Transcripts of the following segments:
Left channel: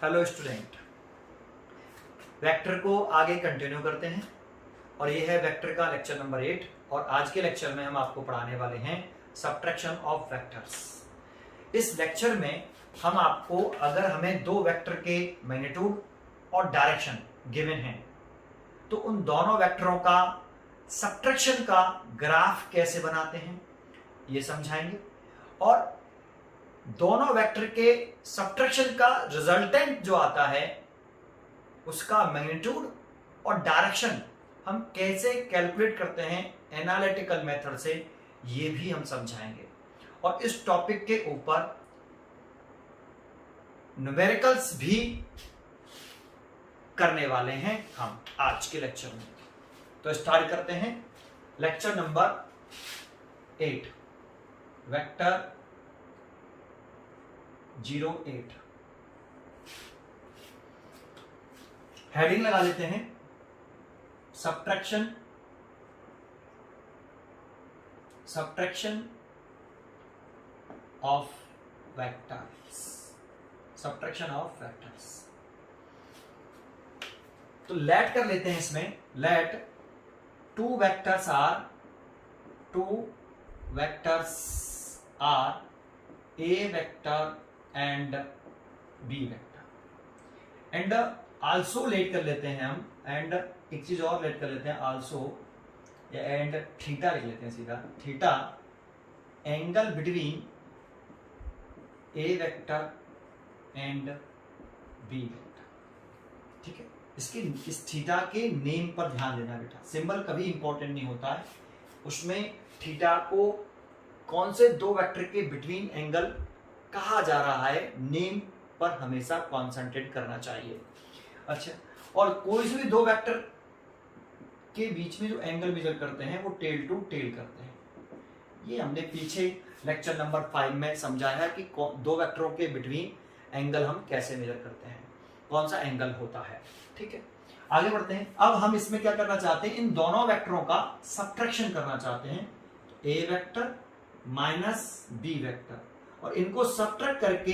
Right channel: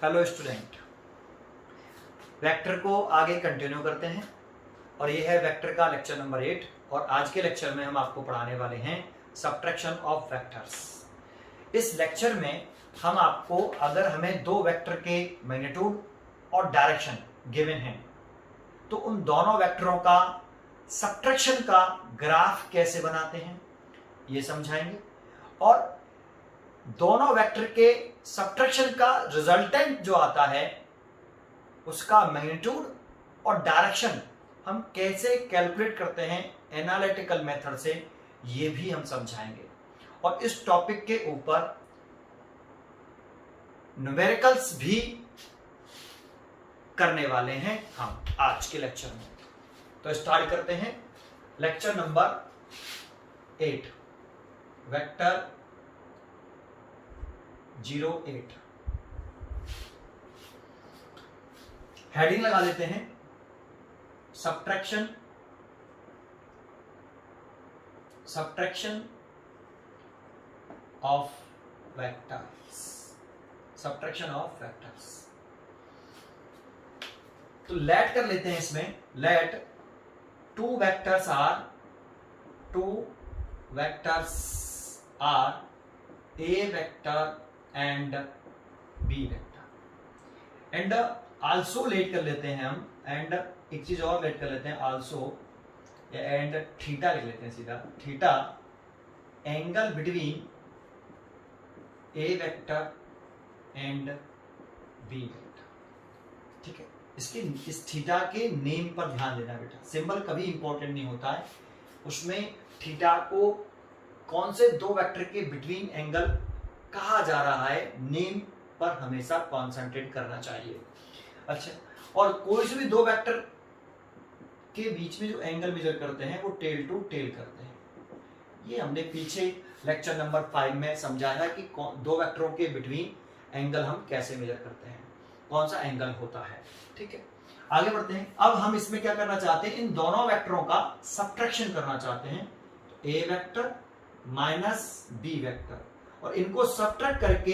Hello student, vector को आगे continue करते हैं और ये है वेक्टर का लेक्चर नंबर 8। और आज के लेक्चर में हम आपको पढ़ाने वाले हैं सब्ट्रैक्शन ऑफ वेक्टर्स। इस लेक्चर में हम आपको, अगर हमें दो वेक्टर के मैग्नीट्यूड और डायरेक्शन गिवन हैं तो उन दोनों वेक्टरों का सब्ट्रैक्शन का ग्राफ कैसे बनाते हैं ये समझाएंगे, और दोनों वेक्टर के सब्ट्रैक्शन का रिजल्टेंट जो आता है उसका मैग्नीट्यूड और डायरेक्शन हम कैसे कैलकुलेट करते हैं एनालिटिकल मेथड से, ये भी हम समझाएंगे। और इस टॉपिक के ऊपर न्यूमेरिकल्स भी करने वाले हैं हम आज के लेक्चर में। तो स्टार्ट करते हैं लेक्चर नंबर 8, वेक्टर 08। हेडिंग लगा लेते हैं subtraction of vectors. Subtraction of vectors तो लेट कर लेते हैं इसमें। Let two vectors are A vector and B vector, and also let कर लेते हैं हम, एंड एक चीज और लेट कर लेते हैं आल्सो, या एंड थीटा लिख लेते हैं सीधा। Theta angle between A vector and B vector. ठीक है, इस थीटा के नेम पर ध्यान देना बेटा। सिंबल कभी इंपॉर्टेंट नहीं होता है, उसमें थीटा को कौन से दो वेक्टर के बिटवीन एंगल कहा जा रहा है, नेम पर हमेशा कॉन्सेंट्रेट करना चाहिए। अच्छा, और कोई से भी दो वेक्टर के बीच में जो एंगल मेजर करते हैं वो टेल टू टेल करते हैं। ये हमने पीछे लेक्चर नंबर 5 में समझाया है कि दो वेक्टरों के बिटवीन एंगल हम कैसे मेजर करते हैं, कौन सा एंगल होता है। ठीक है, आगे बढ़ते हैं। अब हम इसमें क्या करना चाहते हैं, इन दोनों वेक्टरों का सब्ट्रैक्शन करना चाहते हैं। तो A vector minus B vector, और इनको सब्ट्रैक्ट करके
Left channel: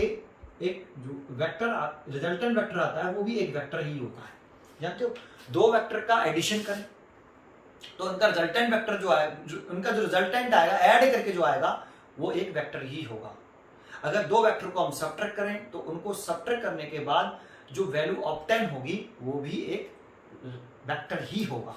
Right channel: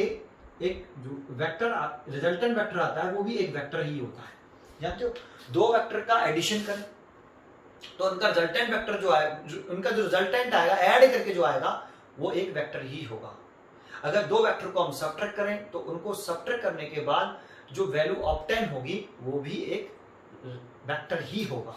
एक जो वेक्टर रिजल्टेंट वेक्टर आता है वो भी एक वेक्टर ही होता है। जानते हो, दो वेक्टर का एडिशन करें तो उनका रिजल्टेंट वेक्टर जो है, उनका जो रिजल्टेंट आएगा ऐड करके जो आएगा वो एक वेक्टर ही होगा। अगर दो वेक्टर को हम सब्ट्रैक्ट करें तो उनको सब्ट्रैक्ट करने के बाद जो वैल्यू ऑब्टेन होगी वो भी एक वेक्टर ही होगा।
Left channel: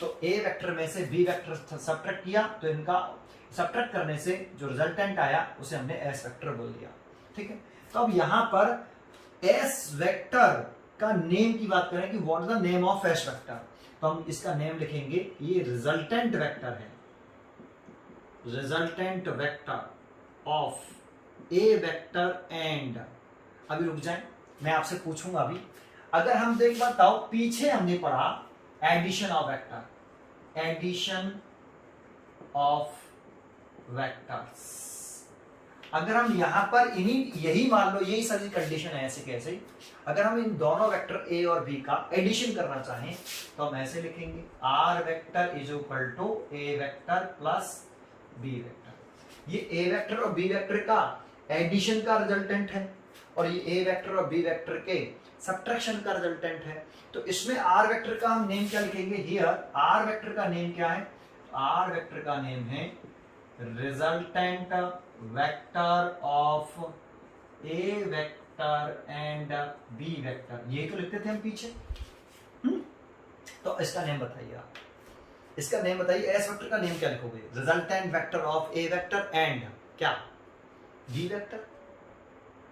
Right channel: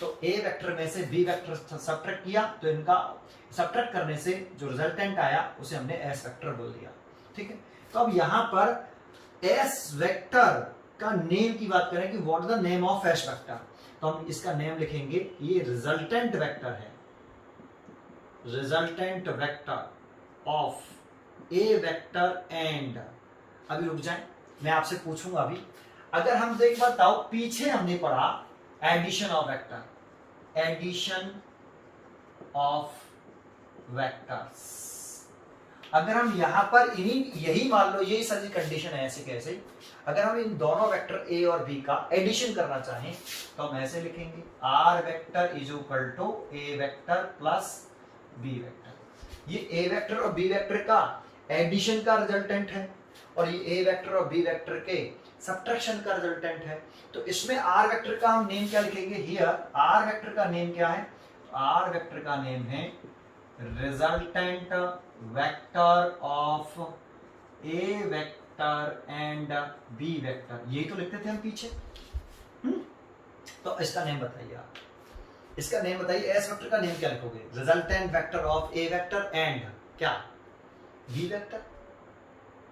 तो ए वेक्टर में से बी वेक्टर सब्ट्रैक्ट किया तो इनका सब्ट्रैक्ट करने से जो रिजल्टेंट आया उसे हमने एस वेक्टर बोल दिया। ठीक है, तो अब यहां पर एस वेक्टर का नेम की बात करें कि what is the name of S vector, तो हम इसका नेम लिखेंगे, ये रिजल्टेंट वेक्टर है। Resultant vector of A vector and, अभी रुक जाए, मैं आपसे पूछूंगा अभी, अगर हम देख बताओ पीछे हमने पढ़ा addition of vector, addition of vectors. अगर हम यहां पर यही मान लो, यही सारी कंडीशन है ऐसे कैसे, अगर हम इन दोनों वेक्टर ए और बी का एडिशन करना चाहें तो हम ऐसे लिखेंगे, R vector is equal to A vector plus B vector. ये ए वेक्टर और बी वेक्टर का एडिशन का रिजल्टेंट है और ये ए वेक्टर और बी वेक्टर के सब्ट्रैक्शन का रिजल्टेंट है। तो इसमें आर वेक्टर का हम नेम क्या लिखेंगे, हियर आर वेक्टर का नेम क्या है, आर वेक्टर का नेम है resultant vector of A vector and B vector. ये तो लिखते थे हम पीछे। तो इसका नेम बताइए आप, इसका नेम बताइए, एस वेक्टर का नेम क्या लिखोगे, resultant vector of A vector and क्या, बी वेक्टर।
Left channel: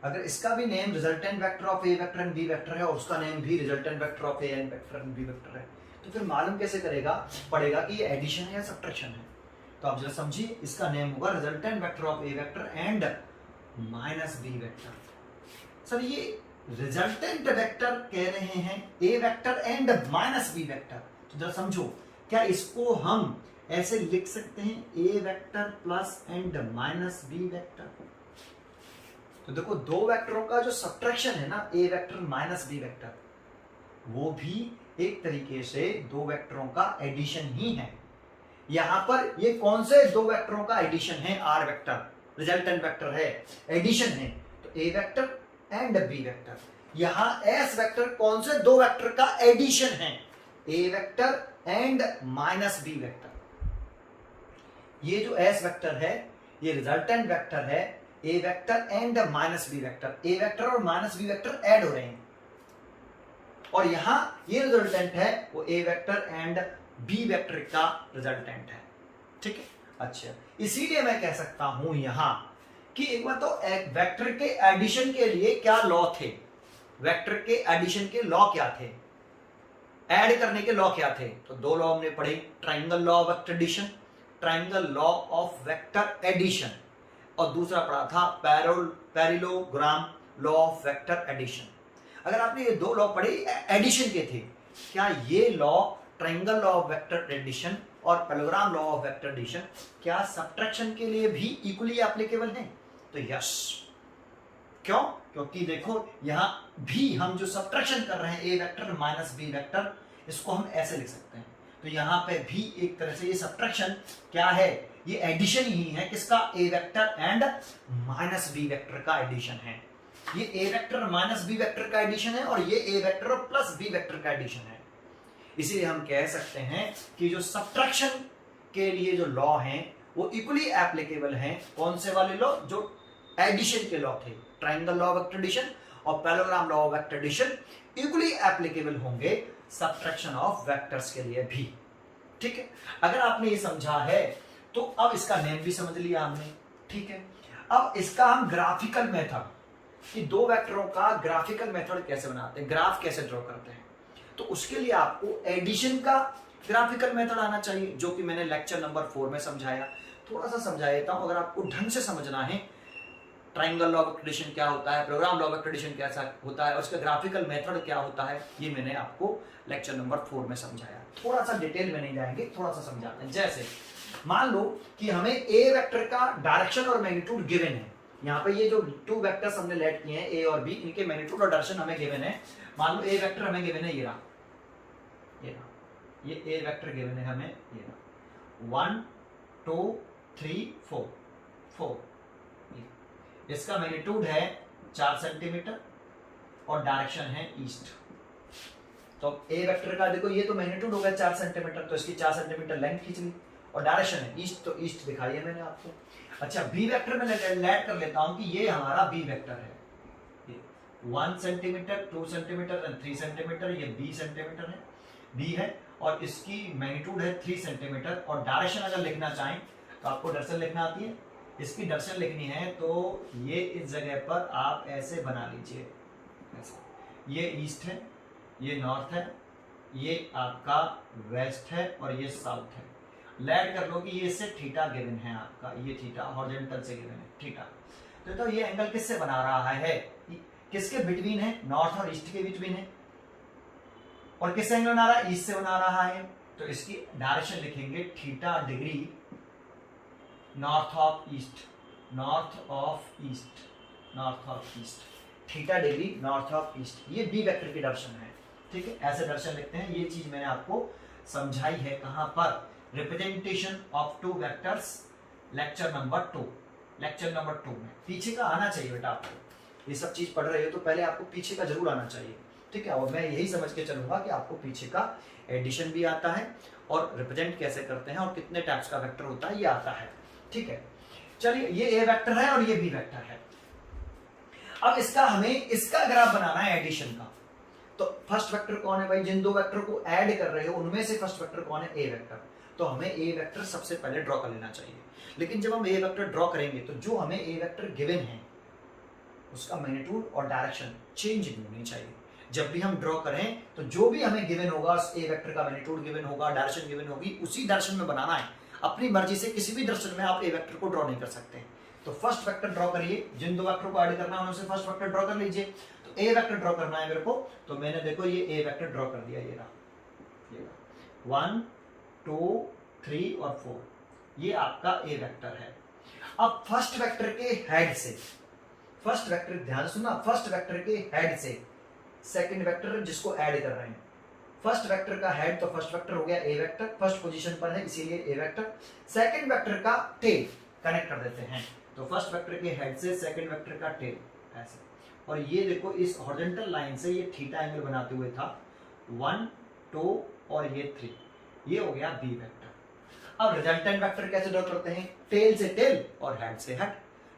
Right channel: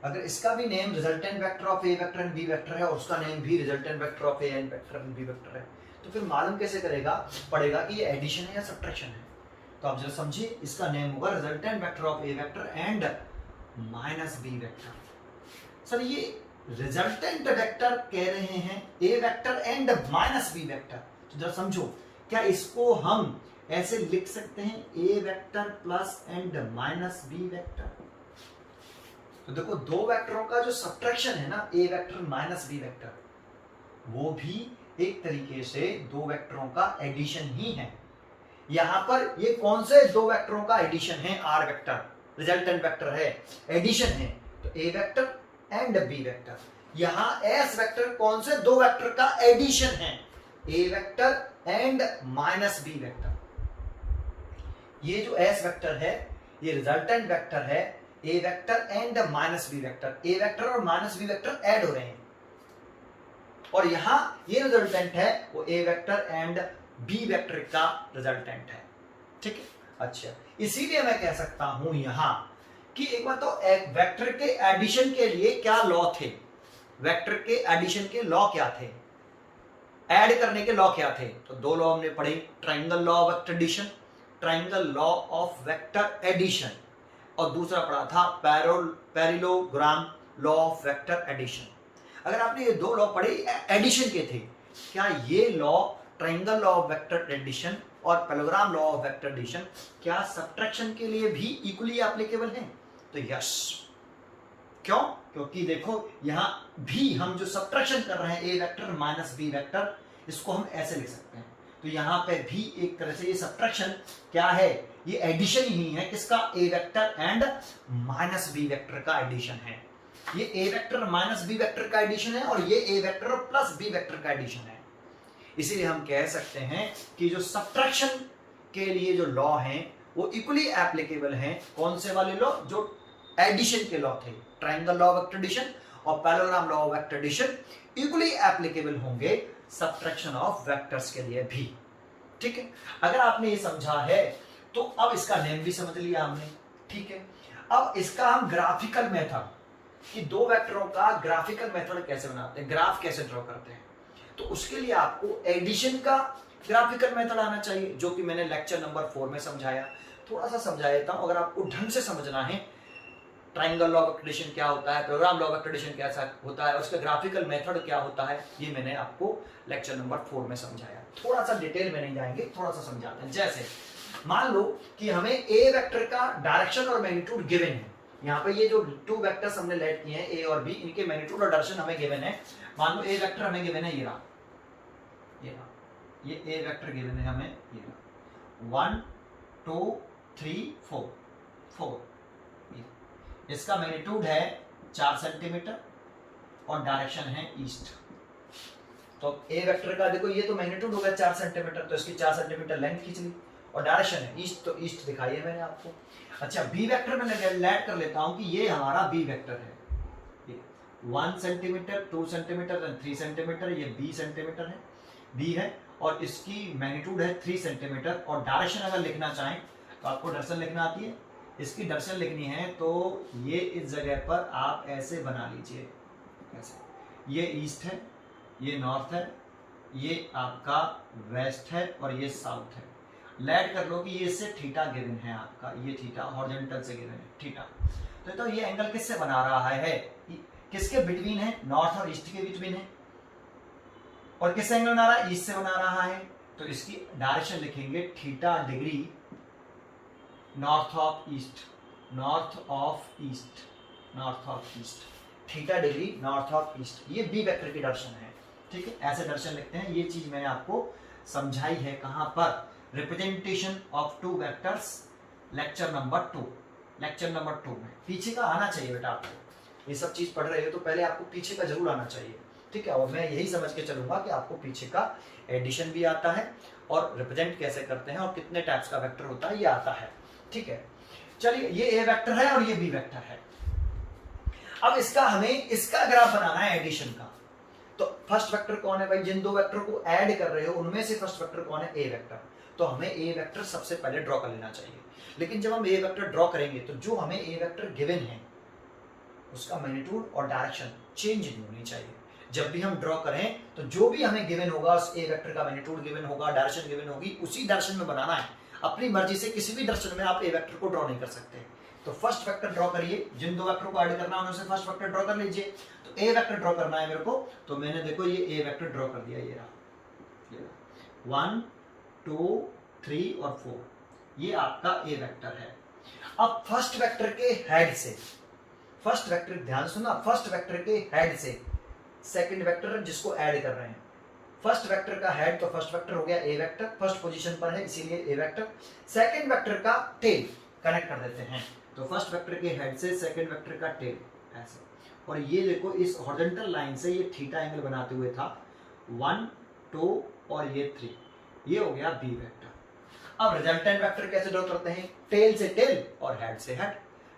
अगर इसका भी name resultant vector of A vector and B vector है और उसका नेम भी resultant vector of A vector and B vector है, तो फिर मालूम कैसे पड़ेगा कि ये एडिशन है या सब्ट्रैक्शन है। तो आप जरा समझिए, इसका नेम होगा resultant vector of A vector and minus B vector. Sir ये रिजल्टेंट वेक्टर कह रहे हैं A vector and minus B vector, तो जरा समझो, क्या इसको हम ऐसे लिख सकते हैं, A vector plus and minus B vector. तो देखो, दो वेक्टरों का जो सब्ट्रैक्शन है ना, A vector minus B vector, वो भी एक तरीके से दो वेक्टरों का एडिशन ही है। यहां पर ये कौन से दो वेक्टरों का एडिशन है, आर वेक्टर रिजल्टेंट वेक्टर है, एडिशन है, तो A vector and B vector. यहां एस वेक्टर कौन से दो वेक्टर का एडिशन है, A vector and minus B vector. ये जो एस वेक्टर है ये रिजल्टेंट वेक्टर है A vector and minus B vector. A vector और माइनस बी वेक्टर ऐड हो रहे हैं और यहां ये रिजल्टेंट है वो A vector and B vector का रिजल्टेंट है। ठीक है, अच्छा इसीलिए मैं कह सकता हूं यहां कि एक बार तो एक वेक्टर के एडिशन के लिए क्या लॉ थे, वेक्टर के एडिशन के लॉ क्या थे, ऐड करने के लॉ क्या थे। तो दो लॉ हमने पढ़े, triangle law of vector addition, triangle law of vector addition, और दूसरा पढ़ा था parallelogram law of vector addition. अगर आपने ये दो लॉ पढ़े एडिशन के थे, क्या ये law triangle law of vector addition और parallelogram law of vector addition क्या सब्ट्रैक्शन के लिए भी इक्वली एप्लीकेबल हैं? तो यस। क्यों? क्योंकि देखो यहां भी हम जो सब्ट्रैक्शन कर रहे हैं A vector minus B vector, इसको हम ऐसे लिख सकते हैं। तो यहां पे भी एक तरह से ये सब्ट्रैक्शन क्या है, ये एडिशन ही है किसका, A vector and minus B vector का एडिशन है। ये A vector minus B vector का एडिशन है और ये A vector plus B vector का एडिशन है। इसीलिए हम कह सकते हैं कि जो सब्ट्रैक्शन के लिए जो लॉ हैं वो इक्वली एप्लीकेबल हैं। कौन से वाले लॉ, जो एडिशन के लॉ थे, triangle law of vector addition और parallelogram law of vector addition equally applicable होंगे सब्ट्रैक्शन ऑफ वेक्टर्स के लिए भी। ठीक है, अगर आपने ये समझा है तो अब इसका नेम भी समझ लिया हमने। ठीक है, अब इसका हम ग्राफिकल मेथड कि दो वेक्टरों का ग्राफिकल मेथड कैसे बनाते हैं, ग्राफ कैसे ड्रॉ करते हैं, तो उसके लिए आपको एडिशन का ग्राफिकल मेथड आना चाहिए, जो कि मैंने लेक्चर नंबर 4 में समझाया। थोड़ा सा समझा देता हूं, अगर आपको ढंग से समझना है ट्राइंगल लॉ ऑफ एडिशन क्या होता है, प्रोग्राम लॉ ऑफ एडिशन कैसा होता है, उसका ग्राफिकल मेथड क्या होता है, ये मैंने आपको लेक्चर नंबर 4 में समझाया। थोड़ा सा डिटेल में नहीं जाएंगे, थोड़ा सा समझाते हैं। जैसे मान लो कि हमें ए वेक्टर का डायरेक्शन और मैग्नीट्यूड गिवन है। यहाँ पे ये जो टू वेक्टर्स हमने लेट किए हैं ए और बी, इनके मैग्नीट्यूड और डायरेक्शन हमें गिवन है। मान लो ए वेक्टर हमें गिवन है ये रहा, ये ए वेक्टर गिवन है हमें ये रहा 1 2 3 4 4। इसका मैग्नीट्यूड है 4 सेंटीमीटर और डायरेक्शन है ईस्ट। तो ए वेक्टर का देखो ये तो मैग्नीट्यूड हो गया 4 सेंटीमीटर, तो इसकी 4 सेंटीमीटर लेंथ खींच ली और डायरेक्शन है ईस्ट, तो ईस्ट दिखाई है मैंने आपको। अच्छा बी वेक्टर में लेट कर लेता हूं कि ये हमारा बी वेक्टर है, 1 सेंटीमीटर 2 सेंटीमीटर एंड 3 सेंटीमीटर, ये बी सेंटीमीटर है, बी है और इसकी मैग्नीट्यूड है 3 सेंटीमीटर। और डायरेक्शन अगर लिखना चाहें तो आपको डायरेक्शन लिखना आती है, इसकी डायरेक्शन लिखनी है तो ये इस जगह पर आप ऐसे बना लीजिए, ऐसे। ये ईस्ट है, ये नॉर्थ है, ये आपका वेस्ट है और ये साउथ है। लेट कर लो कि ये इससे थीटा गिवन है आपका, ये थीटा हॉरिजॉन्टल से गिवन है थीटा। तो ये एंगल किससे बना रहा है, किसके बिटवीन है, नॉर्थ और ईस्ट के बिटवीन है। और किस एंगल बना रहा है, ईस्ट से बना रहा है, तो इसकी डायरेक्शन लिखेंगे theta degree north of east, north of east, north of east, theta degree north of east. ये बी वेक्टर की डायरेक्शन है। ठीक है, ऐसे डायरेक्शन लिखते हैं। ये चीज मैंने आपको समझाई है कहां पर, representation of two vectors lecture number 2, lecture number 2 में। पीछे का आना चाहिए बेटा आपको, ये सब चीज पढ़ रहे हो तो पहले आपको पीछे का जरूर आना चाहिए। ठीक है, और मैं यही समझ के चलूंगा कि आपको पीछे का एडिशन भी आता है और रिप्रेजेंट कैसे करते हैं और कितने टाइप्स का वेक्टर होता है ये आता है। ठीक है, चलिए ये ए वेक्टर है और ये बी वेक्टर है। अब इसका हमें इसका ग्राफ बनाना है एडिशन का। तो फर्स्ट वेक्टर कौन है भाई, जिन दो वेक्टर को ऐड कर रहे हो उनमें से फर्स्ट वेक्टर कौन है, ए वेक्टर। तो हमें ए वेक्टर सबसे पहले ड्रॉ कर लेना चाहिए। लेकिन जब हम ए वेक्टर ड्रॉ करेंगे तो जो हमें ए वेक्टर गिवन है उसका मैग्नीट्यूड और डायरेक्शन चेंज नहीं होनी चाहिए। जब भी हम ड्रॉ करें तो जो भी हमें गिवन होगा उस ए वेक्टर का मैग्नीट्यूड गिवन होगा, डायरेक्शन गिवन होगी, उसी डायरेक्शन में बनाना है। अपनी मर्जी से किसी भी डायरेक्शन में आप ए वेक्टर को ड्रॉ नहीं कर सकते। तो फर्स्ट वेक्टर ड्रॉ करिए, जिन दो वेक्टर को ऐड करना है उनमें से फर्स्ट वेक्टर ड्रॉ कर लीजिए। तो ए वेक्टर ड्रॉ करना है मेरे को, तो मैंने देखो ये ए वेक्टर ड्रॉ कर दिया, ये रहा 1 2 3 और 4, ये आपका ए वेक्टर है। अब फर्स्ट वेक्टर के हेड से, फर्स्ट वेक्टर ध्यान सुनना, फर्स्ट वेक्टर के हेड से सेकंड वेक्टर जिसको ऐड कर रहे हैं, फर्स्ट वेक्टर का हेड तो फर्स्ट वेक्टर हो गया ए वेक्टर, फर्स्ट पोजीशन पर है इसीलिए ए वेक्टर। सेकंड वेक्टर का टेल कनेक्ट कर देते हैं, तो फर्स्ट वेक्टर के हेड से सेकंड वेक्टर का टेल ऐसे और ये देखो इस हॉरिजॉन्टल लाइन से ये थीटा एंगल बनाते हुए था 1 2 और ये 3, ये हो गया बी वेक्टर। अब रिजल्टेंट वेक्टर कैसे ड्रॉ करते हैं? टेल से टेल और हेड से हेड,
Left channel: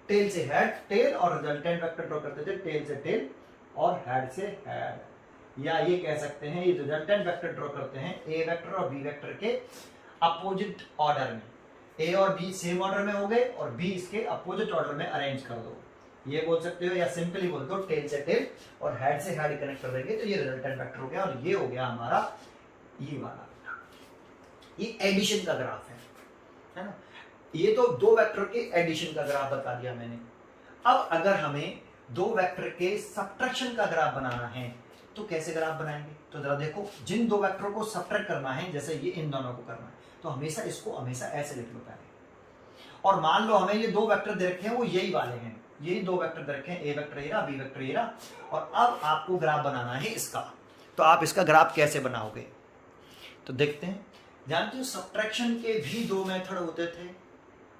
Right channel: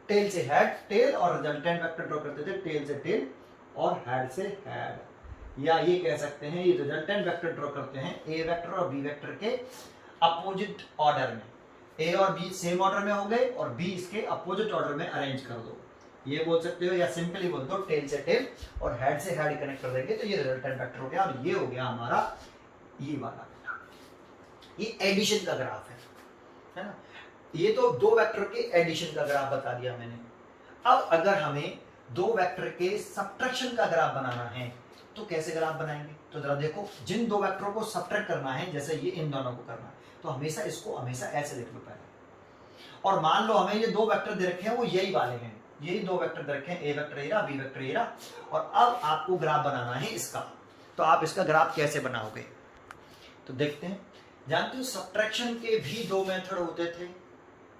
टेल से हेड टेल, और रिजल्टेंट वेक्टर ड्रॉ करते थे टेल से टेल और हेड से हेड, या ये कह सकते हैं ये रिजल्टेंट वेक्टर ड्रॉ करते हैं ए वेक्टर और बी वेक्टर के अपोजिट ऑर्डर में। ए और बी सेम ऑर्डर में हो गए और बी इसके अपोजिट ऑर्डर में अरेंज कर दो, ये बोल सकते हो, या सिंपली बोल दो टेल से टेल और हेड से हेड कनेक्ट कर देंगे तो ये रिजल्टेंट वेक्टर हो गया। और ये हो गया हमारा ये वाला, ये एडिशन का ग्राफ है ना। ये तो दो वेक्टर के एडिशन का ग्राफ बता दिया मैंने। अब अगर हमें दो वेक्टर के सब्ट्रैक्शन का ग्राफ बनाना है तो कैसे ग्राफ बनाएंगे? तो जरा देखो, जिन दो वेक्टरों को सब्ट्रैक्ट करना है, जैसे ये इन दोनों को करना है, तो हमेशा इसको हमेशा ऐसे लिख लो पहले। और मान लो हमें ये दो वेक्टर दे रखे हैं, वो यही वाले हैं, यही दो वेक्टर दे रखे हैं, A vector arrow B vector arrow, और अब आपको ग्राफ बनाना है इसका। तो आप इसका ग्राफ कैसे बनाओगे? तो देखते हैं। जानते हो सब्ट्रैक्शन के भी दो मेथड होते थे,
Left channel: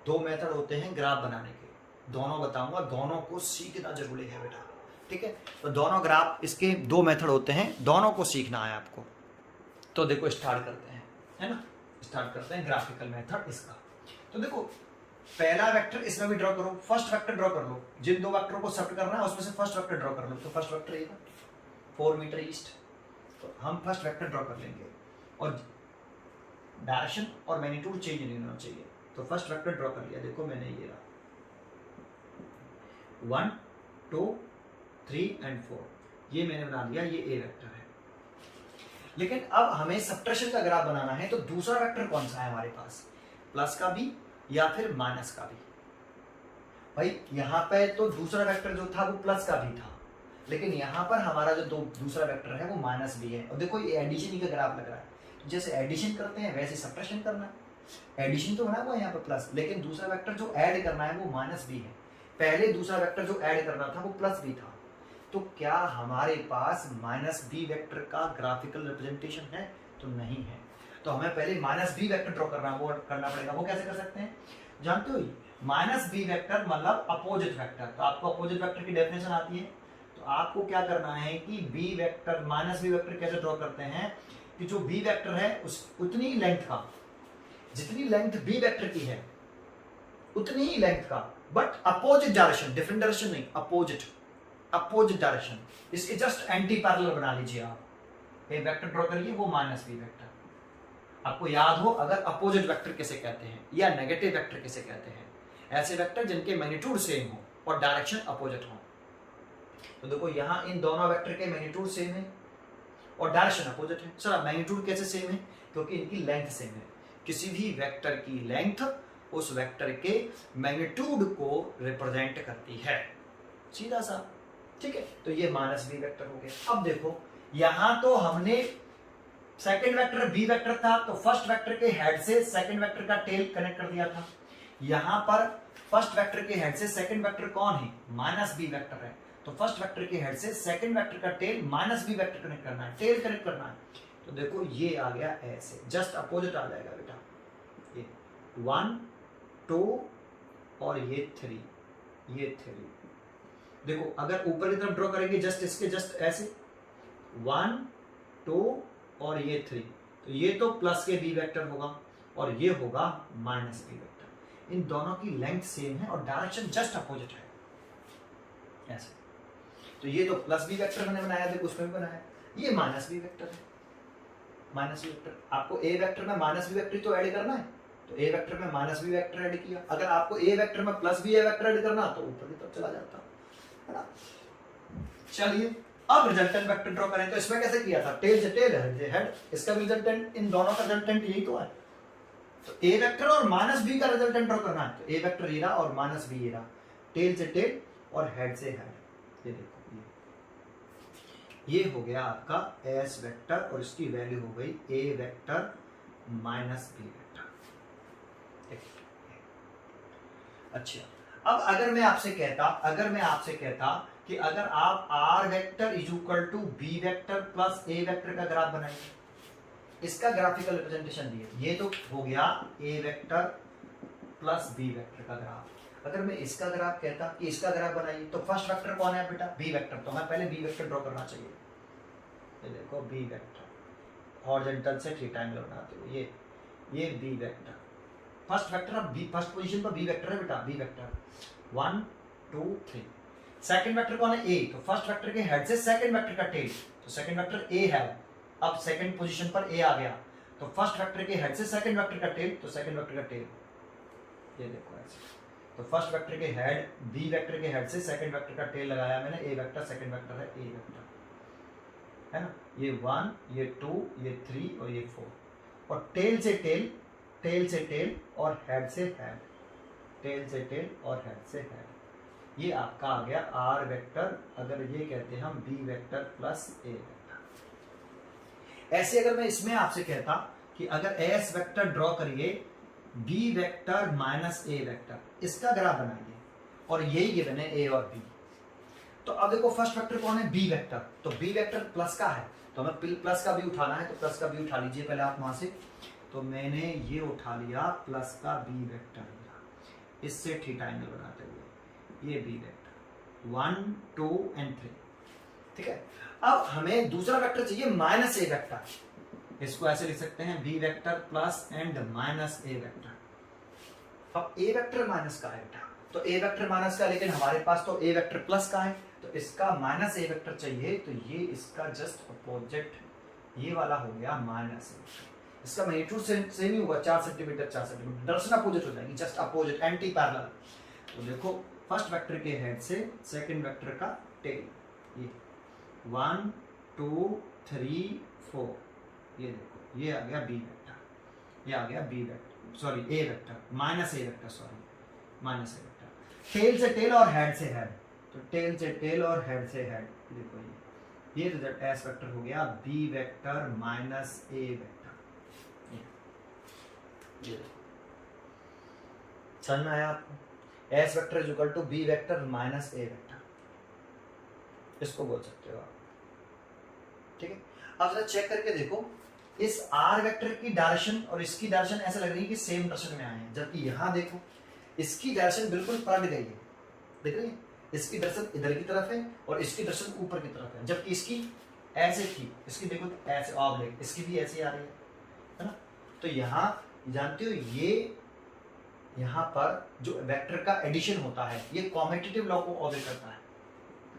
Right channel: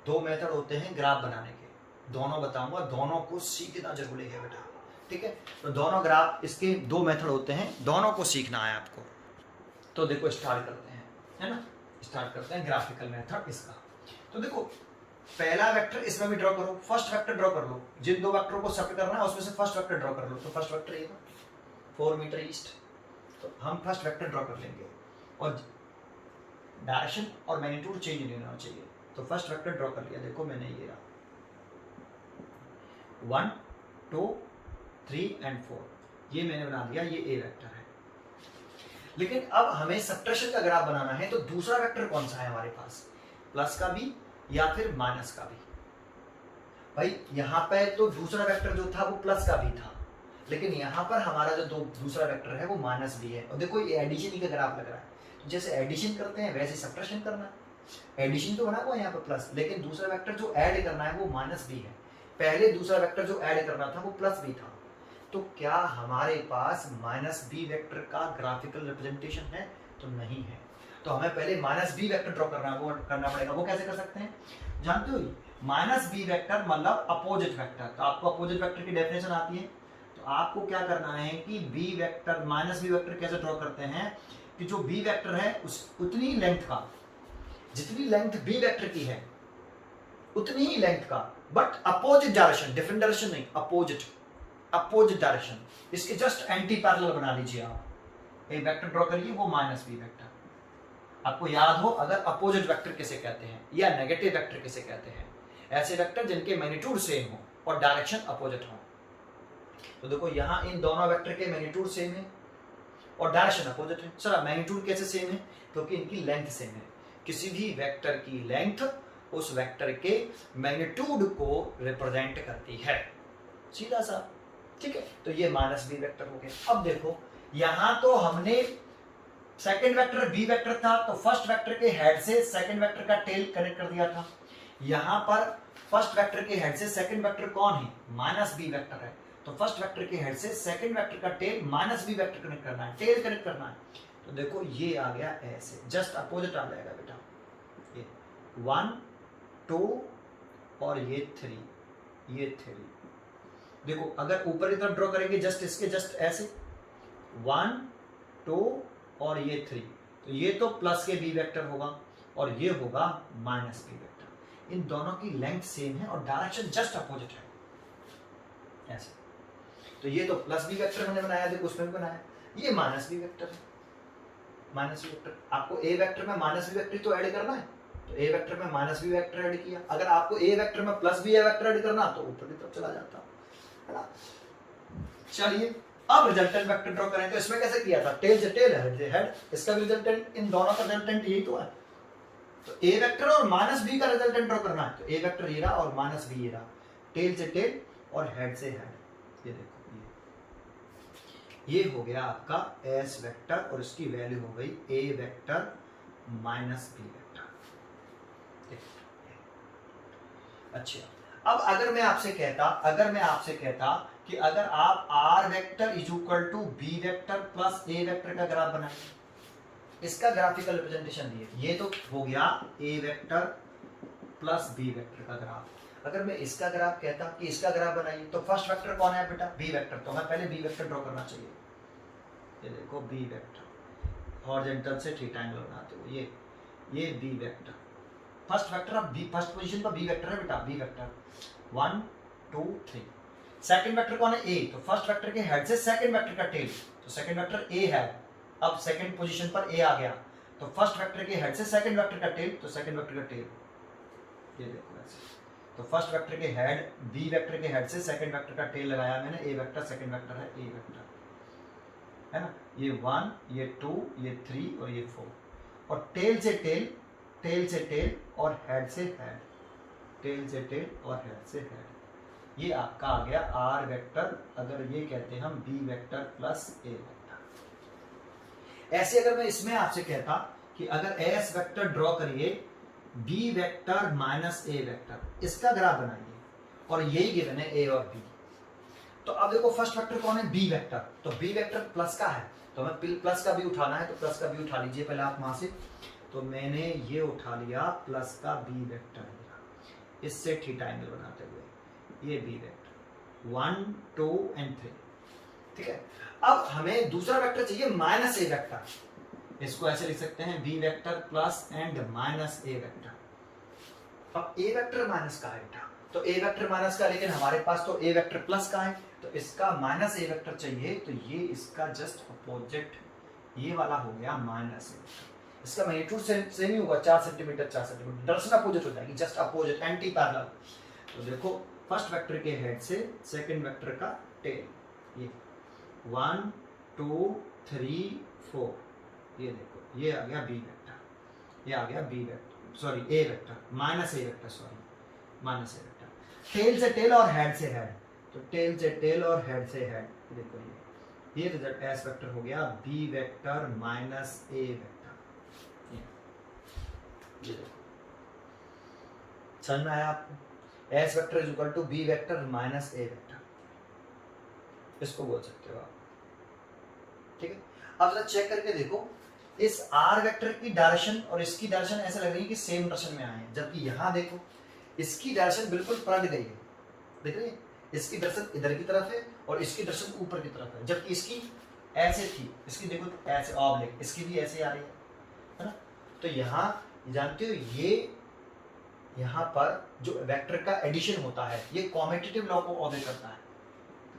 दो मेथड होते हैं ग्राफ बनाने के, दोनों बताऊंगा, दोनों को सीखना जरूरी है बेटा, ठीक है। तो दोनों ग्राफ इसके दो मेथड होते हैं, दोनों को सीखना है आपको। तो देखो स्टार्ट करते हैं, है ना, स्टार्ट करते हैं ग्राफिकल मेथड इसका। तो देखो पहला वेक्टर इसमें भी ड्रॉ करो, फर्स्ट वेक्टर ड्रॉ कर लो, जिन दो वेक्टरों को सब्ट्रैक्ट करना है उसमें से फर्स्ट वेक्टर ड्रॉ कर लो। तो फर्स्ट वेक्टर ये 4 मीटर ईस्ट, तो हम फर्स्ट वेक्टर ड्रॉ कर लेंगे और डायरेक्शन और मैग्नीट्यूड चेंज नहीं होना चाहिए। तो फर्स्ट वेक्टर ड्रॉ कर लिया, देखो मैंने ये 1 2 3 एंड 4, ये मैंने बना दिया, ये ए वेक्टर है। लेकिन अब हमें सब्ट्रैक्शन का ग्राफ बनाना है, तो दूसरा वेक्टर कौन सा है हमारे पास? प्लस का भी या फिर माइनस का भी। भाई यहाँ पे तो दूसरा वेक्टर जो था वो प्लस का भी था, लेकिन यहाँ पर हमारा जो दूसरा वेक्टर है वो माइनस भी है। और देखो ये एडिशन का ग्राफ लग रहा है, तो जैसे एडिशन करते हैं वैसे सब्ट्रैक्शन करना है। एडिशन तो बना हुआ है यहाँ पर प्लस, लेकिन दूसरा वेक्टर जो ऐड करना है वो माइनस भी है। पहले दूसरा वेक्टर जो ऐड करना था वो प्लस भी था। तो क्या हमारे पास माइनस बी वेक्टर का ग्राफिकल रिप्रेजेंटेशन है? तो नहीं है। तो हमें पहले माइनस बी वेक्टर ड्रॉ करना है, वो करना पड़ेगा। वो कैसे कर सकते हैं? जानते हो माइनस बी वेक्टर मतलब अपोजिट वेक्टर। तो आपको अपोजिट वेक्टर की डेफिनेशन आती है। तो आपको क्या करना है कि B vector minus B vector कैसे ड्रॉ करते हैं कि जो बी वेक्टर है उस उतनी लेंथ का, जितनी लेंथ बी वेक्टर की है उतनी ही लेंथ का, but opposite direction, different direction नहीं, अपोजिट डायरेक्शन, इसके जस्ट एंटी पैरेलल बना लीजिए आप। एक वेक्टर ड्रॉ करिए वो माइनस बी वेक्टर। आपको याद हो अगर अपोजिट वेक्टर किसे कहते हैं या नेगेटिव वेक्टर किसे कहते हैं? ऐसे वेक्टर जिनके मैग्नीट्यूड सेम हो और डायरेक्शन अपोजिट हो। तो देखो यहाँ इन दोनों वेक्टर के मैग्नीट्यूड सेम है और डायरेक्शन अपोजिट है। चलो मैग्नीट्यूड कैसे सेम है? क्योंकि इनकी लेंथ सेम है। किसी भी वेक्टर की लेंथ उस वेक्टर के मैग्नीट्यूड को रिप्रेजेंट करती है, सीधा सा, ठीक है। तो ये माइनस बी वेक्टर हो गया। अब देखो यहां तो हमने सेकंड वेक्टर बी वेक्टर था, तो फर्स्ट वेक्टर के हेड से सेकंड वेक्टर का टेल कनेक्ट कर दिया था। यहां पर फर्स्ट वेक्टर के हेड से सेकंड वेक्टर कौन है? माइनस बी वेक्टर है। तो फर्स्ट वेक्टर के हेड से सेकंड वेक्टर का tail minus B vector connect करना है, टेल कनेक्ट करना है। तो देखो ये आ गया ऐसे, जस्ट अपोजिट आ जाएगा बेटा। ये 1 2 और ये 3, ये 3। देखो अगर ऊपर की तरफ ड्रॉ करेंगे जस्ट इसके जस्ट ऐसे 1 2 और ये 3, तो ये तो प्लस के बी वेक्टर होगा और ये होगा माइनस बी वेक्टर। इन दोनों की लेंथ सेम है और डायरेक्शन जस्ट अपोजिट है ऐसे। तो ये तो प्लस बी वेक्टर मैंने बनाया, देखो उसमें भी बनाया, ये माइनस बी वेक्टर है। माइनस बी वेक्टर, आपको ए वेक्टर में माइनस बी वेक्टर तो ऐड करना है, तो ए वेक्टर में माइनस बी वेक्टर ऐड किया। अगर आपको ए वेक्टर में प्लस बी वेक्टर ऐड करना तो ऊपर की तरफ चला जाता है ना। चलिए अब रिजल्टेंट वेक्टर ड्रॉ करें। तो इसमें कैसे किया था? टेल से टेल, हेड से हेड। इसका भी रिजल्टेंट, इन दोनों का रिजल्टेंट यही तो है। तो ए वेक्टर और माइनस बी का रिजल्टेंट ड्रॉ करना है, तो ए वेक्टर ये रहा और माइनस बी ये रहा, टेल से टेल और हेड से हेड। ये देखो ये हो गया आपका एस वेक्टर और इसकी वैल्यू हो गई A vector minus B vector. अच्छा अब अगर मैं आपसे कहता कि अगर आप R vector is equal to B vector plus A vector का ग्राफ बनाइए, इसका ग्राफिकल रिप्रेजेंटेशन दिए, ये तो हो गया A vector plus B vector का ग्राफ। अगर मैं इसका ग्राफ कहता कि इसका ग्राफ बनाइए, तो फर्स्ट वेक्टर कौन है बेटा? B vector. तो हमें पहले बी वेक्टर ड्रॉ करना चाहिए। ये देखो बी वेक्टर, हॉरिजॉन्टल से थीटा एंगल बनाते हो, ये बी वेक्टर। फर्स्ट वेक्टर, अब बी फर्स्ट पोजीशन पर बी वेक्टर है बेटा, बी वेक्टर 1 2 3। सेकंड वेक्टर कौन है? ए। तो फर्स्ट वेक्टर के हेड से सेकंड वेक्टर का टेल, तो सेकंड वेक्टर ए है। अब सेकंड पोजीशन पर ए आ गया, तो फर्स्ट वेक्टर के हेड से सेकंड वेक्टर का टेल, तो सेकंड वेक्टर का टेल ये देखो ऐसे। तो फर्स्ट वेक्टर के हेड, बी वेक्टर के हेड से सेकंड वेक्टर का टेल लगाया मैंने, ए वेक्टर, सेकंड वेक्टर है ए वेक्टर, है ना। ये 1, ये 2, ये 3 और ये 4। और टेल से टेल, टेल से टेल और हेड से हेड, टेल से टेल और हेड से हेड, ये आपका आ गया आर वेक्टर। अगर ये कहते हैं हम B vector plus A vector. ऐसे अगर मैं इसमें आपसे कहता कि अगर एस वेक्टर ड्रॉ करिए B vector minus A vector, इसका ग्राफ बनाइए, और यही गिवन है ए और बी। तो अब देखो फर्स्ट वेक्टर कौन है? B vector. तो बी वेक्टर प्लस का है, तो हमें प्लस का भी उठाना है, तो प्लस का भी उठा लीजिए पहले आप वहां से। तो मैंने ये उठा लिया प्लस का बी वेक्टर, इससे थीटा एंगल बनाते हुए ये बी वेक्टर 1 2 एंड 3, ठीक है। अब हमें दूसरा वेक्टर चाहिए माइनस ए वेक्टर, इसको ऐसे लिख सकते हैं B vector plus and minus A vector. अब ए वेक्टर माइनस का है बेटा, तो ए वेक्टर माइनस का, लेकिन हमारे पास तो ए वेक्टर प्लस का है, तो इसका माइनस ए वेक्टर चाहिए, तो ये इसका जस्ट अपोजिट ये वाला हो गया माइनस ए वेक्टर। इसका मैग्नीट्यूड सेम ही होगा, 4 सेंटीमीटर 4 सेंटीमीटर, डायरेक्शन अपोजिट हो जाएगी, जस्ट अपोजिट, एंटी पैरेलल। तो देखो फर्स्ट वेक्टर के हेड से सेकंड वेक्टर का टेल, ये 1 2 3 4, ये देखो ये आ गया बी वेक्टर, ये आ गया B vector, sorry A vector, minus A vector, sorry minus A vector. Tail से टेल और हेड से हेड, तो टेल से टेल और हेड से हेड, देखो ये रिजल्ट एस वेक्टर हो गया B vector minus A vector. समझ में आया आपको? S vector is equal to B vector minus A vector, इसको बोल सकते हो आप, ठीक है। अब जरा चेक करके देखो, इस आर वेक्टर की डायरेक्शन और इसकी डायरेक्शन ऐसा लग रही है कि सेम डायरेक्शन में आए हैं, जबकि यहाँ देखो इसकी डायरेक्शन बिल्कुल पलट गई है, देख रहे हैं? इसकी डायरेक्शन इधर की तरफ है और इसकी डायरेक्शन ऊपर की तरफ है, जबकि इसकी ऐसे थी, इसकी देखो ऐसे ऑब्लिक, इसकी भी ऐसे आ रही है ना। तो यहाँ जानते हो, ये यहाँ पर जो वेक्टर का एडिशन होता है, ये कॉम्यूटेटिव लॉ को ऑब्जर्व करता है।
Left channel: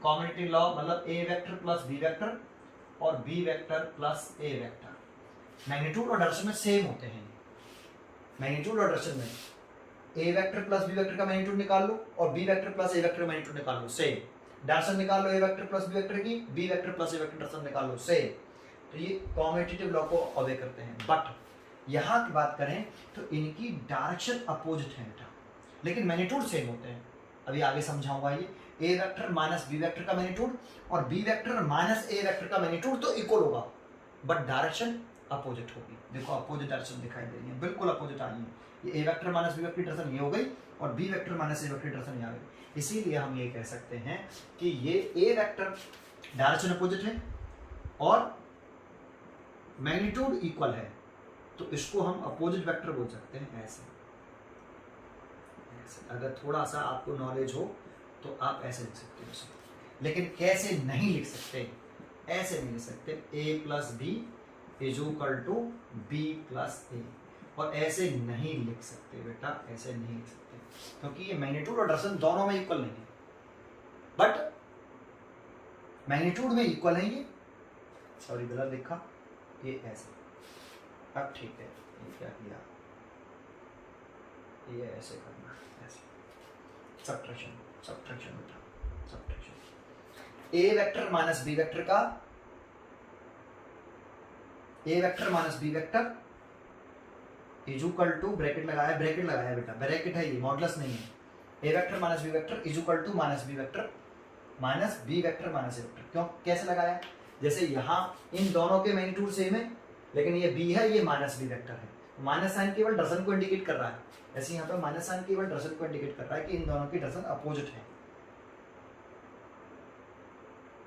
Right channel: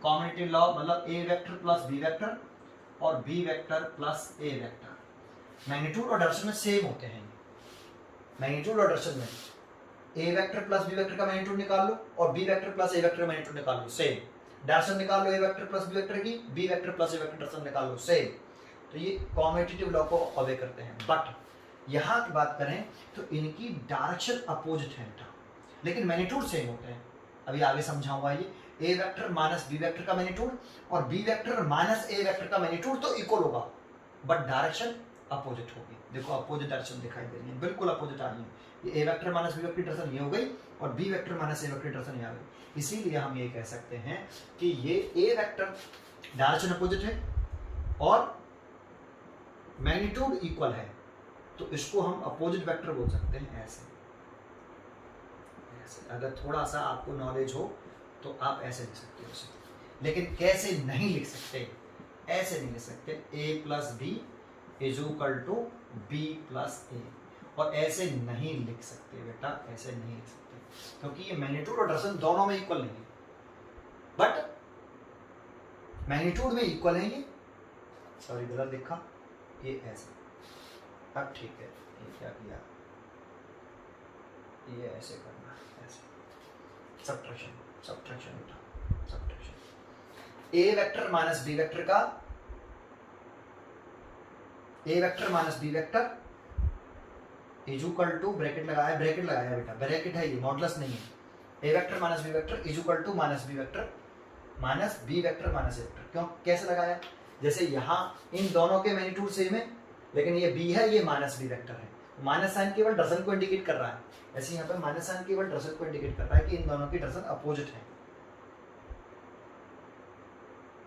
कॉम्यूटेटिव लॉ मतलब ए वेक्टर प्लस बी वेक्टर और B vector plus A vector magnitude और डायरेक्शन में सेम होते हैं। मैग्नीट्यूड और डायरेक्शन में ए वेक्टर प्लस बी वेक्टर का मैग्नीट्यूड निकाल लो और B vector plus A vector का मैग्नीट्यूड निकाल लो, सेम। डायरेक्शन निकाल लो ए वेक्टर प्लस बी वेक्टर की, B vector plus A vector direction निकाल लो, सेम। तो ये कॉम्यूटेटिव लॉ को ऑब्जर्व करते हैं। बट यहाँ की बात करें तो इनकी डायरेक्शन अपोजिट है, लेकिन मैग्नीट्यूड सेम होते हैं। अभी आगे समझाऊंगा ये। A vector minus B vector का मैग्नीट्यूड और B vector minus A vector का मैग्नीट्यूड तो इक्वल होगा, बट डायरेक्शन अपोजिट होगी। देखो अपोजिट डायरेक्शन दिखाई दे रही है, बिल्कुल अपोजिट आ रही है। ये A vector minus B vector की डायरेक्शन ये हो गई और B vector minus A vector की डायरेक्शन ये आ गई। इसीलिए हम ये कह सकते हैं कि ये ए वेक्टर डायरेक्शन अपोजिट है और मैग्नीट्यूड इक्वल है, तो इसको हम अपोजिट वेक्टर बोल सकते हैं। ऐसे अगर थोड़ा सा आपको नॉलेज हो तो आप ऐसे लिख सकते हो, लेकिन कैसे नहीं लिख सकते, ऐसे नहीं लिख सकते। a plus B is equal to B plus A, और ऐसे नहीं लिख सकते बेटा, ऐसे नहीं लिख सकते, क्योंकि ये मैग्नीट्यूड और डायरेक्शन दोनों में इक्वल नहीं है। बट मैग्नीट्यूड में इक्वल है ये, सॉरी गलत लिखा, ये ऐसे। अब ठीक है, ये क्या किया, ये ऐसे करना, ऐसे सब्ट्रैक्शन सब्ट्रैक्शन उठा subtraction. A vector minus B vector का, A vector minus B vector is equal to, bracket लगाया है बेटा, ब्रैकेट है ये, मॉडुलस नहीं है। A vector minus B vector is equal to minus B vector minus B vector minus A vector. क्यों, कैसे लगाया? जैसे यहाँ इन दोनों के मैग्नीट्यूड सेम है, लेकिन ये बी है, ये माइनस बी वेक्टर है, माइनस साइन केवल डायरेक्शन को इंडिकेट कर रहा है। ऐसे यहाँ पे माइनस साइन केवल डायरेक्शन को इंडिकेट कर रहा है कि इन दोनों की डायरेक्शन अपोजिट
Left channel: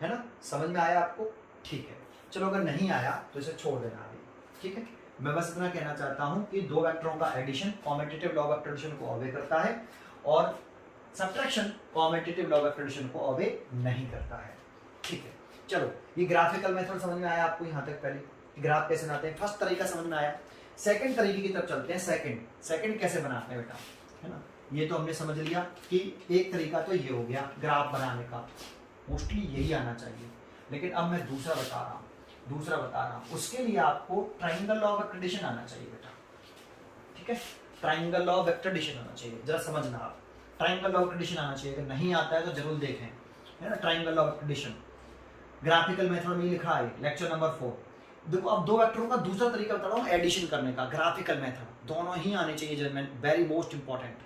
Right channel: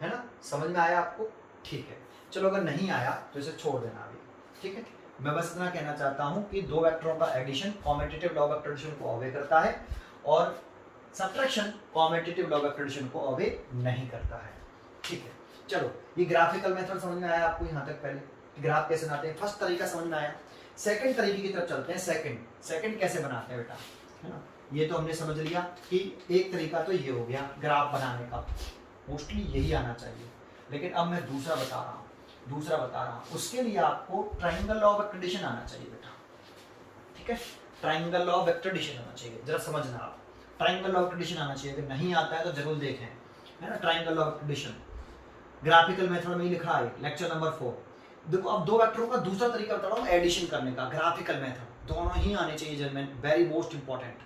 है ना। समझ में आया आपको? ठीक है, चलो अगर नहीं आया तो इसे छोड़ देना अभी, ठीक है। मैं बस इतना कहना चाहता हूँ कि दो वेक्टरों का addition commutative law vector addition को ऑब्जर्व करता है, और subtraction competitive law of addition को ओबे नहीं करता है। ठीक है, चलो ये ग्राफिकल मेथड समझ में आया आपको यहाँ तक, पहले ग्राफ कैसे बनाते हैं, फर्स्ट तरीका समझ में आया। सेकंड तरीके की तरफ चलते हैं। सेकंड कैसे बनाते हैं बेटा, है ना। ये तो हमने समझ लिया कि एक तरीका तो ये हो गया ग्राफ बनाने का, मोस्टली यही आना चाहिए, लेकिन अब मैं दूसरा बता रहा हूँ। उसके लिए आपको ट्राइंगल लॉ ऑफ एक्ट्रेडिशन आना चाहिए बेटा। ठीक है, ट्राइंगल लॉ ऑफ एक्ट्रेडिशन आना चाहिए, जरा समझना आप। ट्राइंगल लॉ ऑफ एक्ट्रेडिशन आना चाहिए, अगर नहीं आता है तो जरूर देखें, है ना। ट्राइंगल लॉ ऑफ एक्ट्रेडिशन ग्राफिकल मेथड में लिखा है, लेक्चर नंबर 4। देखो अब दो वेक्टरों का दूसरा तरीका बता रहा हूँ एडिशन करने का, ग्राफिकल मेथड। दोनों ही आने चाहिए जर्मन, वेरी मोस्ट इंपॉर्टेंट।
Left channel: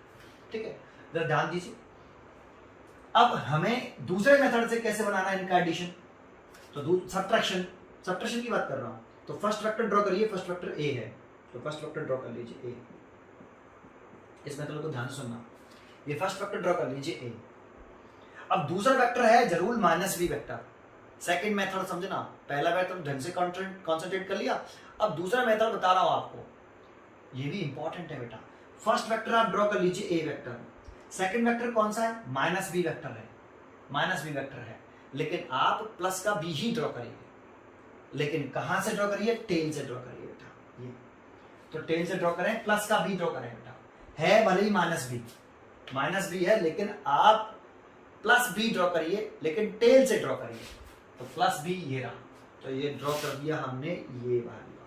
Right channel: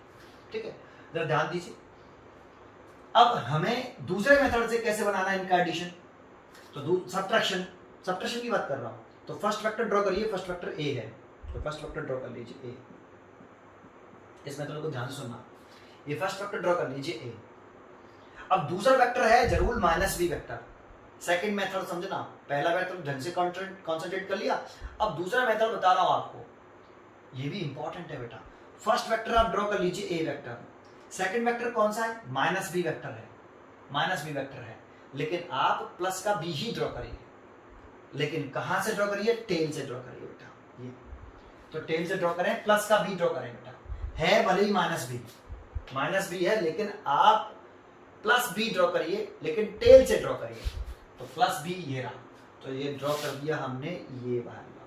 ठीक है, जरा ध्यान दीजिए। अब हमें दूसरे मेथड से कैसे बनाना है इनका एडिशन, तो सब्ट्रैक्शन की बात कर रहा हूँ। तो फर्स्ट वेक्टर ड्रॉ करिए, फर्स्ट वेक्टर ए है, तो फर्स्ट वेक्टर ड्रॉ कर लीजिए ए। इस मेथड को ध्यान से सुनना, ये फर्स्ट वेक्टर ड्रॉ कर लीजिए ए। अब दूसरा वेक्टर है जरूर minus B vector. Second method समझना, पहला वेक्टर ढंग से कॉन्सेंट्रेट कर लिया। अब दूसरा मेथड बता रहा हूं आपको, ये भी इंपॉर्टेंट है बेटा। फर्स्ट वेक्टर आप ड्रॉ कर लीजिए ए वेक्टर, सेकंड वेक्टर कौन सा है, माइनस बी वेक्टर है, लेकिन आप प्लस का बी ही ड्रॉ करिए। लेकिन कहां से ड्रॉ करिए, टेल से ड्रॉ करिए बेटा। ये तो टेल से ड्रॉ करें, प्लस का बी ड्रॉ करें बेटा। है भले ही माइनस बी है, लेकिन आप प्लस बी ड्रॉ करिए, लेकिन टेल से ड्रॉ करिए। तो प्लस बी ये रहा, तो ये ड्रॉ कर दिया हमने, ये वाला,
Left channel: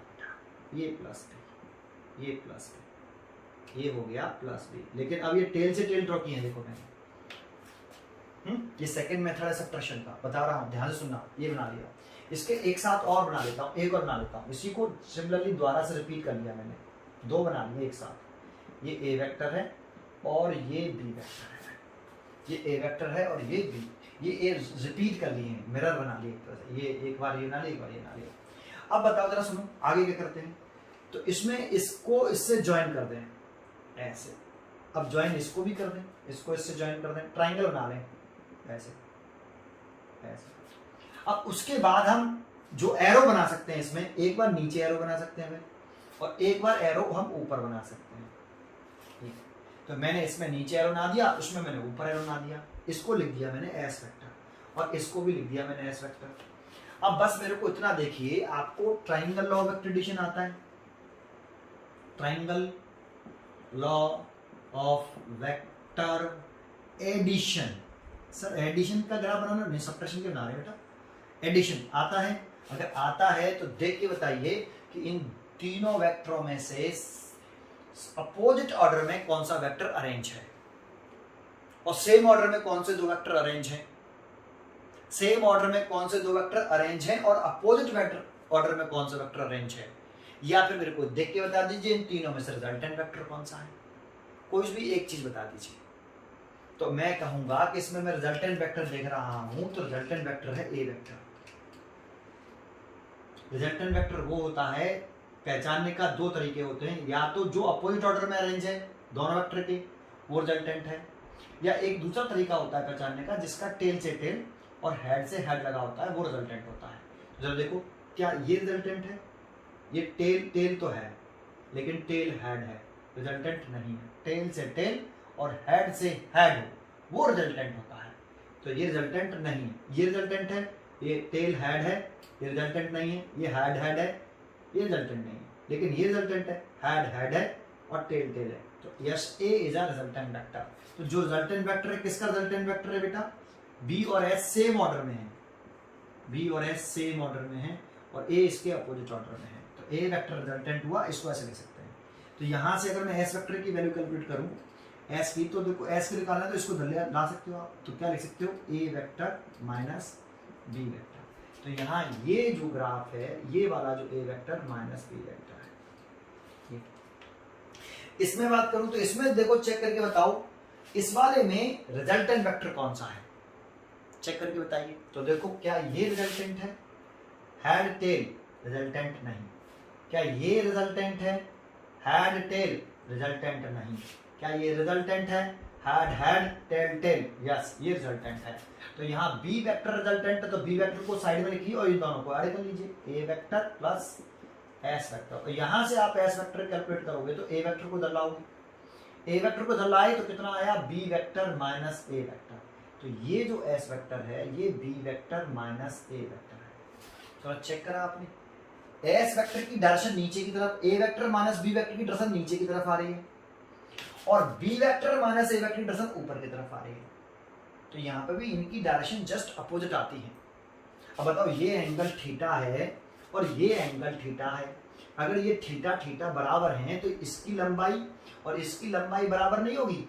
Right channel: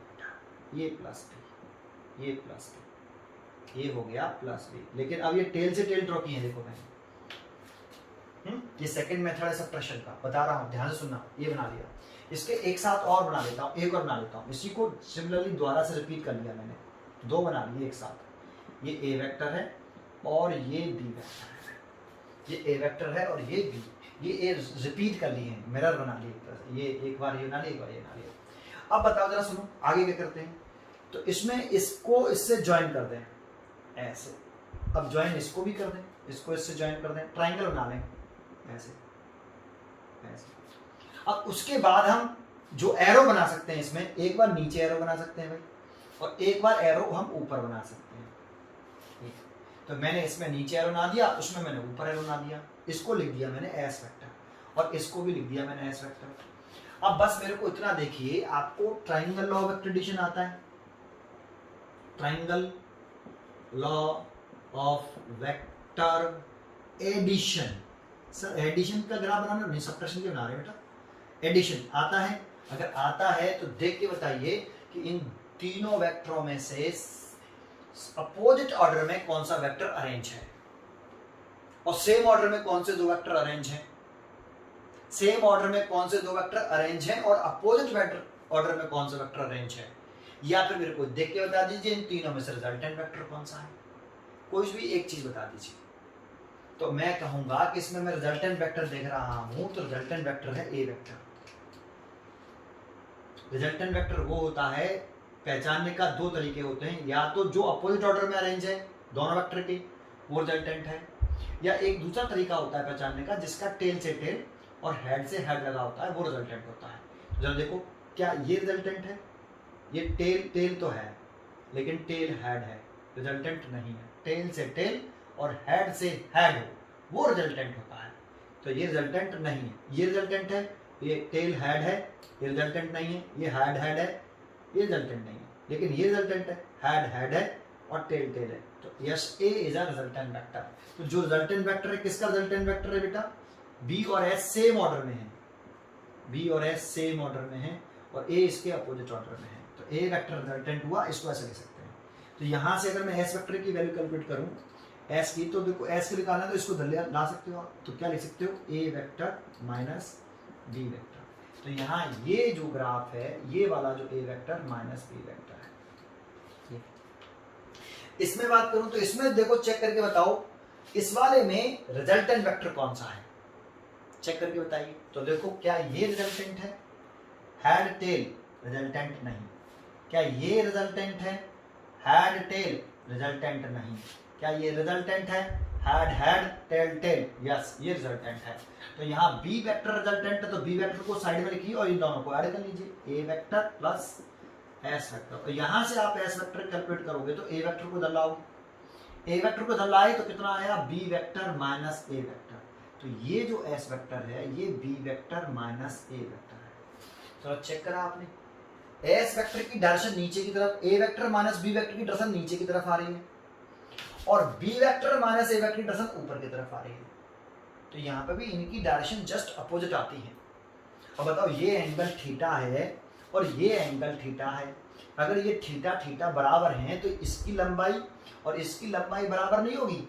ये प्लस बी, ये प्लस बी, ये हो गया प्लस बी। लेकिन अब ये टेल से टेल ड्रॉ किए हैं, देखो मैंने। ये सेकंड मेथड है सब्ट्रैक्शन का, बता रहा हूँ, ध्यान से सुनना। ये बना लिया, इसके एक साथ और बना लेता हूँ, एक और बना लेता हूँ। इसी को सिमिलरली दोबारा से रिपीट कर लिया मैंने, दो बना लिए एक साथ। ये ए वेक्टर है और ये बी वेक्टर है, ये ए वेक्टर है और ये बी, ये ए रिपीट कर लिए हैं, मिरर बना लिए। ये एक बार ये बना लिए, एक बार ये बना लिए। अब बताओ जरा सुनो, आगे क्या करते हैं। तो इसमें इसको इससे ज्वाइन कर दें ऐसे। अब ज्वाइन इसको भी कर दें, इसको इससे ज्वाइन कर दें, ट्राइंगल बना लें ऐसे ऐसे। अब उसके बाद हम जो एरो बना सकते हैं इसमें, एक बार नीचे एरो बना सकते हैं भाई, और एक बार एरो हम ऊपर बना सकते हैं। तो मैंने इसमें नीचे एरो बना दिया, उसमें मैंने ऊपर एरो बना दिया। इसको लिख दिया मैंने एस वेक्टर और इसको भी लिख दिया मैंने एस वेक्टर। अब बस मेरे को इतना देखिए, आपको ट्राइंगल लॉ ऑफ एक्ट्रेडिशन आता है, triangle law of vector addition. Sir addition का ग्राफ बनाना नहीं, सब्ट्रैक्शन के बना रहे बेटा। एडिशन आता है, अगर आता है तो देख के बताइए कि इन तीनों वेक्टरों में से अपोजिट ऑर्डर में कौन सा वेक्टर अरेंज है, और सेम ऑर्डर में कौन से दो वेक्टर अरेंज हैं, सेम ऑर्डर में कौन से दो वेक्टर अरेंज हैं, और अपोजिट वेक्टर ऑर्डर में कौन सा वेक्टर अरेंज है। या फिर मेरे को देख के बता दीजिए इन तीनों में से रिजल्टेंट वेक्टर कौन सा है, कोई भी एक चीज बता दीजिए। तो मैं कहूंगा कि इसमें मैं रिजल्टेंट वेक्टर देख रहा हूं, तो रिजल्टेंट वेक्टर है ए वेक्टर। रिजल्टेंट वेक्टर वो होता है, पहचानने का दो तरीके होते हैं, या तो जो अपोजिट ऑर्डर में अरेंज है दोनों वेक्टर के, वो रिजल्टेंट है, या एक दूसरा तरीका होता है पहचानने का जिसका टेल से टेल और हेड से हेड लगा होता है, वो रिजल्टेंट होता है। जब देखो क्या ये रिजल्टेंट है, ये टेल तो है लेकिन टेल हेड है, रिजल्टेंट नहीं है। टेल से टेल और हेड से हेड हो वो रिजल्टेंट होता है। तो ये रिजल्टेंट नहीं है, ये रिजल्टेंट है, ये टेल हेड है, ये रिजल्टेंट नहीं है, ये हेड हेड है, ये रिजल्टेंट नहीं है, लेकिन ये रिजल्टेंट है, हेड हेड है और टेल टेल है। तो yes, A is a resultant vector. तो जो रिजल्टेंट वेक्टर है, किसका रिजल्टेंट वेक्टर है बेटा, बी और एस सेम ऑर्डर में है, बी और एस सेम ऑर्डर में है और ए इसके अपोजिट ऑर्डर में है। तो ए वेक्टर रिजल्टेंट हुआ, इसको ऐसे लिख सकते हैं। तो यहाँ से अगर मैं एस वेक्टर की वैल्यू कैलकुलेट करूँ एस की, तो देखो एस की निकालना है तो इसको ला सकते हो आप। तो क्या लिख सकते हो, ए वेक्टर माइनस बी वेक्टर। तो यहाँ ये जो ग्राफ है, ये वाला जो ए वेक्टर माइनस बी वेक्टर है। इसमें बात करूं तो इसमें देखो चेक करके बताओ, इस वाले में रिजल्टेंट वेक्टर कौन सा है, चेक करके बताइए। तो देखो क्या ये रिजल्टेंट है, हेड टेल रिजल्टेंट नहीं। क्या ये रिजल्टेंट है, हेड टेल रिजल्टेंट नहीं। क्या ये रिजल्टेंट है, head head tail tail, yes ये रिजल्टेंट है। तो यहाँ बी वेक्टर रिजल्टेंट है, तो बी वेक्टर को साइड में लिखिए और इन दोनों को ऐड कर लीजिए, ए वेक्टर प्लस एस वेक्टर। तो यहाँ से आप एस वेक्टर कैलकुलेट करोगे तो ए वेक्टर को इधर लाओगे, ए वेक्टर को इधर लाए तो कितना आया, B vector minus A vector. तो ये जो एस वेक्टर है ये B vector minus A vector है। तो चेक करा आपने, एस वेक्टर की डायरेक्शन नीचे की तरफ, ए वेक्टर माइनस बी वेक्टर की डायरेक्शन नीचे की तरफ आ रही है, और B vector minus A vector की डायरेक्शन ऊपर की तरफ आ रही है। तो यहाँ पे भी इनकी डायरेक्शन जस्ट अपोजिट आती है। अब बताओ, ये एंगल थीटा है और ये एंगल थीटा है, अगर ये थीटा थीटा बराबर हैं तो इसकी लंबाई और इसकी लंबाई बराबर नहीं होगी।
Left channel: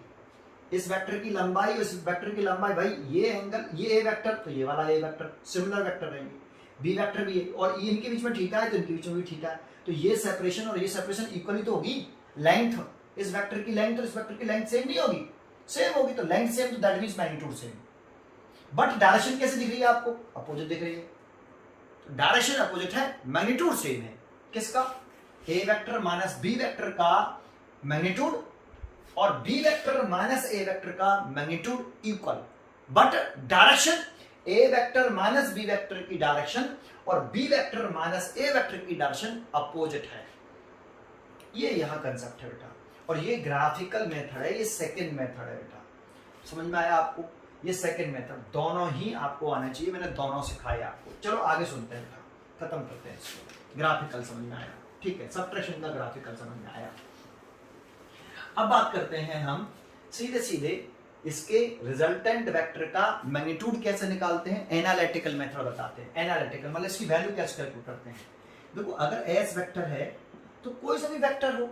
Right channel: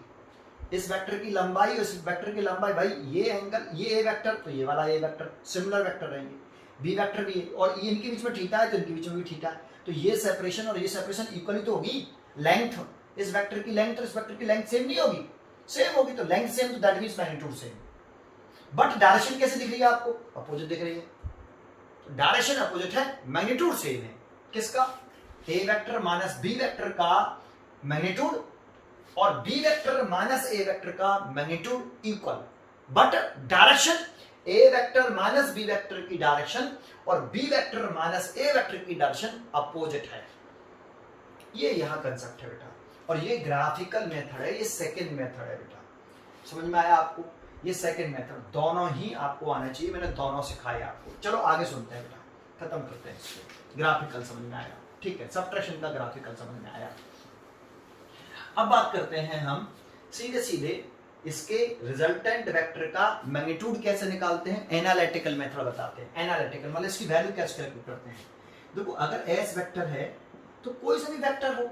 इस वेक्टर की लंबाई और इस वेक्टर की लंबाई, भाई ये एंगल, ये ए वेक्टर तो ये वाला ए वेक्टर सिमिलर वेक्टर रहेंगे, बी वेक्टर भी है, और ये इनके बीच में थीटा है तो इनके बीच में भी थीटा है। तो ये सेपरेशन और ये सेपरेशन इक्वली तो होगी। लेंथ, इस वेक्टर की लेंथ और इस वेक्टर की लेंथ सेम नहीं होगी, सेम होगी। तो लेंथ सेम तो that means magnitude same. But direction कैसे दिख रही है आपको, अपोजिट दिख रही है। तो डायरेक्शन अपोजिट है, मैग्नीट्यूड सेम है। किसका, A vector minus B vector का मैग्नीट्यूड और B vector minus A vector का magnitude equal, but direction A vector minus B vector की डायरेक्शन और B vector minus A vector की डायरेक्शन अपोजिट है। ये यहां कंसेप्ट है बेटा, और ये ग्राफिकल मेथड है, ये सेकंड मेथड है बेटा। समझ में आया आपको, ये सेकंड मेथड, दोनों ही आपको आना चाहिए, मैंने दोनों सिखाए आपको। चलो आगे सुनते हैं बेटा, खत्म करते हैं इसको। ग्राफिकल समझ में आया, ठीक है, सबट्रैक्शन का ग्राफिकल समझ में आया। अब बात करते हैं हम सीधे सीधे इसके रिजल्टेंट वेक्टर का मैग्नीट्यूड कैसे निकालते हैं, एनालिटिकल मेथड बताते हैं। एनालिटिकल मतलब इसकी वैल्यू कैसे कैलकुलेट करते हैं। देखो, अगर एस वेक्टर है तो कोई सा भी वेक्टर हो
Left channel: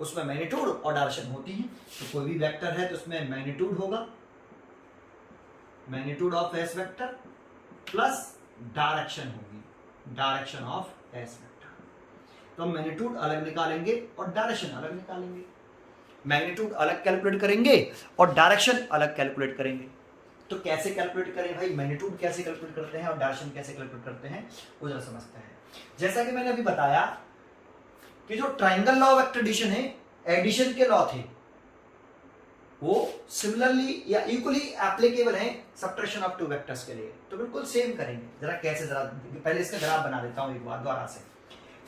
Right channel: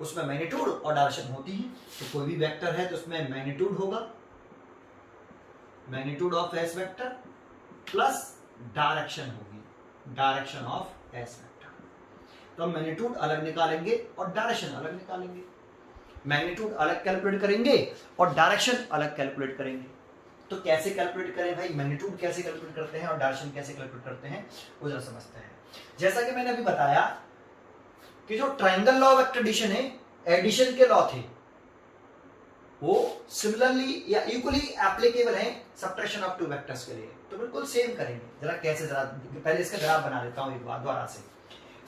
उसमें मैग्नीट्यूड और डायरेक्शन होती है। तो कोई भी वेक्टर है तो उसमें मैग्नीट्यूड होगा, magnitude of S vector plus direction होगी, डायरेक्शन ऑफ एस वेक्टर। तो हम मैग्नीट्यूड अलग निकालेंगे और डायरेक्शन अलग निकालेंगे। मैग्नीट्यूड अलग कैलकुलेट करेंगे और डायरेक्शन अलग कैलकुलेट करेंगे। तो कैसे कैलकुलेट करें भाई, मैग्नीट्यूड कैसे कैलकुलेट करते हैं और डायरेक्शन कैसे कैलकुलेट करते हैं, वो जरा समझते हैं। जैसा कि मैंने अभी बताया कि जो triangle law of vector addition है, एडिशन के लॉ थे, वो सिमिलरली या इक्वली एप्लीकेबल है सबट्रैक्शन ऑफ टू वेक्टर्स के लिए। तो बिल्कुल सेम करेंगे। जरा कैसे, जरा पहले इसका ग्राफ बना देता हूं एक बार दोबारा से।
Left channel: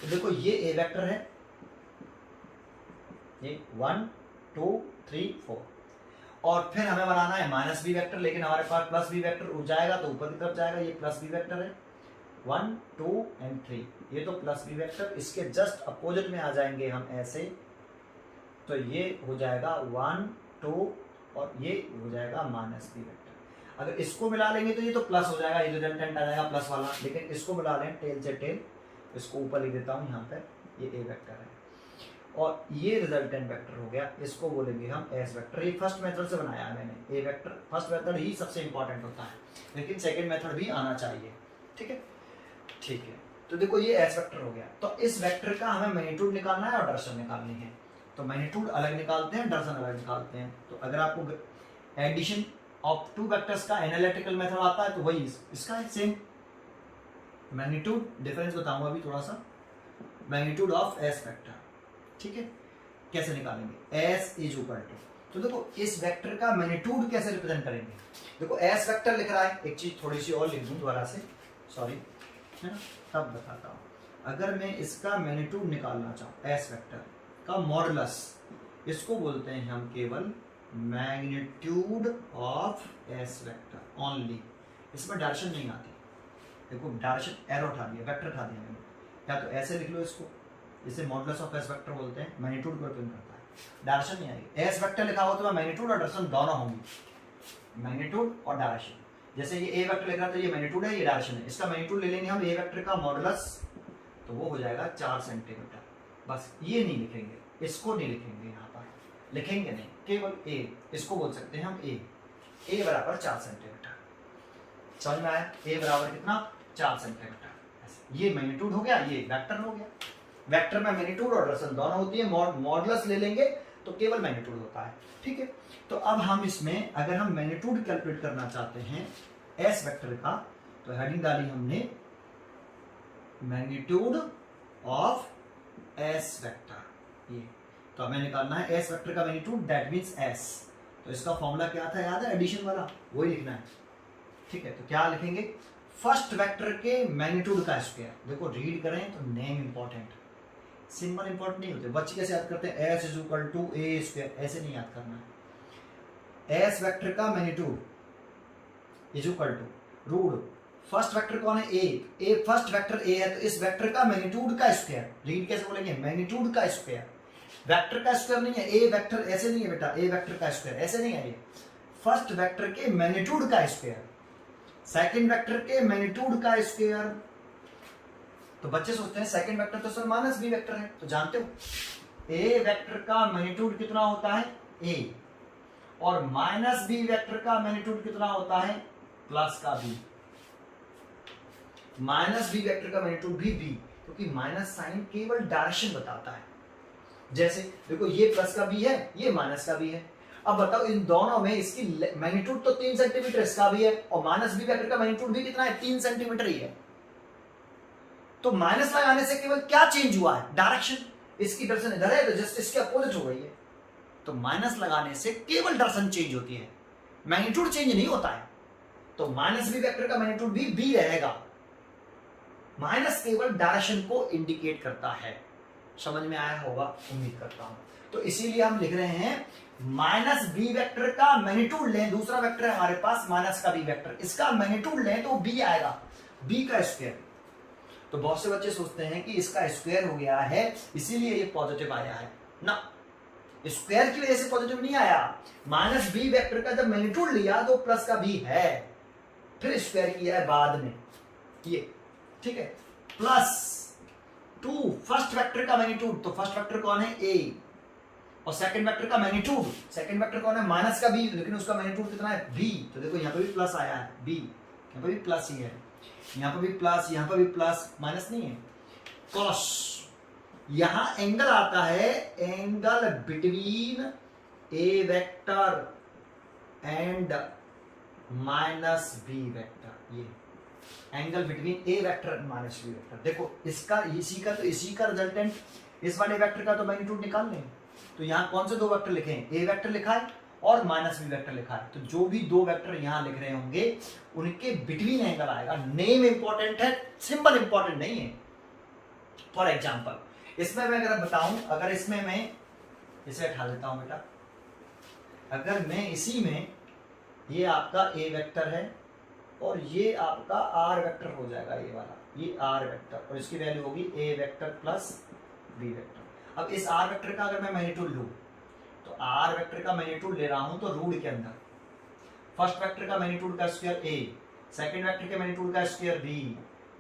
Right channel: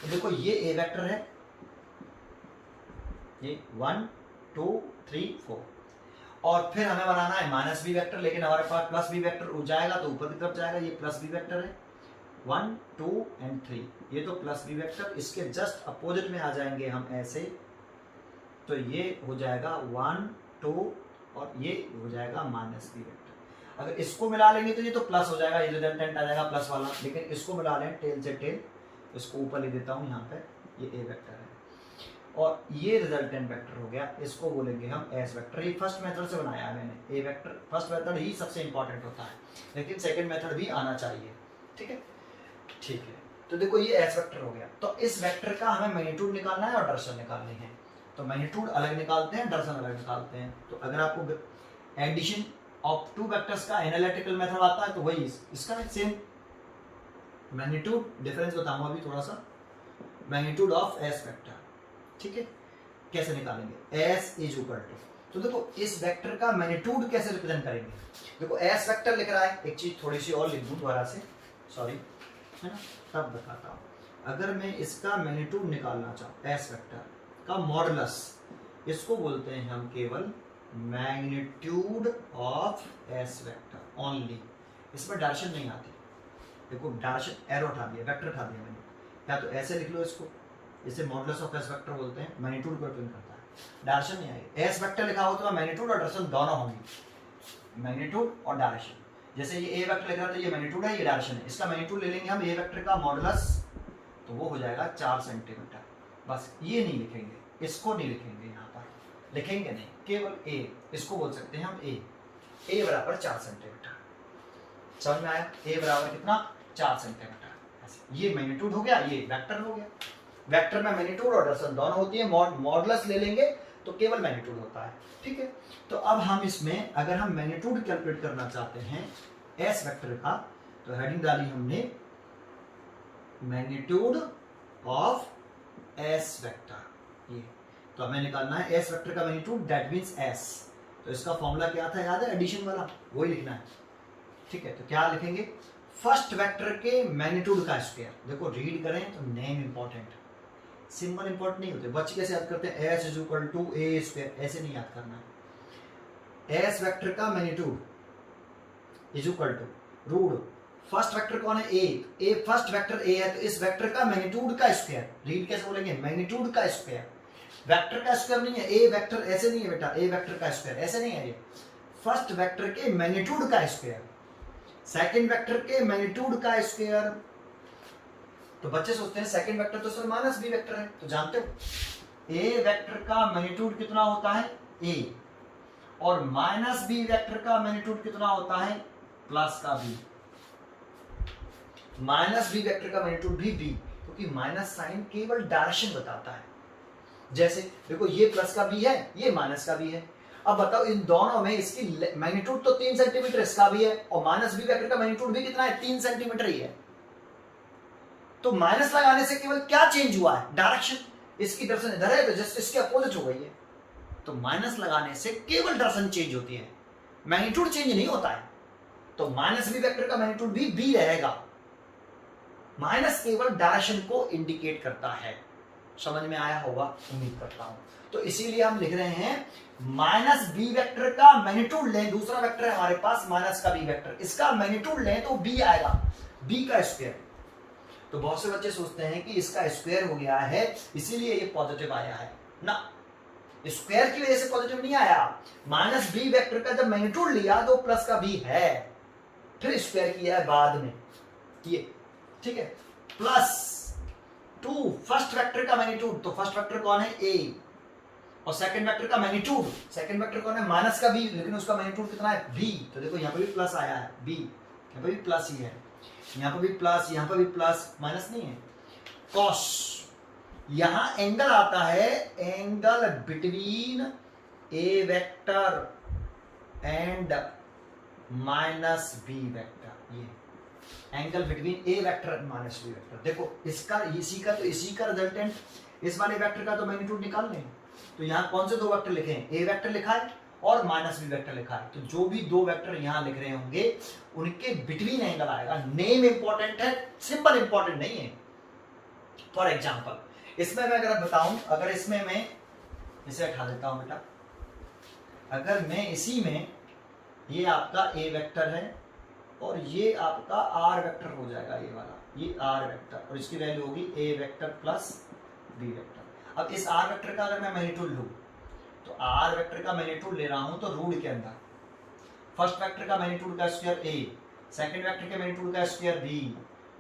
तो देखो, ये ए वेक्टर है, ये 1 2 3 4, और फिर हमें बनाना है माइनस बी वेक्टर, लेकिन हमारे पास प्लस बी वेक्टर हो जाएगा तो ऊपर की तरफ जाएगा। ये प्लस बी वेक्टर है 1 2 एंड 3, ये तो प्लस बी वेक्टर, इसके जस्ट अपोजिट में आ जाएंगे हम ऐसे। तो ये हो जाएगा 1 2 और ये हो जाएगा माइनस बी वेक्टर। अगर इसको मिला लेंगे तो ये तो प्लस हो जाएगा, ये रिजल्टेंट आ जाएगा प्लस वाला, लेकिन इसको मिला लें टेल से टेल, इसको ऊपर लिख देता हूँ यहाँ पे, ये ए वेक्टर है और ये रिजल्टेंट वेक्टर हो गया, इसको बोलेंगे हम एस वेक्टर। ये फर्स्ट मेथड से बनाया है मैंने, ए वेक्टर फर्स्ट मेथड ही सबसे इंपॉर्टेंट होता है, लेकिन सेकंड मेथड भी आना चाहिए। ठीक है, ठीक है। तो देखो, ये एस वेक्टर हो गया। तो इस वेक्टर का हमें मैग्नीट्यूड निकालना है और डायरेक्शन निकालनी है। तो मैग्नीट्यूड अलग निकालते हैं, डायरेक्शन अलग निकालते हैं। तो अगर आपको एडिशन ऑफ टू वेक्टर्स का एनालिटिकल मेथड आता है तो वही इसका सेम मैग्नीट्यूड, डिफरेंस बताऊंगा अभी थोड़ा सा, मैग्नीट्यूड ऑफ एस वेक्टर। ठीक है, कैसे निकालेंगे, एस इज इक्वल टू, तो देखो इस वेक्टर का मैग्नीट्यूड कैसे रिप्रेजेंट करेंगे। देखो एस वेक्टर लिख रहा है, एक चीज थोड़ी सी और लिख दूं दोबारा से, सॉरी, है ना, तब बताता हूँ। अगर मैं इसका मैग्नीट्यूड निकालना चाहूँ, एस वेक्टर का मॉडुलस, इसको बोलते हैं हम केवल magnitude of S vector only. इसमें डायरेक्शन नहीं आती। देखो, डायरेक्शन एरो उठा दिया, वेक्टर उठा दिया मैंने, या तो ऐसे लिख लो इसको, इसे मॉडुलस ऑफ एस वेक्टर बोलते हैं, मैग्नीट्यूड को रिप्रेजेंट करता है, डायरेक्शन नहीं आएगी। एस वेक्टर लिखा हो तो मैग्नीट्यूड और डायरेक्शन दोनों होंगी, मैग्नीट्यूड और डायरेक्शन। जैसे ये ए वेक्टर लिखा तो ये मैग्नीट्यूड है, ये डायरेक्शन है। इसका मैग्नीट्यूड ले लेंगे हम ए वेक्टर का मॉडुलस, तो वो हो जाएगा 4 सेंटीमीटर। बस ये नहीं लिखेंगे, इसको नहीं लिखेंगे, यहाँ पर लिखेंगे नहीं, केवल ए, इसको बोल सकते हैं हम ए बराबर 4 सेंटीमीटर। समझ में आया, ए बराबर कितना, 4 सेंटीमीटर। ऐसे ये मैग्नीट्यूड हो गया, ये वेक्टर हो गया। वेक्टर में मैग्नीट्यूड और डायरेक्शन दोनों होती है, मॉडुलस ले लेंगे तो केवल मैग्नीट्यूड होता है। ठीक है, तो अब हम इसमें अगर हम मैग्नीट्यूड कैलकुलेट करना चाहते हैं एस वेक्टर का, तो हेडिंग डाली हमने मैग्नीट्यूड ऑफ एस वेक्टर। ये तो हमें निकालना है एस वेक्टर का मैग्नीट्यूड, दैट मींस एस। तो इसका फॉर्मूला क्या था, याद है, एडिशन वाला, वही लिखना है। ठीक है, तो क्या लिखेंगे, फर्स्ट वेक्टर के मैग्नीट्यूड का स्क्वायर। देखो रीड करें तो नेम इंपॉर्टेंट, सिंबल इंपॉर्टेंट नहीं होते। बच्चे कैसे याद करते हैं, S is equal to A square, ऐसे नहीं याद करना है। एस वेक्टर का magnitude is equal to root, first vector कौन है, ए फर्स्ट वेक्टर ए है, तो इस वेक्टर का मैग्नीट्यूड का स्क्वायर, रीड कैसे बोलेंगे, मैग्नीट्यूड का स्क्वायर, वेक्टर का स्क्वायर नहीं है, ए वेक्टर ऐसे नहीं है बेटा, ए वेक्टर का स्क्वायर ऐसे नहीं है, ये फर्स्ट वेक्टर के मैग्नीट्यूड का स्क्वायर, सेकंड वेक्टर के मैग्नीट्यूड का स्क्वायर। तो बच्चे सोचते हैं सेकंड वेक्टर तो सर माइनस बी वेक्टर है, तो जानते हो ए वेक्टर का मैग्नीट्यूड कितना होता है ए, और माइनस बी वेक्टर का मैग्नीट्यूड कितना होता है प्लस का बी, माइनस बी वेक्टर का मैग्नीट्यूड भी बी, क्योंकि माइनस साइन केवल डायरेक्शन बताता है। जैसे देखो ये प्लस का बी है, ये माइनस का बी है, अब बताओ इन दोनों में इसकी मैग्नीट्यूड तो 3 सेंटीमीटर इसका भी है, और माइनस बी वेक्टर का मैग्नीट्यूड भी कितना है 3 सेंटीमीटर ही है। तो माइनस लगाने से केवल क्या चेंज हुआ है, डायरेक्शन, इसकी डायरेक्शन इधर है तो जस्ट इसके अपोजिट हो गई है। तो माइनस लगाने से केवल डायरेक्शन चेंज होती है, मैग्नीट्यूड चेंज नहीं होता है। तो माइनस बी वेक्टर का मैग्नीट्यूड भी बी रहेगा, माइनस केवल डायरेक्शन को इंडिकेट करता है। समझ में आया होगा उम्मीद करता हूं। तो इसीलिए हम लिख रहे हैं माइनस बी वेक्टर का मैग्नीट्यूड लें, दूसरा वेक्टर है हमारे पास माइनस का बी वेक्टर, इसका मैग्नीट्यूड लें तो बी आएगा, बी का स्क्वायर। तो बहुत से बच्चे सोचते हैं कि इसका स्क्वायर हो गया है इसीलिए ये पॉजिटिव आया है ना, स्क्वायर की वजह से पॉजिटिव नहीं आया, माइनस बी वेक्टर का जब मैग्नीट्यूड लिया तो प्लस का बी है, फिर स्क्वायर किया है बाद में ये, ठीक है। प्लस 2 फर्स्ट वेक्टर का मैग्नीट्यूड, तो फर्स्ट वेक्टर कौन है ए, और सेकंड वेक्टर का मैग्नीट्यूड, सेकंड वेक्टर कौन है माइनस का बी, लेकिन उसका मैग्नीट्यूड कितना है बी, तो देखो यहाँ पे भी प्लस आया है बी, यहाँ पे भी प्लस ही है, यहाँ पे भी प्लस, यहाँ पे भी प्लस, माइनस नहीं है। कॉस, यहां एंगल आता है, angle between A vector and minus B vector, ये angle between A vector and minus B vector. देखो इसका इसी का रिजल्टेंट, इस वाले वेक्टर का तो मैग्नीट्यूड निकाल लें, तो यहाँ कौन से दो वेक्टर लिखे हैं, ए वेक्टर लिखा है और माइनस बी वेक्टर लिखा है, तो जो भी दो वेक्टर यहाँ लिख रहे होंगे उनके बिटवीन एंगल आएगा। नेम इंपॉर्टेंट है, सिंबल इंपॉर्टेंट नहीं है। फॉर एग्जाम्पल इसमें मैं अगर बताऊं, अगर इसमें मैं इसे हटा देता हूं बेटा, अगर मैं इसी में, ये आपका ए वेक्टर है और ये आपका आर वेक्टर हो जाएगा, ये वाला, ये आर वेक्टर, और इसकी वैल्यू होगी ए वेक्टर प्लस बी वेक्टर। अब इस आर वेक्टर का अगर मैं मैग्नीट्यूड लूं, तो आर वेक्टर का मैग्नीट्यूड ले रहा हूं तो रूट के अंदर फर्स्ट वेक्टर का मैग्नीट्यूड का स्क्वायर ए, सेकंड वेक्टर के मैग्नीट्यूड का square B,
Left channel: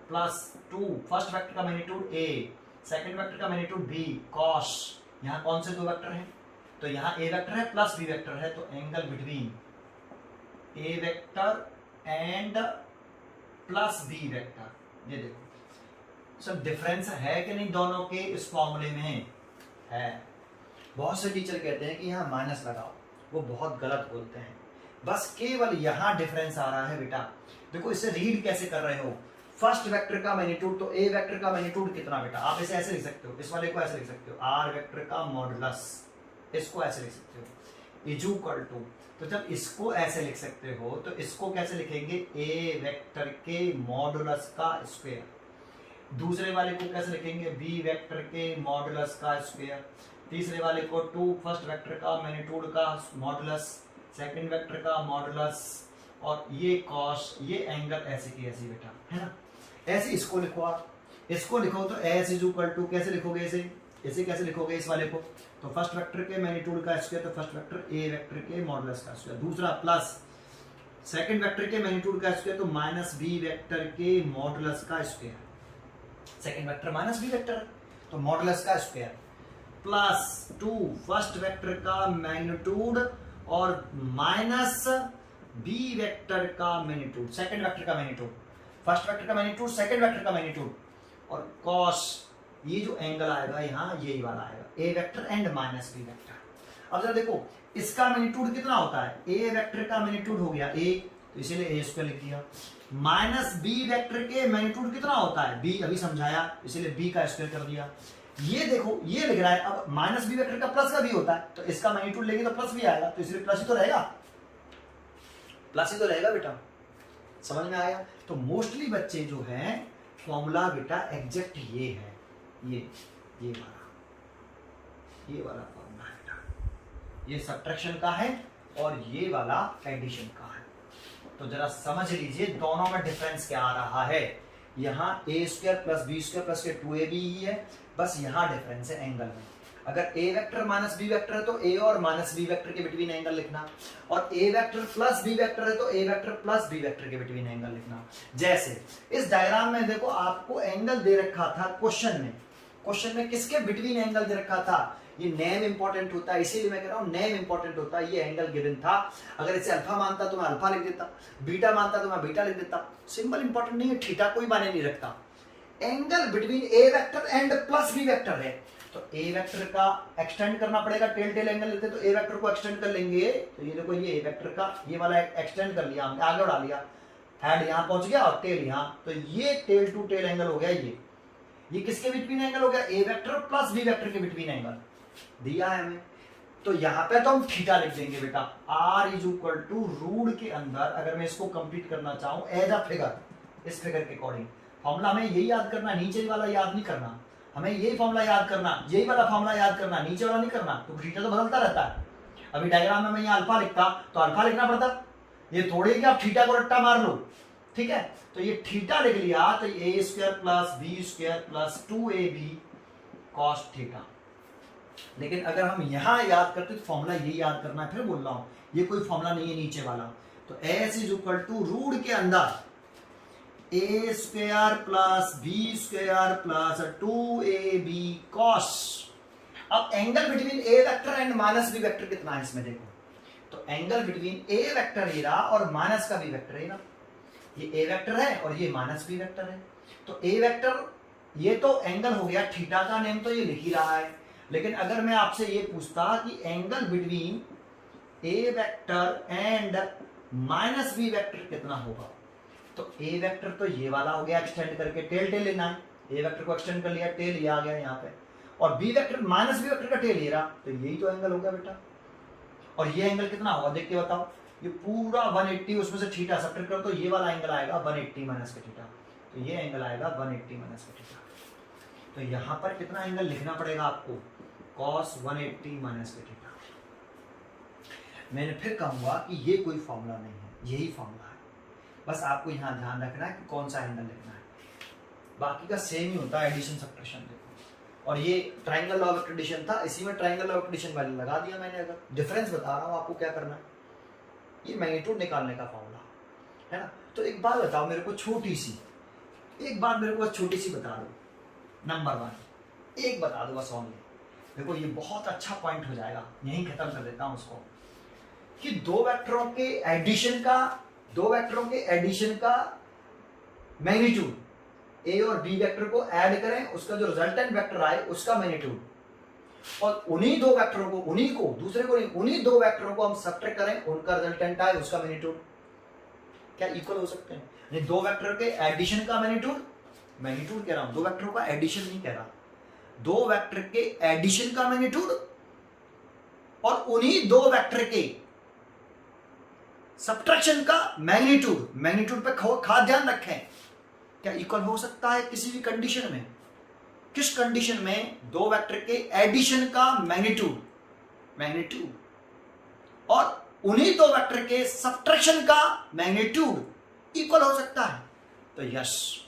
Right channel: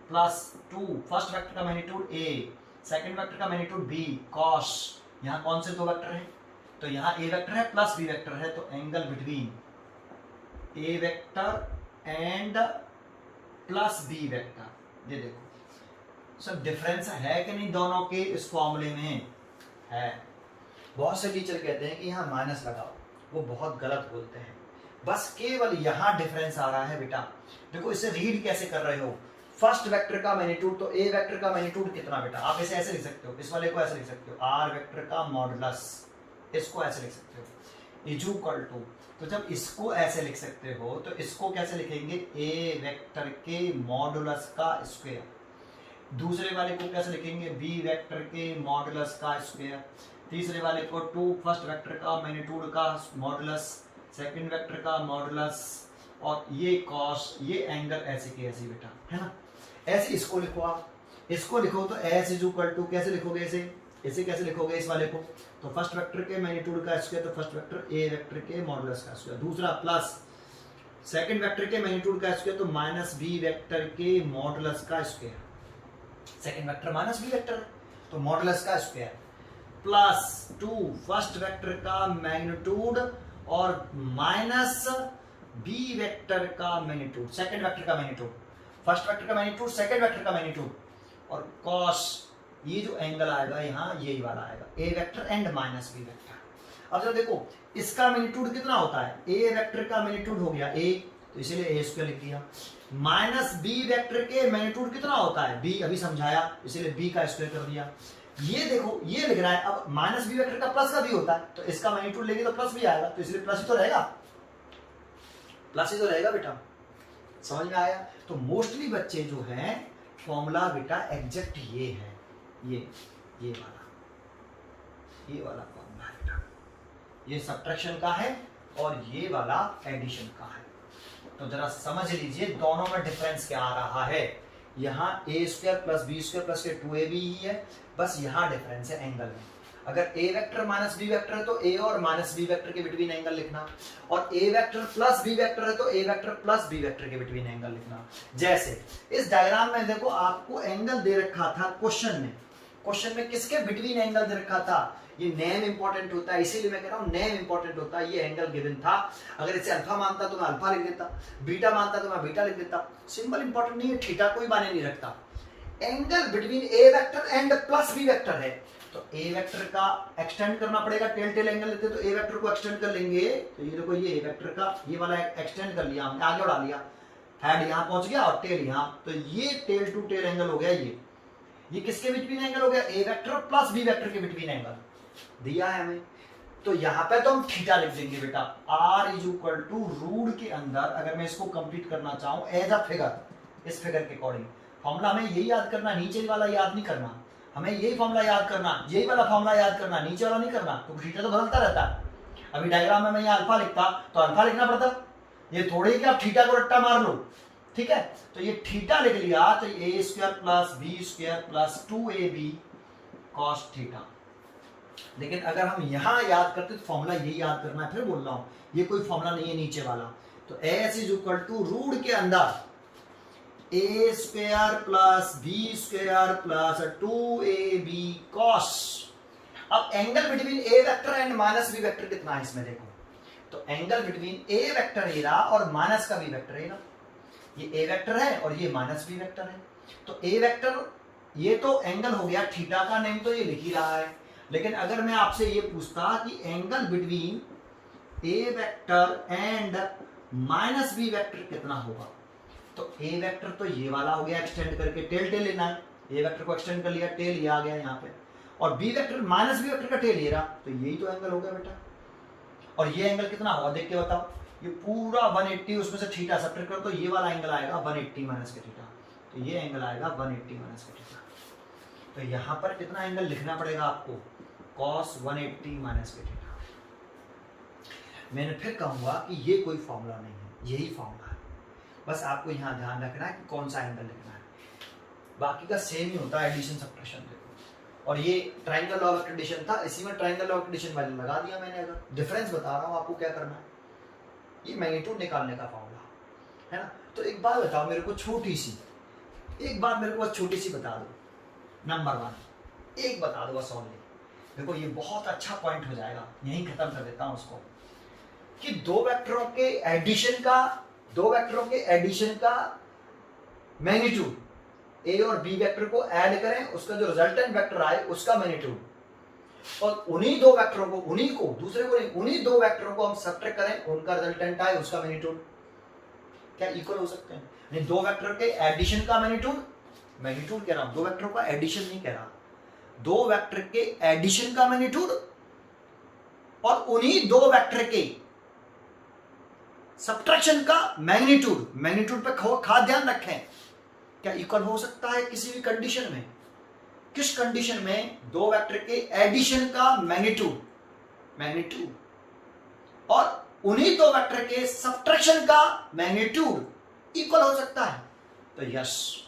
plus 2 first vector का मैग्नीट्यूड ए, सेकंड वेक्टर का मैग्नीट्यूड बी, कॉस, यहाँ कौन से दो वेक्टर हैं, तो यहाँ ए वेक्टर है प्लस बी वेक्टर है, तो angle between A vector and plus B vector, ये देखो सब डिफरेंस है कि नहीं दोनों के इस फॉर्मूले में है। बहुत से टीचर कहते हैं कि यहाँ माइनस लगाओ, वो बहुत गलत बोलते हैं, बस केवल यहाँ डिफरेंस आ रहा है बेटा। देखो इसे रीड कैसे कर रहे हो, फर्स्ट वेक्टर का मैग्नीट्यूड, तो ए वेक्टर का मैग्नीट्यूड कितना बेटा, आप इसे ऐसे लिख सकते हो, इस वाले को ऐसे लिख सकते हो, आर वेक्टर का मॉडुलस, इसको ऐसे लिख सकते हो, इक्वल टू, तो जब इसको ऐसे लिख सकते हो तो इसको कैसे लिखेंगे, ए वेक्टर के मॉडुलस का स्क्वायर, दूसरे वाले को कैसे लिखेंगे, बी वेक्टर के मॉडुलस का स्क्वायर, तीसरे वाले को 2 फर्स्ट वेक्टर का मैग्नीट्यूड का मॉडुलस, सेकंड वेक्टर का मॉडुलस, और ये कॉस, ये एंगल ऐसे की ऐसे बेटा, है ना। ऐसे इसको लिखो, आप इसको लिखो तो एस इज इक्वल टू, कैसे लिखोगे इसे कैसे लिखोगे इस वाले को, तो फर्स्ट वेक्टर के मैग्नीट्यूड का स्क्वायर, तो फर्स्ट वेक्टर ए वेक्टर के मॉडुलस का स्क्वायर, दूसरा प्लस सेकंड वेक्टर के मैग्नीट्यूड का स्क्वायर, तो माइनस बी वेक्टर के मॉडुलस का square, second vector minus B vector तो मॉडुलस का स्क्वायर, प्लस 2 फर्स्ट वेक्टर का मैग्नीट्यूड और माइनस बी वेक्टर का मैग्नीट्यूड, सेकंड वेक्टर का मैग्नीट्यूड, फर्स्ट वेक्टर का मैग्नीट्यूड, सेकंड वेक्टर का मैग्नीट्यूड, और कॉस, ये जो एंगल आएगा यहाँ यही वाला आएगा, A vector and minus B vector. अब जरा देखो इसका मैग्नीट्यूड कितना होता है, ए वेक्टर का मैग्नीट्यूड हो गया ए, तो इसीलिए ए स्क्वायर लिख दिया, माइनस बी वेक्टर के मैग्नीट्यूड कितना होता है बी, अभी समझाया, इसीलिए बी का स्क्वायर कर दिया। ये देखो ये लिख रहा है, अब माइनस बी वेक्टर का प्लस का भी होता है, तो इसका मैग्नीट्यूड लेंगे तो प्लस भी आएगा, तो इसलिए प्लस ही तो रहेगा, प्लस ही तो रहेगा बेटा, समझ में आया। तो मोस्टली बच्चे जो हैं फॉर्मूला बेटा एग्जैक्ट ये है, ये ये वाला फॉर्मूला है, ये सब्ट्रैक्शन का है और ये वाला एडिशन का है। तो जरा समझ लीजिए दोनों में डिफरेंस क्या आ रहा है। यहाँ A square plus B square plus के 2ab ही है, बस यहाँ डिफरेंस है एंगल में। अगर ए वेक्टर माइनस बी वेक्टर है तो ए और माइनस बी वेक्टर के बिटवीन एंगल लिखना, और ए वेक्टर प्लस बी वेक्टर है तो A vector plus B vector के बिटवीन एंगल लिखना। जैसे इस डायग्राम में देखो आपको एंगल दे रखा था क्वेश्चन में किसके बिटवीन एंगल दे रखा था। ये नेम इंपॉर्टेंट होता है, इसीलिए मैं कह रहा हूँ नेम इंपॉर्टेंट होता है। ये एंगल गिवन था, अगर इसे अल्फा मानता तो मैं अल्फा लिख देता, बीटा मानता तो मैं बीटा लिख देता। सिंबल इंपॉर्टेंट नहीं है, थीटा कोई मायने नहीं रखता। Angle between A vector and plus B vector है, तो ए वेक्टर का एक्सटेंड करना पड़ेगा। टेल एंगल लेते तो ए वेक्टर को एक्सटेंड कर लेंगे, तो ये देखो ये ए वेक्टर का ये वाला एक्सटेंड कर लिया हमने, आगे बढ़ा लिया, हेड यहाँ पहुंच गया और टेल यहाँ, तो ये टेल टू टेल एंगल हो गया। ये किसके बिटवीन एंगल हो गया, A vector plus B vector के बिटवीन एंगल दिया है हमें। तो यहाँ पे तो हम थीटा लिख देंगे बेटा, r is equal to root के अंदर, अगर मैं इसको कंप्लीट करना चाहूँ एज अ फिगर, इस फिगर के अकॉर्डिंग फॉर्मूला हमें यही याद करना, नीचे वाला याद नहीं करना, हमें यही फॉर्मूला याद करना, यही वाला फॉर्मूला याद करना, नीचे वाला नहीं करना, तो थीटा तो बदलता रहता है। अभी डायग्राम में मैं यहाँ अल्फा लिखता तो अल्फा लिखना पड़ता, ये थोड़ी कि आप थीटा को रट्टा मार लो, ठीक है। तो ये थीटा लिख लिया, तो A square plus B square plus 2ab cos theta. लेकिन अगर हम यहाँ याद करते तो फॉर्मूला यही याद करना है, फिर बोल रहा हूँ ये कोई फॉर्मूला नहीं है नीचे वाला। तो S is equal to root के अंदर A square plus B square plus 2ab cos. अब angle between A vector and minus B vector कितना है इसमें देखो, तो एंगल बिटवीन ए वेक्टर ये रहा और माइनस का बी वेक्टर ये रहा, ये ए वेक्टर है और ये माइनस बी वेक्टर है। तो ए वेक्टर ये तो एंगल हो गया, थीटा का नेम तो ये लिख ही रहा है। लेकिन अगर मैं आपसे ये पूछता कि angle between A vector and minus B vector कितना होगा, तो ए वेक्टर तो ये वाला हो गया, एक्सटेंड करके टेल लेना है, ए वेक्टर को एक्सटेंड कर लिया, टेल ये आ गया यहाँ पे, और B vector minus B vector का टेल ये रहा, तो यही तो एंगल हो गया बेटा। और ये एंगल कितना होगा देख के बताओ, ये पूरा 180, उसमें से थीटा सब्ट्रैक्ट करो तो ये वाला एंगल आएगा 180 माइनस का थीटा, तो ये एंगल आएगा 180 माइनस का थीटा। तो यहाँ पर कितना एंगल लिखना पड़ेगा आपको, cos 180 माइनस का थीटा। मैंने फिर कहूँगा कि ये कोई फॉर्मूला नहीं है, यही फॉर्मूला है, बस आपको यहाँ ध्यान रखना है कि कौन सा एंगल लिखना है, बाकी का सेम ही होता है, एडिशन सब्ट्रैक्शन देखो। और ये ट्राइंगल लॉ ऑफ एडिशन था, इसी में triangle law of addition value लगा दिया मैंने। अगर डिफरेंस बता रहा हूँ आपको क्या करना है, ये मैग्नीट्यूड निकालने का फॉर्मूला है ना। तो एक बात बताओ मेरे को, छोटी सी एक बात मेरे को छोटी सी बता दो, नंबर 1 एक बता दो बस ओनली, देखो ये बहुत अच्छा पॉइंट हो जाएगा, यहीं खत्म कर देता हूँ उसको, कि दो वेक्टरों के एडिशन का मैग्नीट्यूड, ए और बी वेक्टर को ऐड करें, उसका जो रिजल्टेंट वेक्टर आए उसका मैग्नीट्यूड, और उन्हीं दो वेक्टरों को, दूसरे को नहीं, उन्हीं दो वेक्टरों को हम सब्ट्रैक्ट करें, उनका रिजल्टेंट आए उसका मैग्नीट्यूड, क्या इक्वल हो सकते हैं? नहीं, दो वेक्टर के एडिशन का मैग्नीट्यूड कह रहा हूं, दो वेक्टरों का एडिशन नहीं कह रहा, दो वेक्टर के एडिशन का मैग्नीट्यूड और उन्हीं दो वेक्टर के सब्ट्रैक्शन का मैग्नीट्यूड पे खास ध्यान रखें, क्या इक्वल हो सकता है किसी भी कंडीशन में? किस कंडीशन में दो वेक्टर के एडिशन का मैग्नीट्यूड और उन्हीं दो वेक्टर के सब्ट्रैक्शन का मैग्नीट्यूड इक्वल हो सकता है? तो यस,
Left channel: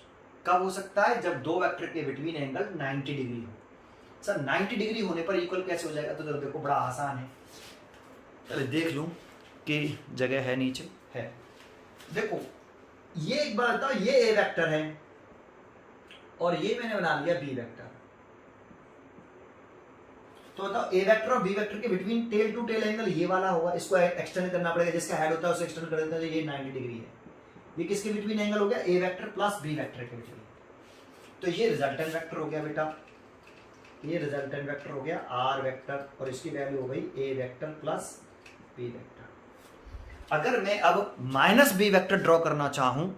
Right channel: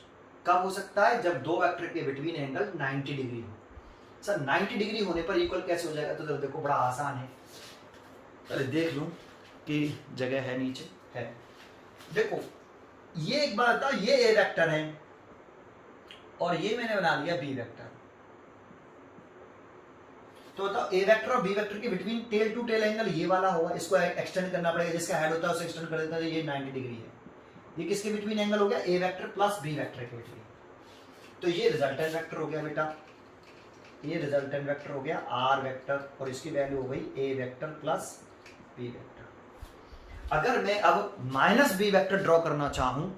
कब हो सकता है? जब दो वेक्टर के बिटवीन एंगल 90 डिग्री हो। सर 90 डिग्री होने पर इक्वल कैसे हो जाएगा? तो देखो बड़ा आसान है, चलो देख लूं कि जगह है नीचे है। देखो ये एक बात बताओ, ये ए वेक्टर है और ये मैंने बना लिया बी वेक्टर, तो बताओ ए वेक्टर और बी वेक्टर के between tail to tail angle ये वाला होगा, इसको एक्सटेंड करना पड़ेगा, जिसका हेड होता है उसे एक्सटेंड कर देते हैं, तो ये 90 डिग्री है। ये किसके बिटवीन एंगल हो गया? A vector plus B vector के बिटवीन। तो ये रिजल्टेंट वेक्टर हो गया बेटा, ये रिजल्टेंट वेक्टर हो गया आर वेक्टर, और इसकी वैल्यू हो गई A vector plus B vector. अगर मैं अब माइनस बी वेक्टर ड्रॉ करना चाहूं,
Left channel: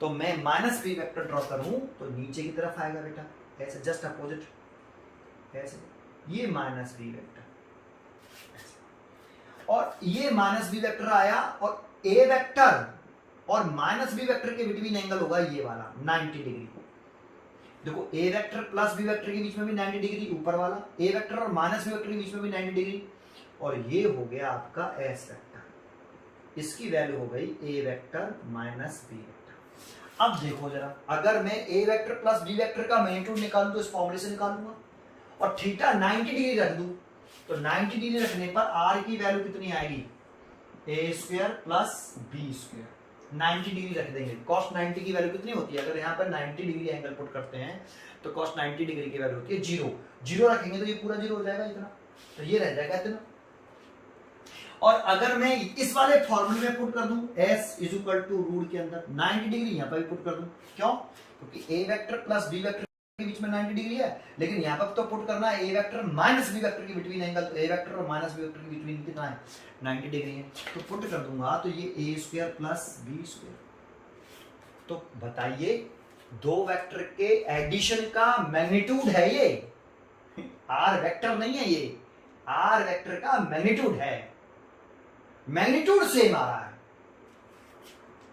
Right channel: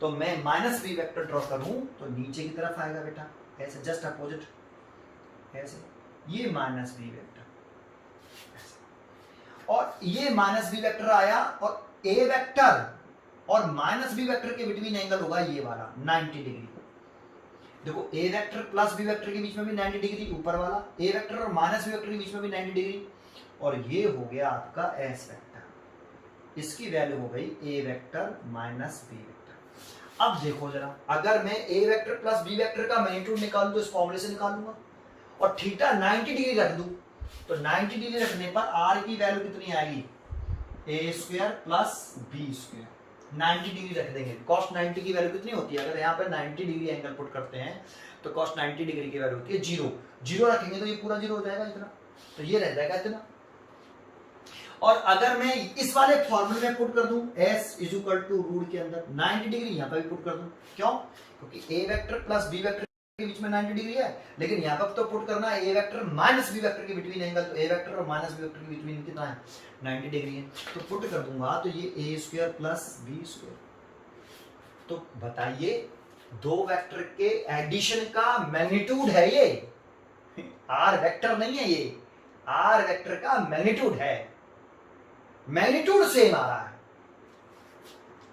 तो मैं माइनस बी वेक्टर ड्रॉ करूं तो नीचे की तरफ आएगा बेटा, ऐसे जस्ट अपोजिट, ऐसे ये माइनस बी वेक्टर, और ये माइनस बी वेक्टर आया, और ए वेक्टर और माइनस बी वेक्टर के बिटवीन एंगल होगा ये वाला 90 डिग्री। देखो ए वेक्टर प्लस बी वेक्टर के बीच में भी 90 डिग्री ऊपर वाला, ए वेक्टर और माइनस बी वेक्टर के बीच में भी 90 डिग्री, और ये हो गया आपका एस वेक्टर। इसकी वैल्यू हो गई A vector minus B vector. अब देखो जरा, अगर मैं ए वेक्टर प्लस बी वेक्टर का मैग्नीट्यूड निकालूं तो इस फॉर्मूले से निकालूंगा, और थीटा 90 डिग्री रख दूं तो 90 डिग्री रखने पर आर की वैल्यू कितनी आएगी, A square plus B square. 90 degree रख देंगे, कॉस 90 की वैल्यू कितनी होती है, अगर यहाँ पर 90 डिग्री एंगल पुट करते हैं तो कॉस 90 डिग्री की वैल्यू होती है 0। 0 रखेंगे तो ये पूरा 0 हो जाएगा इतना, तो ये रह जाएगा इतना। और अगर मैं इस वाले फॉर्मूले में पुट कर दूं s is equal to root के अंदर 90 डिग्री यहाँ पर भी पुट कर दूं, क्यों, क्योंकि a vector plus b vector के बीच में 90 डिग्री है, लेकिन यहाँ पर तो पुट करना है a vector minus b vector के बिटवीन एंगल, तो a वेक्टर और माइनस b वेक्टर के बिटवीन कितना है 90 डिग्री है, तो पुट कर दूंगा तो ये a square plus b square. तो बताइए दो वेक्टर के एडिशन का मैग्नीट्यूड है ये, r वेक्टर नहीं है, ये r वेक्टर का मैग्नीट्यूड है, मैग्नीट्यूड सेम आ रहा है।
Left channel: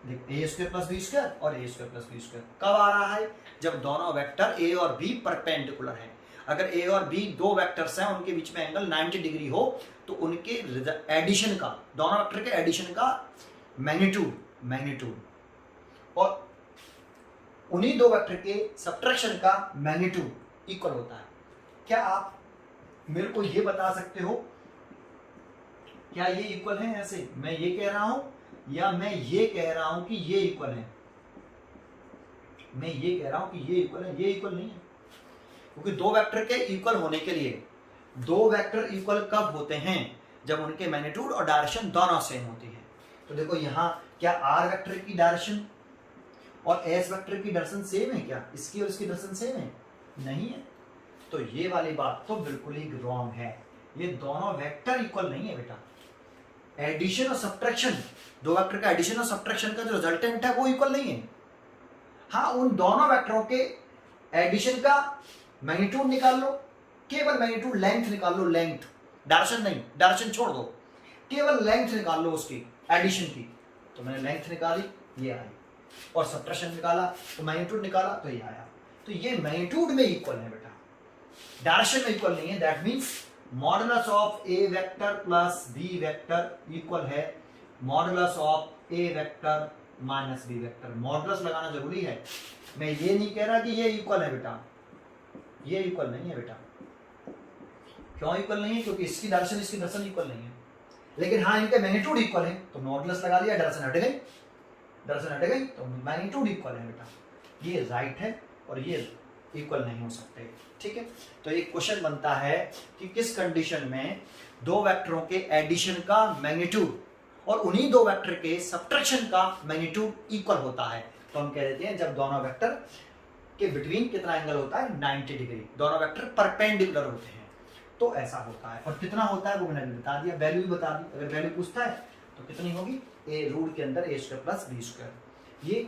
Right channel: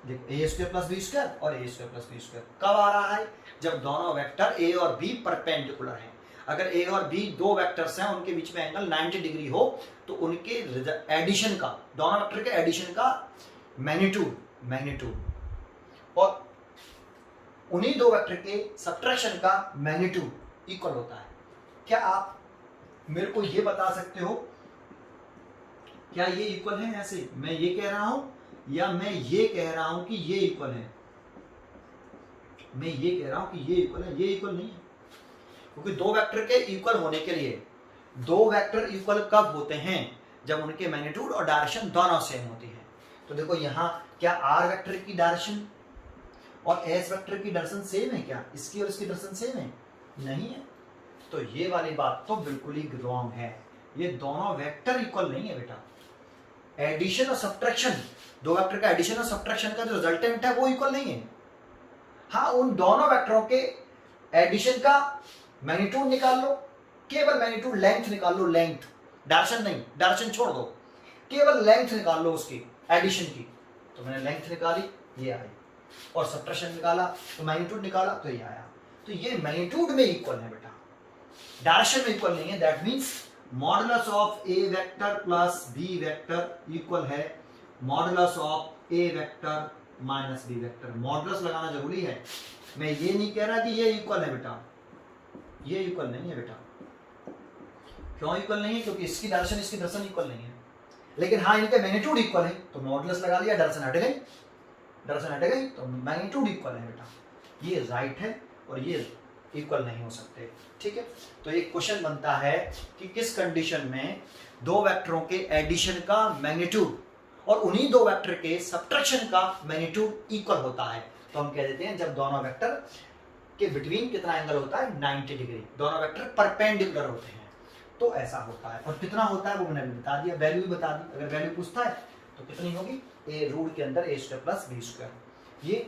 देखो ए स्क्वायर प्लस बी स्क्वायर और ए स्क्वायर प्लस बी स्क्वायर कब आ रहा है, जब दोनों वेक्टर ए और बी परपेंडिकुलर हैं। अगर ए और बी दो वेक्टर्स हैं, उनके बीच में एंगल 90 डिग्री हो, तो उनके एडिशन का, दोनों वेक्टर के एडिशन का मैग्नीट्यूड और उन्हीं दो वेक्टर के सब्ट्रैक्शन का मैग्नीट्यूड इक्वल होता है। क्या आप मेरे को ये बता सकते हो क्या ये इक्वल है? ऐसे मैं ये कह रहा हूं या मैं ये कह रहा हूं कि ये इक्वल है? मैं ये कह रहा हूं कि ये इक्वल है, ये इक्वल नहीं है, क्योंकि दो वेक्टर के इक्वल होने के लिए, दो वेक्टर इक्वल कब होते हैं, जब उनके मैग्नीट्यूड और डायरेक्शन दोनों सेम होती है। तो देखो यहाँ क्या आर वेक्टर की डायरेक्शन और एस वेक्टर की डायरेक्शन सेम है क्या? इसकी और इसकी डायरेक्शन सेम है? नहीं है। तो ये वाली बात तो बिल्कुल ही रॉन्ग है, ये दोनों वेक्टर इक्वल नहीं है बेटा। एडिशन और सब्ट्रैक्शन, दो वेक्टर का एडिशन और सब्ट्रैक्शन का जो रिजल्टेंट है वो इक्वल नहीं है। हाँ, उन दोनों वेक्टरों के एडिशन का मैग्नीट्यूड निकाल लो, केवल मैग्नीट्यूड, लेंथ निकाल लो, लेंथ, डायरेक्शन नहीं, डायरेक्शन छोड़ दो, केवल लेंथ निकाल लो उसकी एडिशन की, तो मैंने लेंथ निकाली ये आई, और सब्ट्रैक्शन निकाला तो मैग्नीट्यूड निकाला तो ये आया। तो ये मैग्नीट्यूड में इक्वल है बेटा, डायरेक्शन में इक्वल नहीं है। That means modulus of A vector plus B vector equal है modulus of A vector minus B vector. Modulus लगाना जरूरी है, मैं ये नहीं कह रहा कि ये इक्वल है बेटा, ये इक्वल नहीं है बेटा। क्यों इक्वल नहीं है? क्योंकि इसकी डायरेक्शन इसकी डायरेक्शन इक्वल नहीं है, लेकिन हाँ इनके मैग्नीट्यूड इक्वल है, तो मॉडुलस लगा लिया, डायरेक्शन हट गई, डायरेक्शन हट गई तो मैग्नीट्यूड इक्वल है बेटा। ये राइट है और ये इक्वल नहीं हो सकते, ठीक है। तो एक क्वेश्चन बनता है कि किस कंडीशन में दो वेक्टरों के एडिशन का मैग्नीट्यूड और उन्हीं दो वेक्टर के सब्ट्रैक्शन का मैग्नीट्यूड इक्वल होता है। तो हम कह देते हैं जब दोनों वेक्टर के बिटवीन कितना एंगल होता है 90 डिग्री, दोनों वेक्टर परपेंडिकुलर होते हैं, तो ऐसा होता है। और कितना होता है वो मैंने भी बता दिया, वैल्यू भी बता दी। अगर वैल्यू पूछता है तो कितनी होगी, ए रूट के अंदर A square plus B square, ये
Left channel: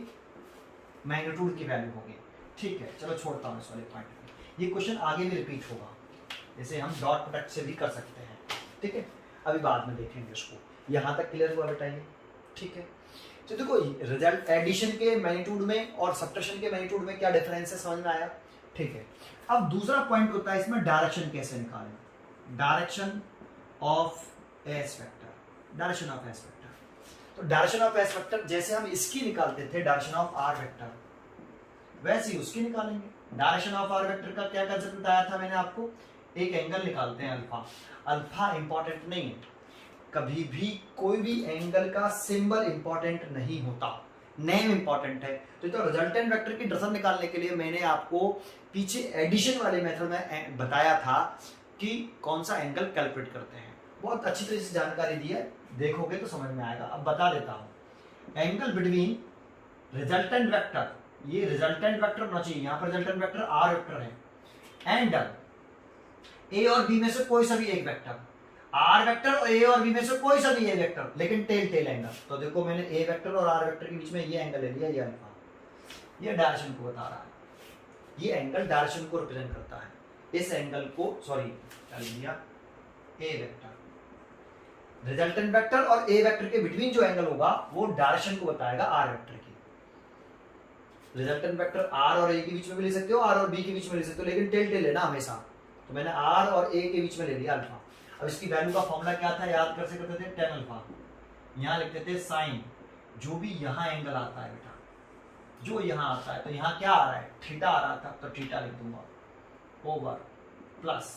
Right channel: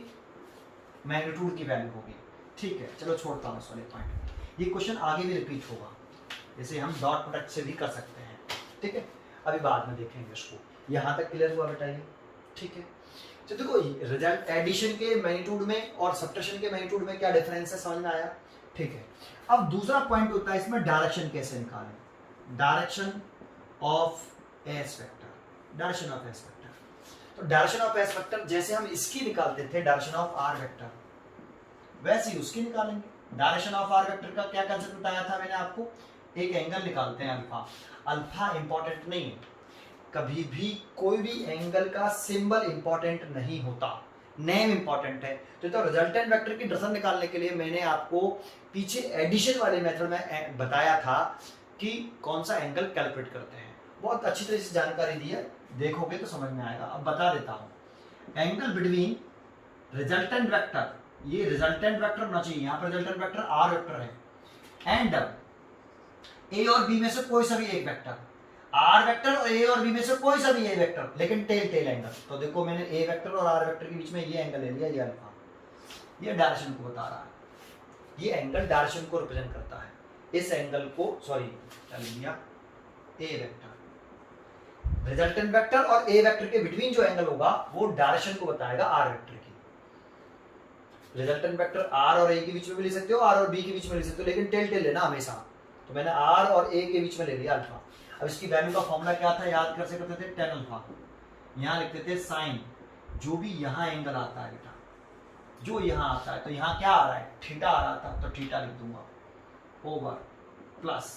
मैग्नीट्यूड की वैल्यू होगी, ठीक है। चलो छोड़ता हूँ इस वाले पॉइंट, ये क्वेश्चन आगे भी रिपीट होगा, जैसे हम डॉट प्रोडक्ट से भी कर सकते हैं, ठीक है। अभी बाद में देखेंगे इसको, यहाँ तक क्लियर हुआ बताइए, ठीक है। तो देखो रिजल्ट एडिशन के मैग्नीट्यूड में और सब्ट्रैक्शन के मैग्नीट्यूड में क्या डिफरेंस है, समझ में आया, ठीक है। अब दूसरा पॉइंट होता है इसमें डायरेक्शन कैसे निकालें, direction of S vector, direction of S vector. तो डायरेक्शन ऑफ एस वेक्टर जैसे हम इसकी निकालते थे डायरेक्शन ऑफ आर वेक्टर, वैसे ही उसकी निकालेंगे। डायरेक्शन ऑफ आर वेक्टर का क्या कंसेप्ट बताया था मैंने आपको, एक एंगल निकालते हैं अल्फा, अल्फा इंपॉर्टेंट नहीं है, कभी भी कोई भी एंगल का सिंबल इंपॉर्टेंट नहीं होता, नेम इंपॉर्टेंट है। तो रिजल्टेंट वेक्टर की डायरेक्शन निकालने के लिए मैंने आपको पीछे एडिशन वाले मेथड में बताया था कि कौन सा एंगल कैलकुलेट करते हैं, बहुत अच्छी तरह से जानकारी दी है, देखोगे तो समझ में आएगा। अब बता देता हूँ, एंगल बिटवीन रिजल्टेंट वेक्टर, ये रिजल्टेंट वेक्टर होना चाहिए, यहाँ पर रिजल्टेंट वेक्टर आर वेक्टर है, एंड ए और बी में से कोई सा भी एक वेक्टर, आर वेक्टर और ए और बी में से कोई सा भी ए वेक्टर, लेकिन टेल टेल एंगल। तो देखो मैंने ए वेक्टर और आर वेक्टर के बीच में ये एंगल ले लिया, ये अल्फा, ये डायरेक्शन को बता रहा है, ये एंगल डायरेक्शन को रिप्रेजेंट करता है। इस एंगल को सॉरी चल लिया ए वेक्टर, रिजल्टेंट वेक्टर और ए वेक्टर के बिटवीन जो एंगल होगा वो डायरेक्शन को बताएगा आर वेक्टर की। रिजल्टेंट वेक्टर आर और ए के बीच में भी ले सकते हो, आर और बी के बीच में ले सकते हो, लेकिन टेल टेल लेना हमेशा। तो मैंने आर और ए के बीच में ले लिया अल्फा। अब इसकी वैल्यू का फॉर्मूला क्या था, याद कर सकते थे, टेन अल्फा। यहाँ लिखते थे साइन, जो भी यहाँ एंगल आता है बेटा, जो यहाँ आता है, तो यहाँ क्या आ रहा है, थीटा आ रहा था, तो थीटा लिख दूंगा ओवर प्लस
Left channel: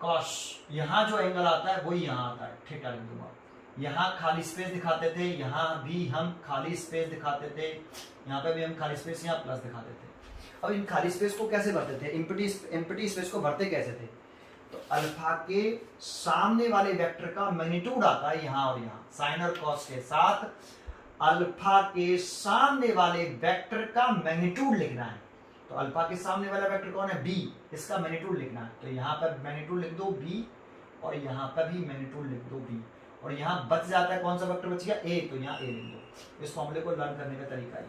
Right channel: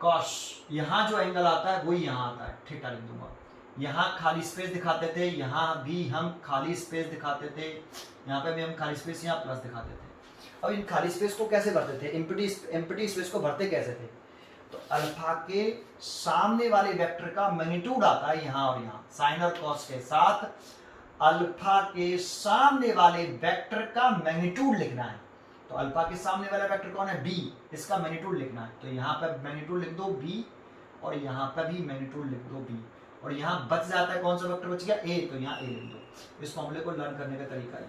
कॉस, यहाँ जो एंगल आता है वही यहाँ आता है, थीटा लिख दूंगा। यहाँ खाली स्पेस दिखाते थे, यहाँ भी हम खाली स्पेस दिखाते थे, यहाँ पे भी हम खाली स्पेस, यहाँ प्लस दिखाते थे। अब इन खाली स्पेस को कैसे भरते थे, एम्प्टी स्पेस को भरते कैसे थे, तो अल्फा के सामने वाले वेक्टर का मैग्नीट्यूड आता है यहाँ और यहाँ, साइन और कॉस के साथ अल्फा के सामने वाले वेक्टर का मैग्नीट्यूड लिखना है। तो अल्फा के सामने वाला वेक्टर कौन है, बी, इसका मैग्नीट्यूड लिखना है। तो यहाँ पर मैग्नीट्यूड लिख दो बी, और यहाँ पर भी मैग्नीट्यूड लिख दो बी, और यहाँ बच जाता है कौन सा वेक्टर बच गया, ए, तो यहाँ ए लिख दो। इस फॉर्मूले को लर्न करने का तरीका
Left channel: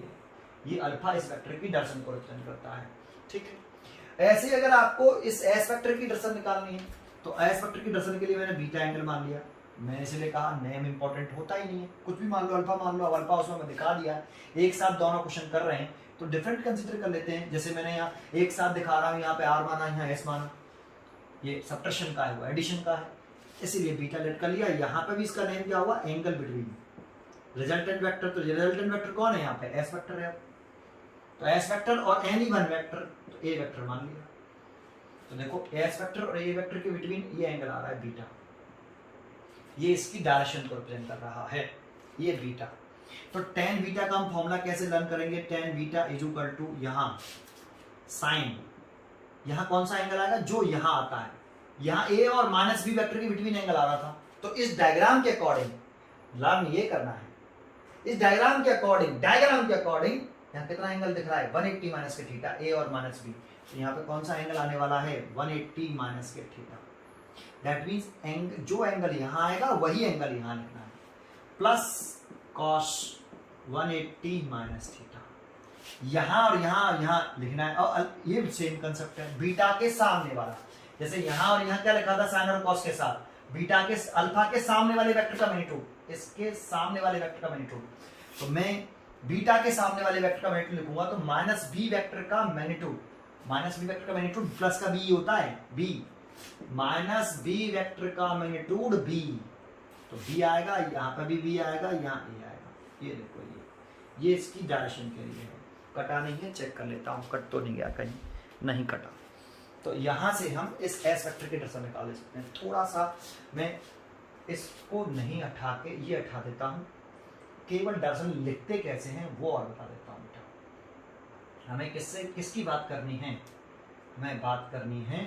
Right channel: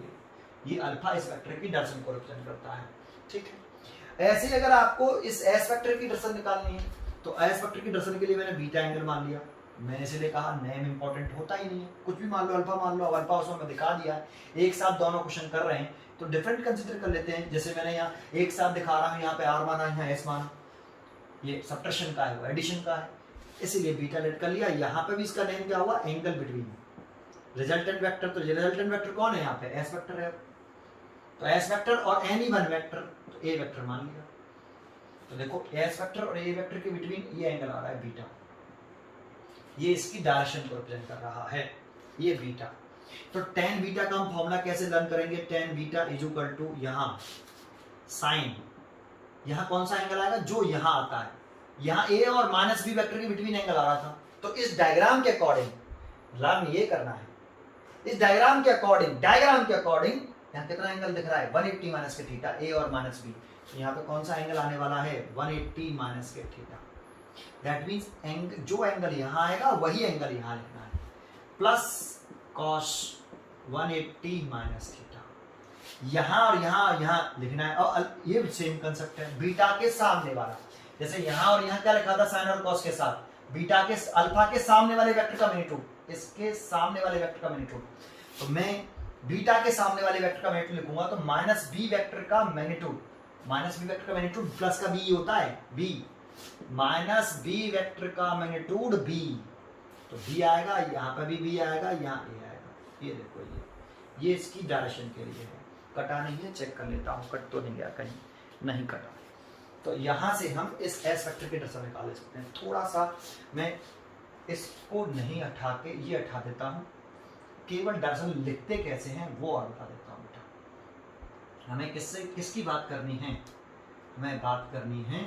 ये अल्फा इस वेक्टर की डायरेक्शन को रिप्रेजेंट करता है, ठीक है। ऐसे ही अगर आपको इस एस वेक्टर की डायरेक्शन निकालनी है, तो एस वेक्टर की डायरेक्शन के लिए मैंने बीटा एंगल मान लिया। मैंने इसलिए कहा नेम इंपॉर्टेंट होता ही नहीं है, कुछ भी मान लो, अल्फा मान लो। अब अल्फा उसमें मैं दिखा दिया, एक साथ दोनों क्वेश्चन कर रहे हैं तो डिफरेंट कंसीडर कर लेते हैं। जैसे मैंने यहाँ एक साथ दिखा रहा हूँ, यहाँ पे आर माना, यहाँ एस माना, ये सब्ट्रैक्शन का है, वो एडिशन का है, इसीलिए बीटा लेट कर लिया। यहाँ पे भी इसका नेम क्या हुआ, एंगल बिटवीन रिजल्टेंट वेक्टर। तो रिजल्टेंट वेक्टर कौन है यहाँ पे, एस वेक्टर है। तो एस वेक्टर और एनी वन वेक्टर, तो ए वेक्टर मान लिया। तो देखो एस वेक्टर और ए वेक्टर के बिटवीन ये एंगल आ रहा है बीटा, ये इसकी डायरेक्शन को रिप्रेजेंट कर रहा है, ये बीटा। तो टेन बीटा का हम फॉर्मूला कैसे लर्न करेंगे, tan beta is equal to यहाँ साइन, यहाँ कौन सा एंगल आएगा, जो यहाँ आता है, यहाँ ए और माइनस बी वेक्टर के बिटवीन एंगल आ रहा था। तो इस डायग्राम के अकॉर्डिंग लर्न ये करना है, इस डायग्राम के अकॉर्डिंग यहाँ कितना एंगल दिख रहा है, 180 माइनस के थीटा, ए और माइनस बी। तो यहाँ पे कौन सा एंगल आने वाला है, 180 माइनस के थीटा। दैट मीन्स जो एंगल यहाँ आएगा वही एंगल यहाँ लिखना है, प्लस कॉस 180 माइनस थीटा। यहाँ और यहाँ लिखना है। और ये सेम कंसेप्ट है, बीटा के सामने वाला, जैसे यहाँ और यहाँ क्या लिखा था, साइन और कॉस के साथ बीटा के अल्फा के सामने वाले वेक्टर का मैग्नीट्यूड, इसके सामने वाले वेक्टर का मैग्नीट्यूड। तो मैं बीटा के सामने वाले वेक्टर का मैग्नीट्यूड लिखूंगा, तो माइनस बी वेक्टर का मैग्नीट्यूड, माइनस बी वेक्टर का मैग्नीट्यूड प्लस का बी होता है, बी माइनस बी वेक्टर का मैग्नीट्यूड बी। तो बी आएगा, यहाँ पर भी बी आएगा, यहाँ ए आएगा। ये देखो, ये इसकी डायरेक्शन के लिए है। कटा नहीं है, चेक कर लेता हूँ, कट तो नहीं गया, कहीं नहीं कटा। तो यहाँ से हम इस एस वेक्टर की डायरेक्शन निकाल सकते हैं। थोड़ा सा मैं इसको नहीं हटा के ये हटा देता हूँ, केवल डायरेक्शन लिखते कैसे हैं वो और बता देता हूँ बेटा। हमें किसकी बात करनी है, हमें बात करनी है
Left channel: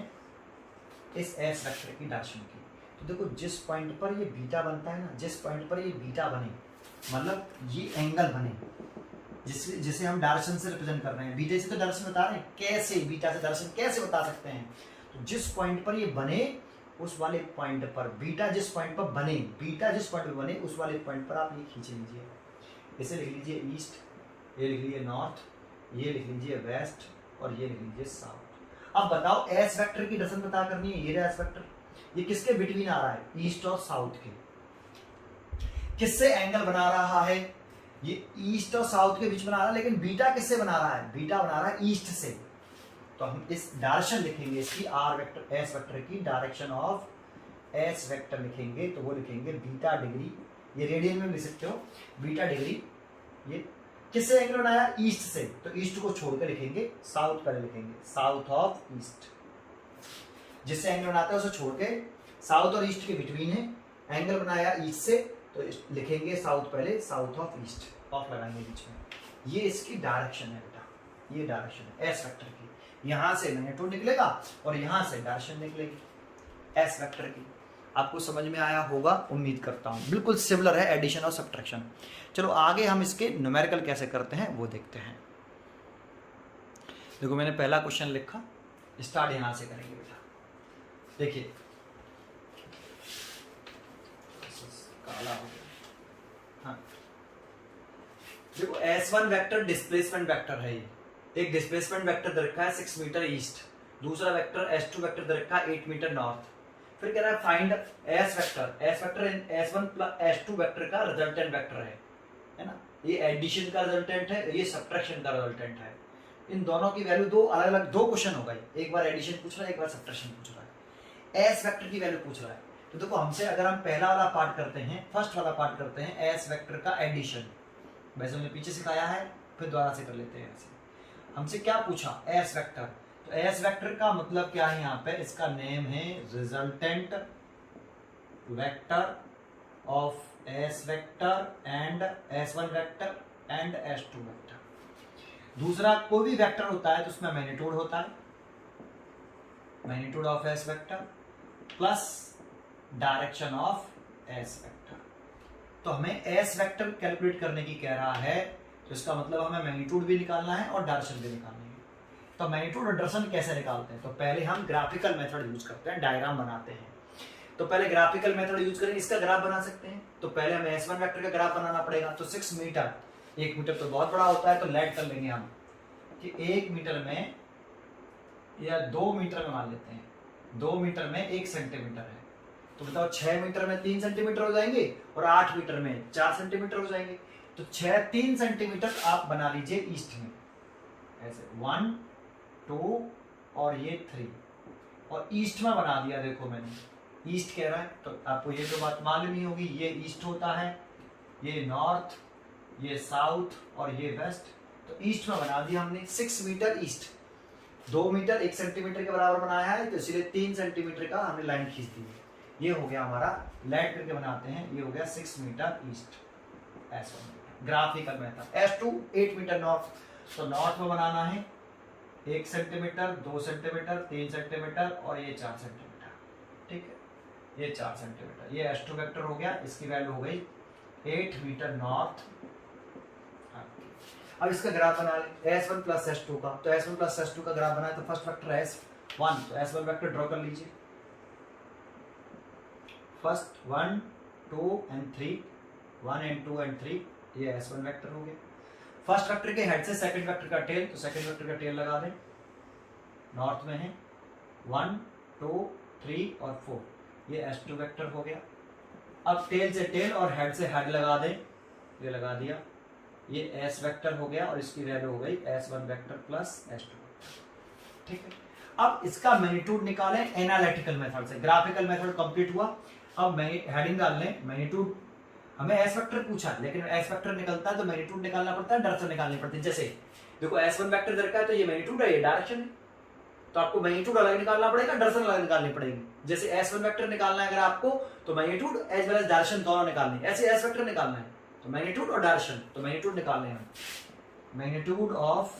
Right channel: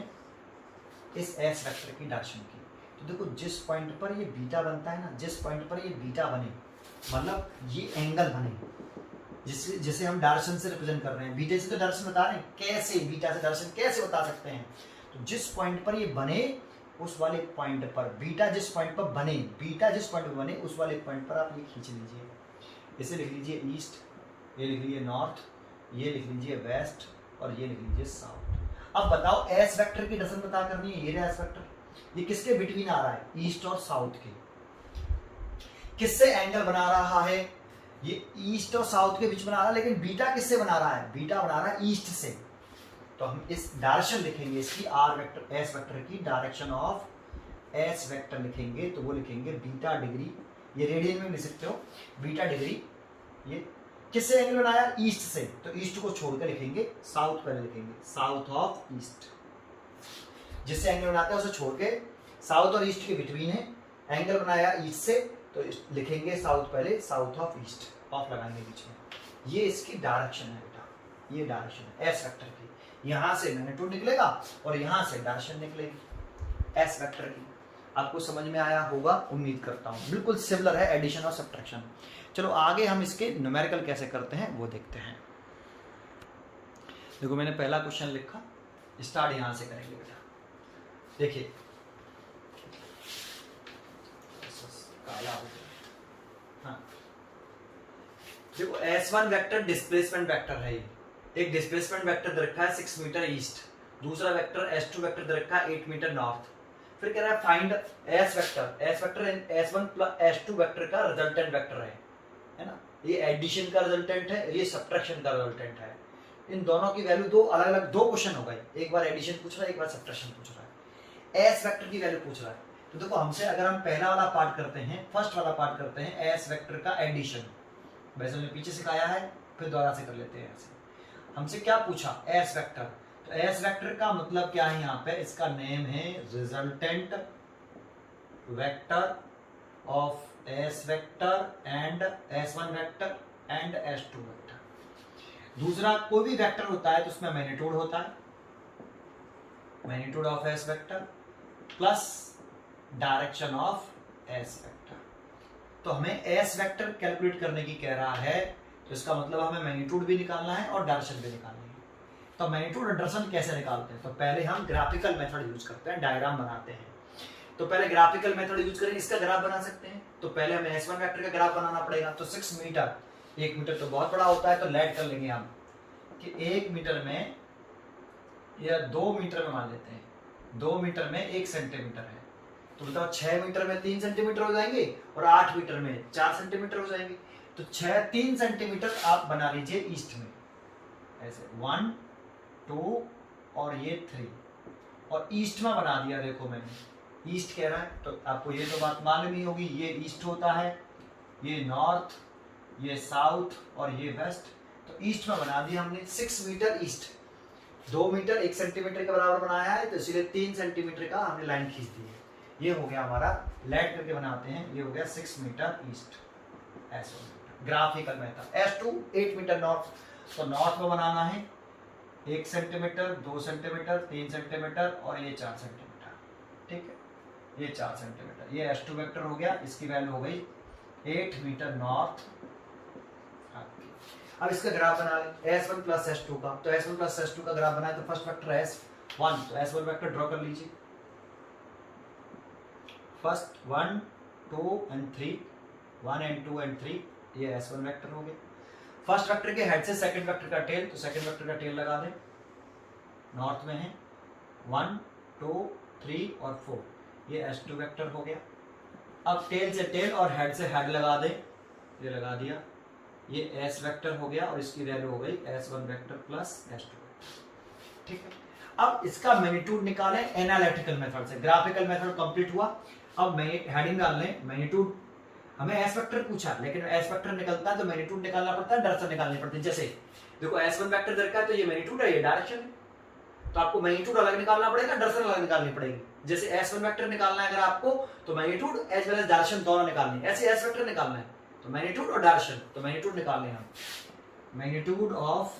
इस एस वेक्टर की डायरेक्शन की। तो देखो जिस पॉइंट पर ये बीटा बनता है ना, जिस पॉइंट पर ये बीटा बने, मतलब ये एंगल बने, जिसे हम डायरेक्शन से रिप्रेजेंट कर रहे हैं, बीटा से तो डायरेक्शन बता रहे हैं, कैसे बीटा से डायरेक्शन कैसे बता सकते हैं। तो जिस पॉइंट पर ये बने उस वाले पॉइंट पर बीटा, जिस पॉइंट पर बने, बीटा जिस पॉइंट पर बने उस वाले पॉइंट पर आप ये खींच लीजिए। इसे लिख लीजिए ईस्ट, ये लिख लीजिए नॉर्थ, ये लिख लीजिए वेस्ट, और ये लिख लीजिए साउथ। अब बताओ एस वेक्टर की डायरेक्शन बता करनी है, ये एस वेक्टर, ये किसके बिटवीन आ रहा है, ईस्ट और साउथ के। किससे एंगल बना रहा है, ये ईस्ट और साउथ के बीच बना रहा है, लेकिन बीटा किससे बना रहा है, बीटा बना रहा है ईस्ट से। तो हम इस डायरेक्शन लिखेंगे इसकी, आर वेक्टर एस वेक्टर की डायरेक्शन ऑफ एस वेक्टर लिखेंगे, तो वो लिखेंगे बीटा डिग्री, ये रेडियन में लिख सकते हो, बीटा डिग्री। ये किससे एंगल बनाया, ईस्ट से, तो ईस्ट को छोड़ कर लिखेंगे साउथ पहले लिखेंगे, साउथ ऑफ ईस्ट। जिससे एंगल बनाते हैं उसे छोड़ के साउथ और ईस्ट के बिटवीन है, एंगल बनाया ईस्ट से, तो लिखेंगे साउथ पहले, साउथ ऑफ ईस्ट, ऑफ लगाएंगे बीच में। ये इसकी डायरेक्शन है बेटा, ये डायरेक्शन है एस वेक्टर की। यहाँ से मैग्नीट्यूड निकलेगा और यहाँ से डायरेक्शन निकलेगी एस वेक्टर की। आपको समझ में आया होगा, उम्मीद करता हूँ। बिल्कुल सिमिलर है एडिशन और सब्ट्रैक्शन। चलो आगे हम इसके न्यूमेरिकल कैसे करते हैं वो देखते हैं। देखो मैंने पहला क्वेश्चन लिखा, स्टार्ट यहाँ से करेंगे बेटा। देखिए काला हो गया, हाँ देखो S1 वेक्टर डिस्प्लेसमेंट वेक्टर है, ये एक डिस्प्लेसमेंट वेक्टर दे रखा है 6 मीटर ईस्ट, दूसरा वेक्टर S2 वेक्टर दे रखा है 8 मीटर नॉर्थ। फिर कह रहा है find S vector, S vector S1 plus S2 vector का रिजल्टेंट वेक्टर है ना, ये एडिशन का रिजल्टेंट है, ये सब्ट्रैक्शन का रिजल्टेंट है। इन दोनों की वैल्यू दो अलग अलग, दो क्वेश्चन हो गए, एक बार एडिशन पूछ रहा है, एक बार सब्ट्रैक्शन पूछ रहा है। एस वेक्टर की वैल्यू पूछ रहा है, तो देखो हमसे अगर हम पहला वाला पार्ट करते हैं, फर्स्ट वाला पार्ट करते हैं एस वेक्टर का एडिशन, वैसे हमने पीछे सिखाया है, फिर दोबारा से कर लेते हैं ऐसे। हमसे क्या पूछा, एस वेक्टर, तो एस वेक्टर का मतलब क्या है यहाँ पे, इसका नेम है resultant vector of S vector and S1 vector and S2 vector. दूसरा कोई भी वेक्टर होता है तो उसमें मैग्नीट्यूड होता है, magnitude of S vector plus direction of S vector. तो हमें एस वेक्टर कैलकुलेट करने की कह रहा है, तो इसका मतलब हमें मैग्नीट्यूड भी निकालना है और डायरेक्शन भी निकालनी है। तो मैग्नीट्यूड और डायरेक्शन कैसे निकालते हैं, तो पहले हम ग्राफिकल मेथड यूज करते हैं, डायग्राम बनाते हैं। तो पहले ग्राफिकल मेथड यूज करें, इसका ग्राफ बना सकते हैं। तो पहले हमें S1 वेक्टर का ग्राफ बनाना पड़ेगा। तो 6 मीटर, 1 मीटर तो बहुत बड़ा होता है, तो लेट कर लेंगे हम कि 1 मीटर में या 2 मीटर में मान लेते हैं, 2 मीटर में 1 सेंटीमीटर है, तो बताओ 6 मीटर में 3 सेंटीमीटर हो जाएंगे और 8 मीटर में 4 सेंटीमीटर हो जाएंगे। तो 3 सेंटीमीटर आप बना लीजिए ईस्ट में, ऐसे 1 2 और ये 3, और ईस्ट में बना दिया। देखो मैंने ईस्ट कह रहा है, तो आपको ये तो बात मालूम ही होगी, ये ईस्ट होता है, ये नॉर्थ, ये साउथ और ये वेस्ट। तो ईस्ट में बना दिया हमने 6 मीटर ईस्ट, 2 मीटर 1 सेंटीमीटर के बराबर बनाया है, तो इसलिए 3 सेंटीमीटर का हमने लाइन खींच दी है। ये हो गया हमारा, लेट करके बनाते हैं, ये हो गया 6 मीटर ईस्ट। ऐसा graphical method. S2 8 metre north, तो नॉर्थ में बनाना है 1 सेंटीमीटर, 2 सेंटीमीटर, 3 सेंटीमीटर और ये 4 सेंटीमीटर, ठीक है, ये 4 सेंटीमीटर। ये S2 वेक्टर हो गया, इसकी वैल्यू हो गई 8 मीटर नॉर्थ। अब इसका ग्राफ बना लें S1 प्लस S2 का, तो S1 प्लस S2 का ग्राफ बनाए, तो फर्स्ट वेक्टर S1, तो S1 वेक्टर ड्रॉ कर लीजिए, फर्स्ट 1 2 एंड 3, 1 एंड 2 एंड 3, ये S1 वेक्टर हो गया। फर्स्ट वेक्टर के हेड से सेकंड वेक्टर का टेल, तो सेकंड वेक्टर का टेल लगा दें, नॉर्थ में है 1 2 3 और 4, ये S2 वेक्टर हो गया। अब टेल से टेल और हेड से हेड लगा दें, ये लगा दिया, ये S वेक्टर हो गया और इसकी वैल्यू हो गई S1 vector plus S2 vector, ठीक है। अब इसका मैग्नीट्यूड निकालें एनालिटिकल मेथड से, ग्राफिकल मेथड कंप्लीट हुआ। अब हेडिंग डाल लें, मैग्नीट्यूड हमें S वेक्टर पूछा, लेकिन S वेक्टर निकलता है तो मैग्नीट्यूड निकालना पड़ता है, डायरेक्शन निकालनी पड़ती है। जैसे देखो S1 वेक्टर दरकार है, तो ये मैग्नीट्यूड है, ये डायरेक्शन है, तो आपको मैग्नीट्यूड अलग निकालना पड़ेगा, डायरेक्शन अलग निकालनी पड़ेगी। जैसे S1 वेक्टर निकालना है अगर आपको, तो magnitude as well as direction दोनों निकालनी है। ऐसे S वेक्टर निकालना है तो मैग्नीट्यूड और डायरेक्शन, तो मैग्नीट्यूड निकालने हैं हम। मैग्नीट्यूड ऑफ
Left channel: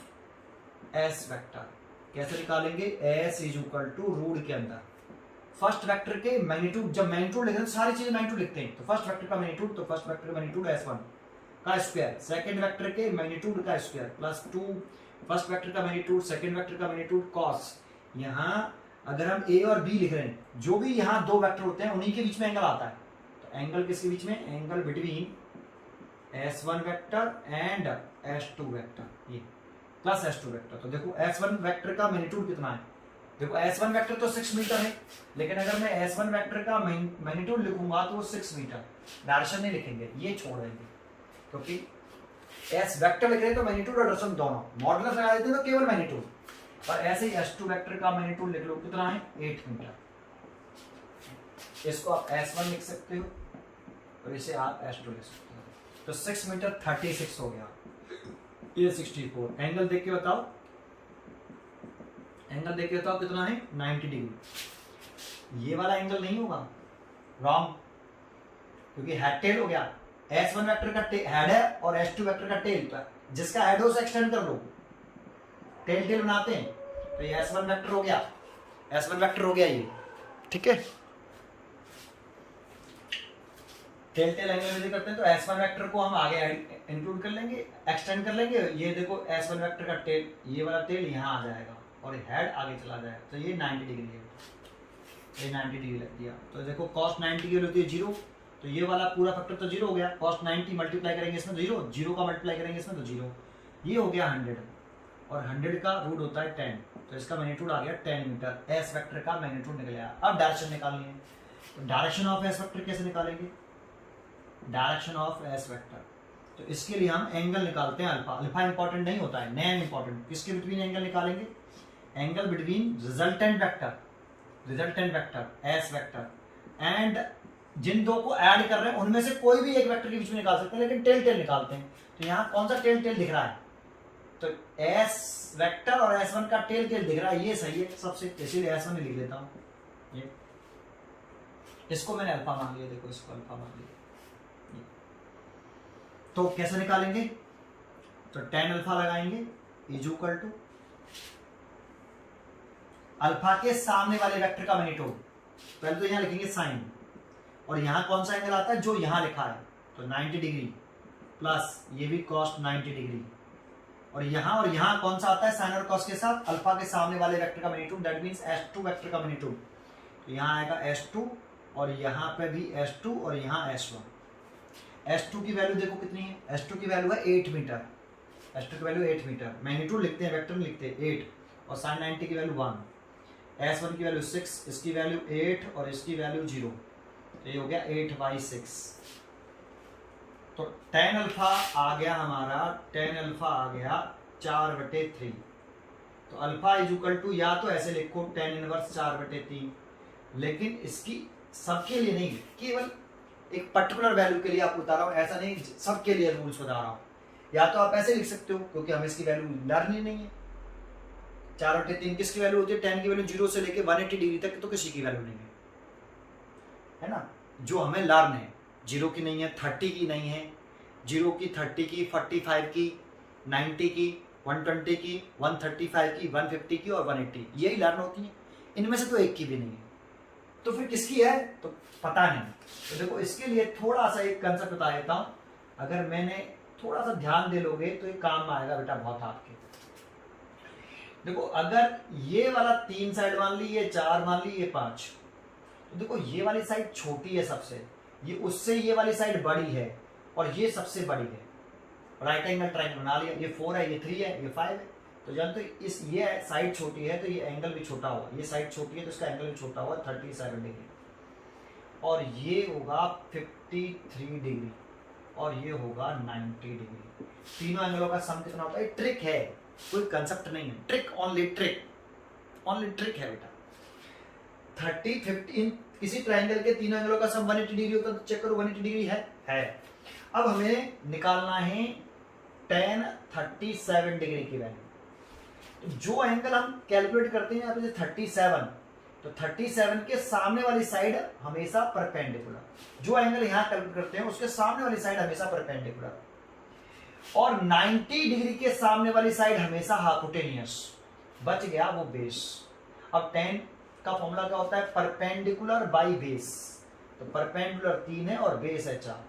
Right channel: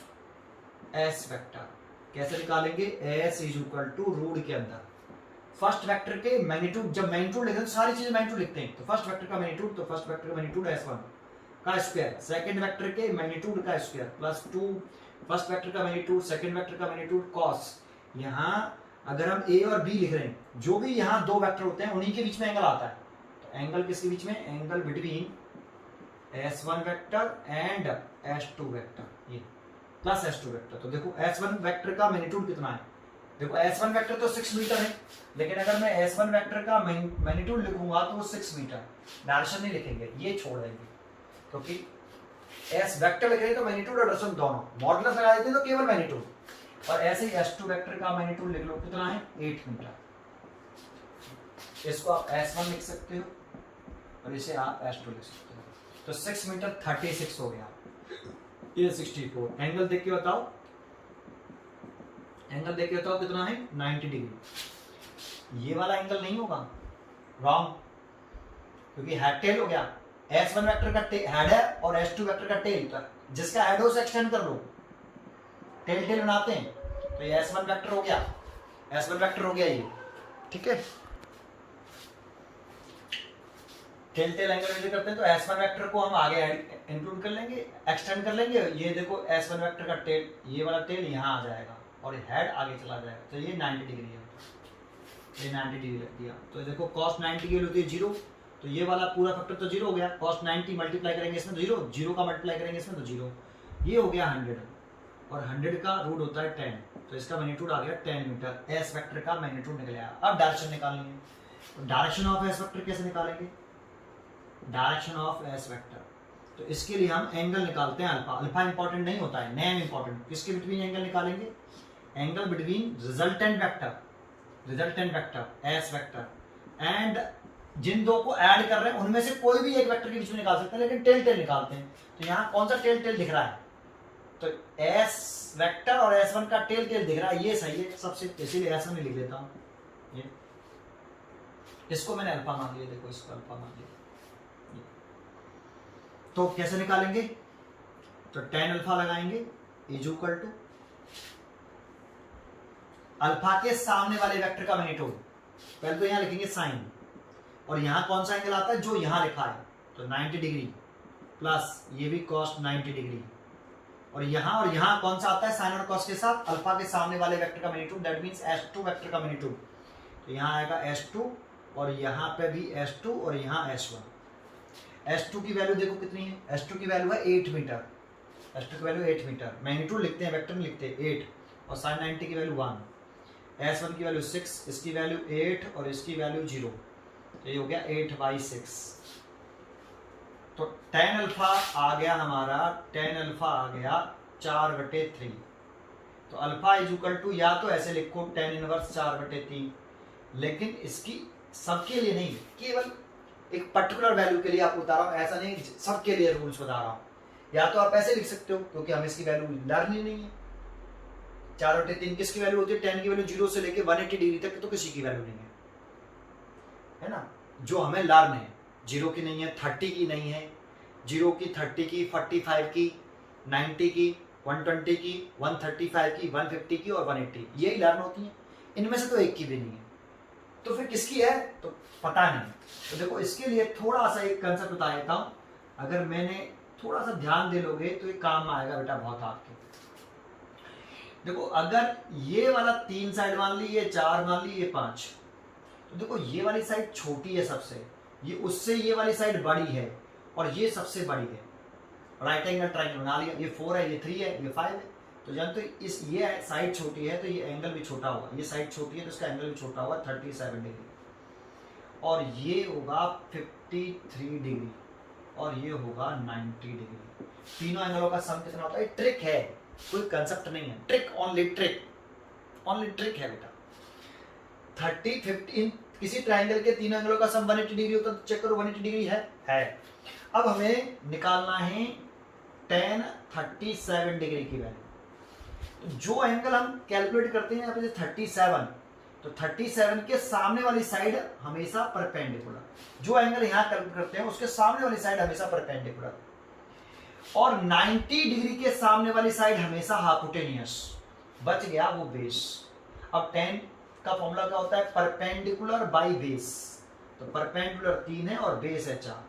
S वेक्टर कैसे निकालेंगे, S is equal to root के अंदर फर्स्ट वेक्टर के मैग्नीट्यूड, जब मैग्नीट्यूड लिखते हैं तो सारी चीजें मैग्नीट्यूड लिखते हैं, तो फर्स्ट वेक्टर का मैग्नीट्यूड, तो फर्स्ट वेक्टर का मैग्नीट्यूड S1 का स्क्वायर, सेकंड वेक्टर के मैग्नीट्यूड का स्क्वायर प्लस 2 फर्स्ट वेक्टर का मैग्नीट्यूड, सेकंड वेक्टर का मैग्नीट्यूड cos। यहाँ अगर हम A और B लिख रहे हैं, जो भी यहाँ दो वेक्टर होते हैं उन्हीं के बीच में एंगल आता है, तो एंगल किसके बीच में, angle between S1 vector and S2 vector, ये प्लस S2 वेक्टर। तो देखो S1 वेक्टर का मैग्नीट्यूड कितना है, देखो S1 वेक्टर तो 6 मीटर है, लेकिन अगर मैं S1 वेक्टर का मैग्नीट्यूड लिखूंगा तो वो 6 मीटर, डायरेक्शन नहीं लिखेंगे, ये छोड़ देंगे, क्योंकि S वेक्टर लिख रहे हैं तो मैग्नीट्यूड और डायरेक्शन दोनों, मॉडुलस लगा देते हैं तो केवल मैग्नीट्यूड, और ऐसे ही S2 वेक्टर का मैग्नीट्यूड लिख लो, कितना है 8 मीटर। इसको आप S1 लिख सकते हो और इसे आप S2 लिख सकते हो, तो 6 मीटर 36 हो गया, ये 64। एंगल देख के बताओ, एंगल देख के बताओ कितना है 90 डिग्री। ये वाला एंगल नहीं होगा, रॉन्ग, क्योंकि हेड टेल हो गया, S1 वेक्टर का हेड है और S2 वेक्टर का टेल, जिसका हेड हो उसे एक्सटेंड कर लो, टेल टेल बनाते हैं, तो ये S1 वेक्टर हो गया, S1 वेक्टर हो गया ये, ठीक है। टेल टेल एंगल यदि करते हैं तो S1 वेक्टर को हम आगे इंक्लूड कर लेंगे, एक्सटेंड कर लेंगे। ये देखो S1 वेक्टर का टेल, ये वाला टेल यहाँ आ जाएगा और हेड आगे चला जाएगा, तो ये 90 डिग्री है, ये 90 डिग्री लग दिया। तो देखो cos 90 की होती है 0, तो ये वाला पूरा फैक्टर तो 0 हो गया, cos 90 मल्टीप्लाई करेंगे इसमें तो 0, 0 का मल्टीप्लाई करेंगे इसमें तो 0, ये हो गया 100, और 100 का रूट होता है 10, तो इसका मैग्नीट्यूड आ गया 10 मीटर। S वेक्टर का मैग्नीट्यूड निकल आया। अब डायरेक्शन निकालनी है, तो डायरेक्शन ऑफ S वेक्टर कैसे निकालेंगे, डायरेक्शन ऑफ S वेक्टर, तो इसके लिए हम एंगल निकालते हैं अल्फा। अल्फा इंपॉर्टेंट नहीं होता है, नैन इंपॉर्टेंट। किसके बिटवीन एंगल निकालेंगे? Angle between resultant vector S vector and जिन दो को ऐड कर रहे हैं उनमें से कोई भी एक वेक्टर के बीच में निकाल सकते हैं, लेकिन टेल टेल निकालते हैं। तो यहाँ कौन सा टेल टेल दिख रहा है? तो एस वेक्टर और S1 का टेल टेल दिख रहा है, ये सही है सबसे, इसीलिए S1 लिख देता हूँ। ये इसको मैंने अल्फा मान लिया, देखो इसको अल्फा मान लिया। तो कैसे निकालेंगे? तो tan अल्फा लगाएंगे इज इक्वल टू अल्फा के सामने वाले वेक्टर का मैग्नीट्यूड। पहले तो यहां लिखेंगे साइन, और यहां कौन सा एंगल आता है? जो यहां लिखा है, तो 90 डिग्री प्लस ये भी cos 90 डिग्री, और यहां कौन सा आता है? साइन और cos के साथ अल्फा के सामने वाले वेक्टर का magnitude, that means S2 vector का मैग्नीट्यूड। तो यहां आएगा S2 और यहां पे भी S2 और यहां S1। S2 की वैल्यू देखो कितनी है? S2 की वैल्यू है 8 मीटर। S2 की वैल्यू 8 मीटर, मैग्नीट्यूड लिखते हैं, वेक्टर में लिखते हैं 8, और sin 90 की वैल्यू 1। S1 की वैल्यू 6, इसकी वैल्यू 8 और इसकी वैल्यू 0, तो ये हो गया 8/6। तो tan अल्फा आ गया हमारा, tan अल्फा आ गया 4/3। तो अल्फा इज इक्वल टू, या तो ऐसे लिखो tan इनवर्स 4/3, लेकिन इसकी सबके लिए नहीं, केवल एक पर्टिकुलर वैल्यू के लिए आपको बता रहा हूं, ऐसा नहीं सबके लिए रूल्स बता रहा हूं। या तो आप ऐसे लिख सकते हो, क्योंकि हमें इसकी वैल्यू लर्न ही नहीं है। 4/3 किसकी वैल्यू होती है? tan की वैल्यू 0 से लेके 180 डिग्री तक, तो किसी की वैल्यू नहीं है ना। जो हमें लर्न है 0 की नहीं है, 30 की नहीं है, 0 की, 30 की, 45 की, 90 की, 120 की, 135 की, 150 की और 180, यही लर्न होती है। इनमें से तो एक की भी नहीं है, तो फिर किसकी है? तो पता नहीं। तो देखो इसके लिए थोड़ा सा एक कंसेप्ट बता देता हूं, अगर मैंने थोड़ा सा ध्यान दे लोगे तो ये काम में आएगा बेटा बहुत आपके। देखो अगर ये वाला 3 साइड मान ली, ये 4 मान ली, ये 5, तो देखो ये वाली साइड छोटी है सबसे, ये उससे ये वाली साइड बड़ी है, और ये सबसे बड़ी है। राइट एंगल ट्रायंगल बना लिया, ये 4 है, ये 3 है, ये 5 है। तो जानते हो इस ये साइड छोटी है तो ये एंगल भी छोटा होगा, ये साइड छोटी है तो इसका एंगल भी छोटा होगा 37 डिग्री, और ये होगा 53 डिग्री, और ये होगा 90 डिग्री। तीनों एंगलों का सम कितना होता है? ट्रिक है, कोई कंसेप्ट नहीं है, ट्रिक ओनली ट्रिक है बेटा। 30 15 किसी ट्रायंगल के तीनों एंगलों का सम 180 डिग्री होता है, तो चेक करो 180 डिग्री है। अब हमें निकालना है tan 37 डिग्री की वैल्यू। तो जो एंगल हम कैलकुलेट करते हैं यहाँ पे 37, तो 37 के सामने वाली साइड हमेशा परपेंडिकुलर, जो एंगल यहाँ कैलकुलेट करते हैं उसके सामने वाली साइड हमेशा परपेंडिकुलर, और 90 डिग्री के सामने वाली साइड हमेशा हाइपोटेनियस। बच गया वो बेस। अब tan का फॉर्मूला क्या होता है? Perpendicular by base. तो परपेंडिकुलर 3 है और बेस है 4,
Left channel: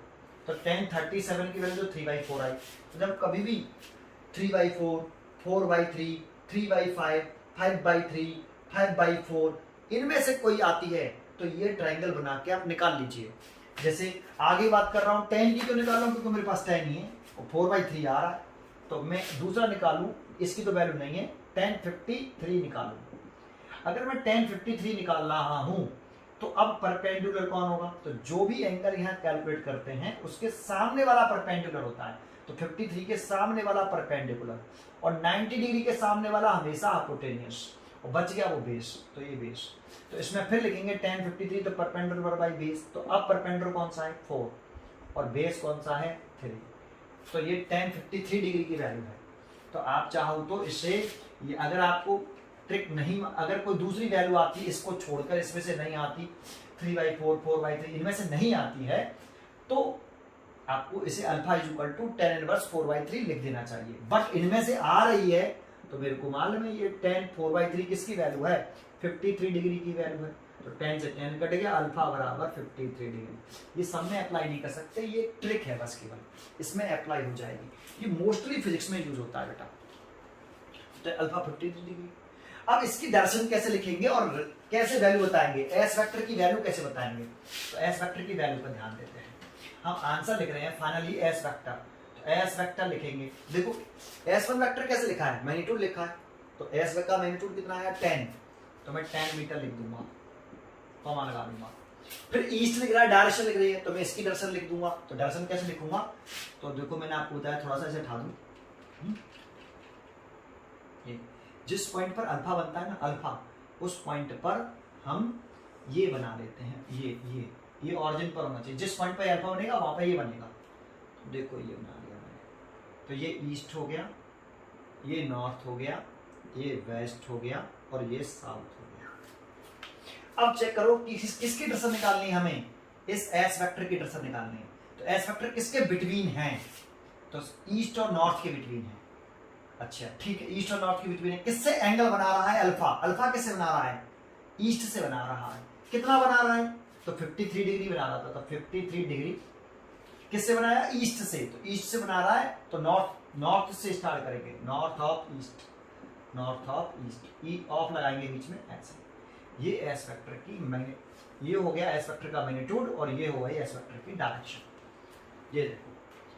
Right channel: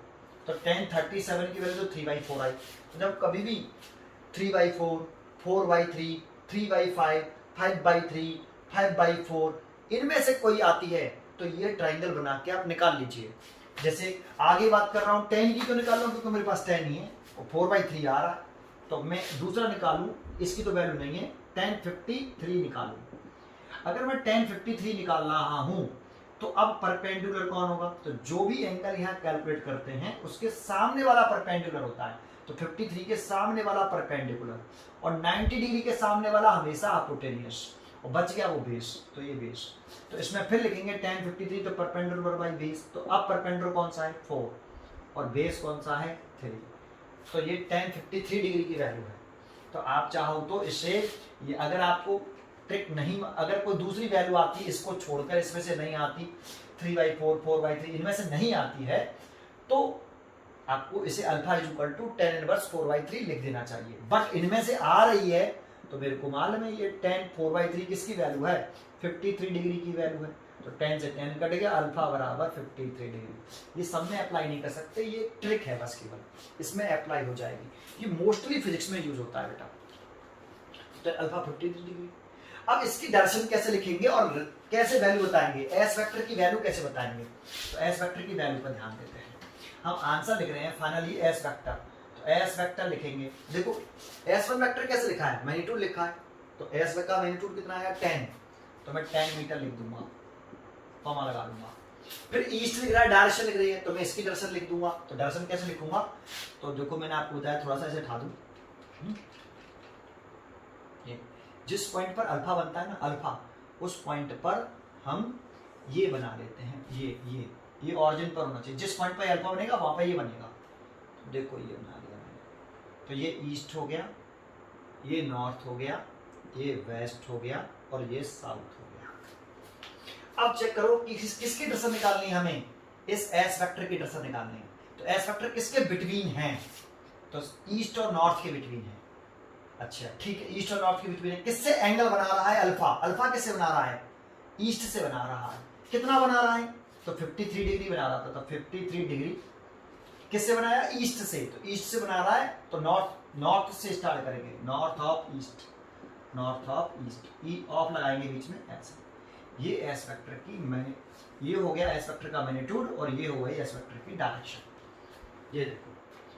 तो tan 37 की वैल्यू तो 3/4 आई। तो जब कभी भी 3/4, 4/3, 3/5, 5/3, 5/4 इनमें से कोई आती है तो ये ट्रायंगल बना के आप निकाल लीजिए। जैसे आगे बात कर रहा हूँ, tan की तो निकाल रहा हूँ क्योंकि मेरे पास tan ही है, और 4/3 आ रहा है, तो मैं दूसरा निकालूं, इसकी तो वैल्यू नहीं है, tan 53 निकालूं। अगर मैं tan 53 निकाल रहा हूं तो अब परपेंडिकुलर कौन होगा? तो जो भी एंगल यहाँ कैलकुलेट करते हैं उसके सामने वाला परपेंडिकुलर होता है, तो 53 के सामने वाला परपेंडिकुलर, और 90 डिग्री के सामने वाला हमेशा हाइपोटेनियस, और बच गया वो बेस, तो ये बेस। तो इसमें फिर लिखेंगे tan 53 तो परपेंडिकुलर बाई बेस, तो अब परपेंडिकुलर कौन सा है? 4, और बेस कौन सा है? 3, तो ये tan 53 डिग्री की वैल्यू है। तो आप चाहो तो इससे, ये अगर आपको ट्रिक नहीं, अगर कोई दूसरी वैल्यू आती है इसको छोड़कर, इसमें से नहीं आती, 3/4, 4/3 इनमें से नहीं आती है, तो आपको इसे alpha is equal to tan inverse 4/3 लिख देना चाहिए। बट इनमें से आ रही है तो मेरे को मालूम है ये tan 4/3 किसकी वैल्यू है? 53 डिग्री की वैल्यू है, तो tan से tan कट गया, अल्फा बराबर 53 डिग्री। ये सब में अप्लाई नहीं कर सकते, ये ट्रिक है बस केवल, इसमें अप्लाई हो जाएगी। ये मोस्टली फिजिक्स में यूज होता है बेटा, तो अल्फा 53 डिग्री। अब इसकी डायरेक्शन कैसे लिखेंगे और कैसे वैल्यू बताएंगे? एस वेक्टर की वैल्यू कैसे बताएंगे? तो एस वेक्टर की वैल्यू पर ध्यान देते हैं। हम आंसर लिख रहे हैं फाइनली एस वेक्टर, तो एस वेक्टर लिखेंगे। देखो S1 वेक्टर कैसे लिखा है? मैग्नीट्यूड लिखा है, तो एस का मैग्नीट्यूड कितना है? 10, तो मैं 10 मीटर लिख दूंगा, कॉमा लगा दूंगा। फिर ईस्ट लिख रहा है, डायरेक्शन लिख रही है, तो मैं इसकी डायरेक्शन लिख दूंगा। तो डायरेक्शन कैसे लिखूंगा, तो देखो मैंने आपको बताया, थोड़ा सा ऐसे उठा दूं, ये जिस पॉइंट पर अल्फा बनता है ना, अल्फा, उस पॉइंट पर हम ये बना लेते हैं, ये ऑरिजिन पर होना चाहिए। जिस पॉइंट पर अल्फा बनेगा वहां पर ये बनेगा। देखो ये बना लिया मैंने, तो ये ईस्ट हो गया, ये नॉर्थ हो गया, ये वेस्ट हो गया और ये साउथ हो गया। अब चेक करो कि किसकी डायरेक्शन निकालनी है हमें, इस एस वेक्टर की डायरेक्शन निकालनी है। तो एस वेक्टर किसके बिटवीन है, तो ईस्ट और नॉर्थ के बिटवीन है। अच्छा ठीक है, ईस्ट और नॉर्थ के बिटवीन है। किससे एंगल बना रहा है, अल्फा। अल्फा किससे बना रहा है, ईस्ट से बना रहा है। कितना बना रहा है, तो 53 डिग्री बना रहा था। तो 53 डिग्री किससे बनाया, ईस्ट से। तो ईस्ट से बना रहा है, तो नॉर्थ से स्टार्ट करेंगे, north of east, north of east, E of लगाएंगे बीच में ऐसे। ये एस वेक्टर की मैंने, ये हो गया एस वेक्टर का मैग्नीट्यूड और ये हो गई एस वेक्टर की डायरेक्शन। ये देखो,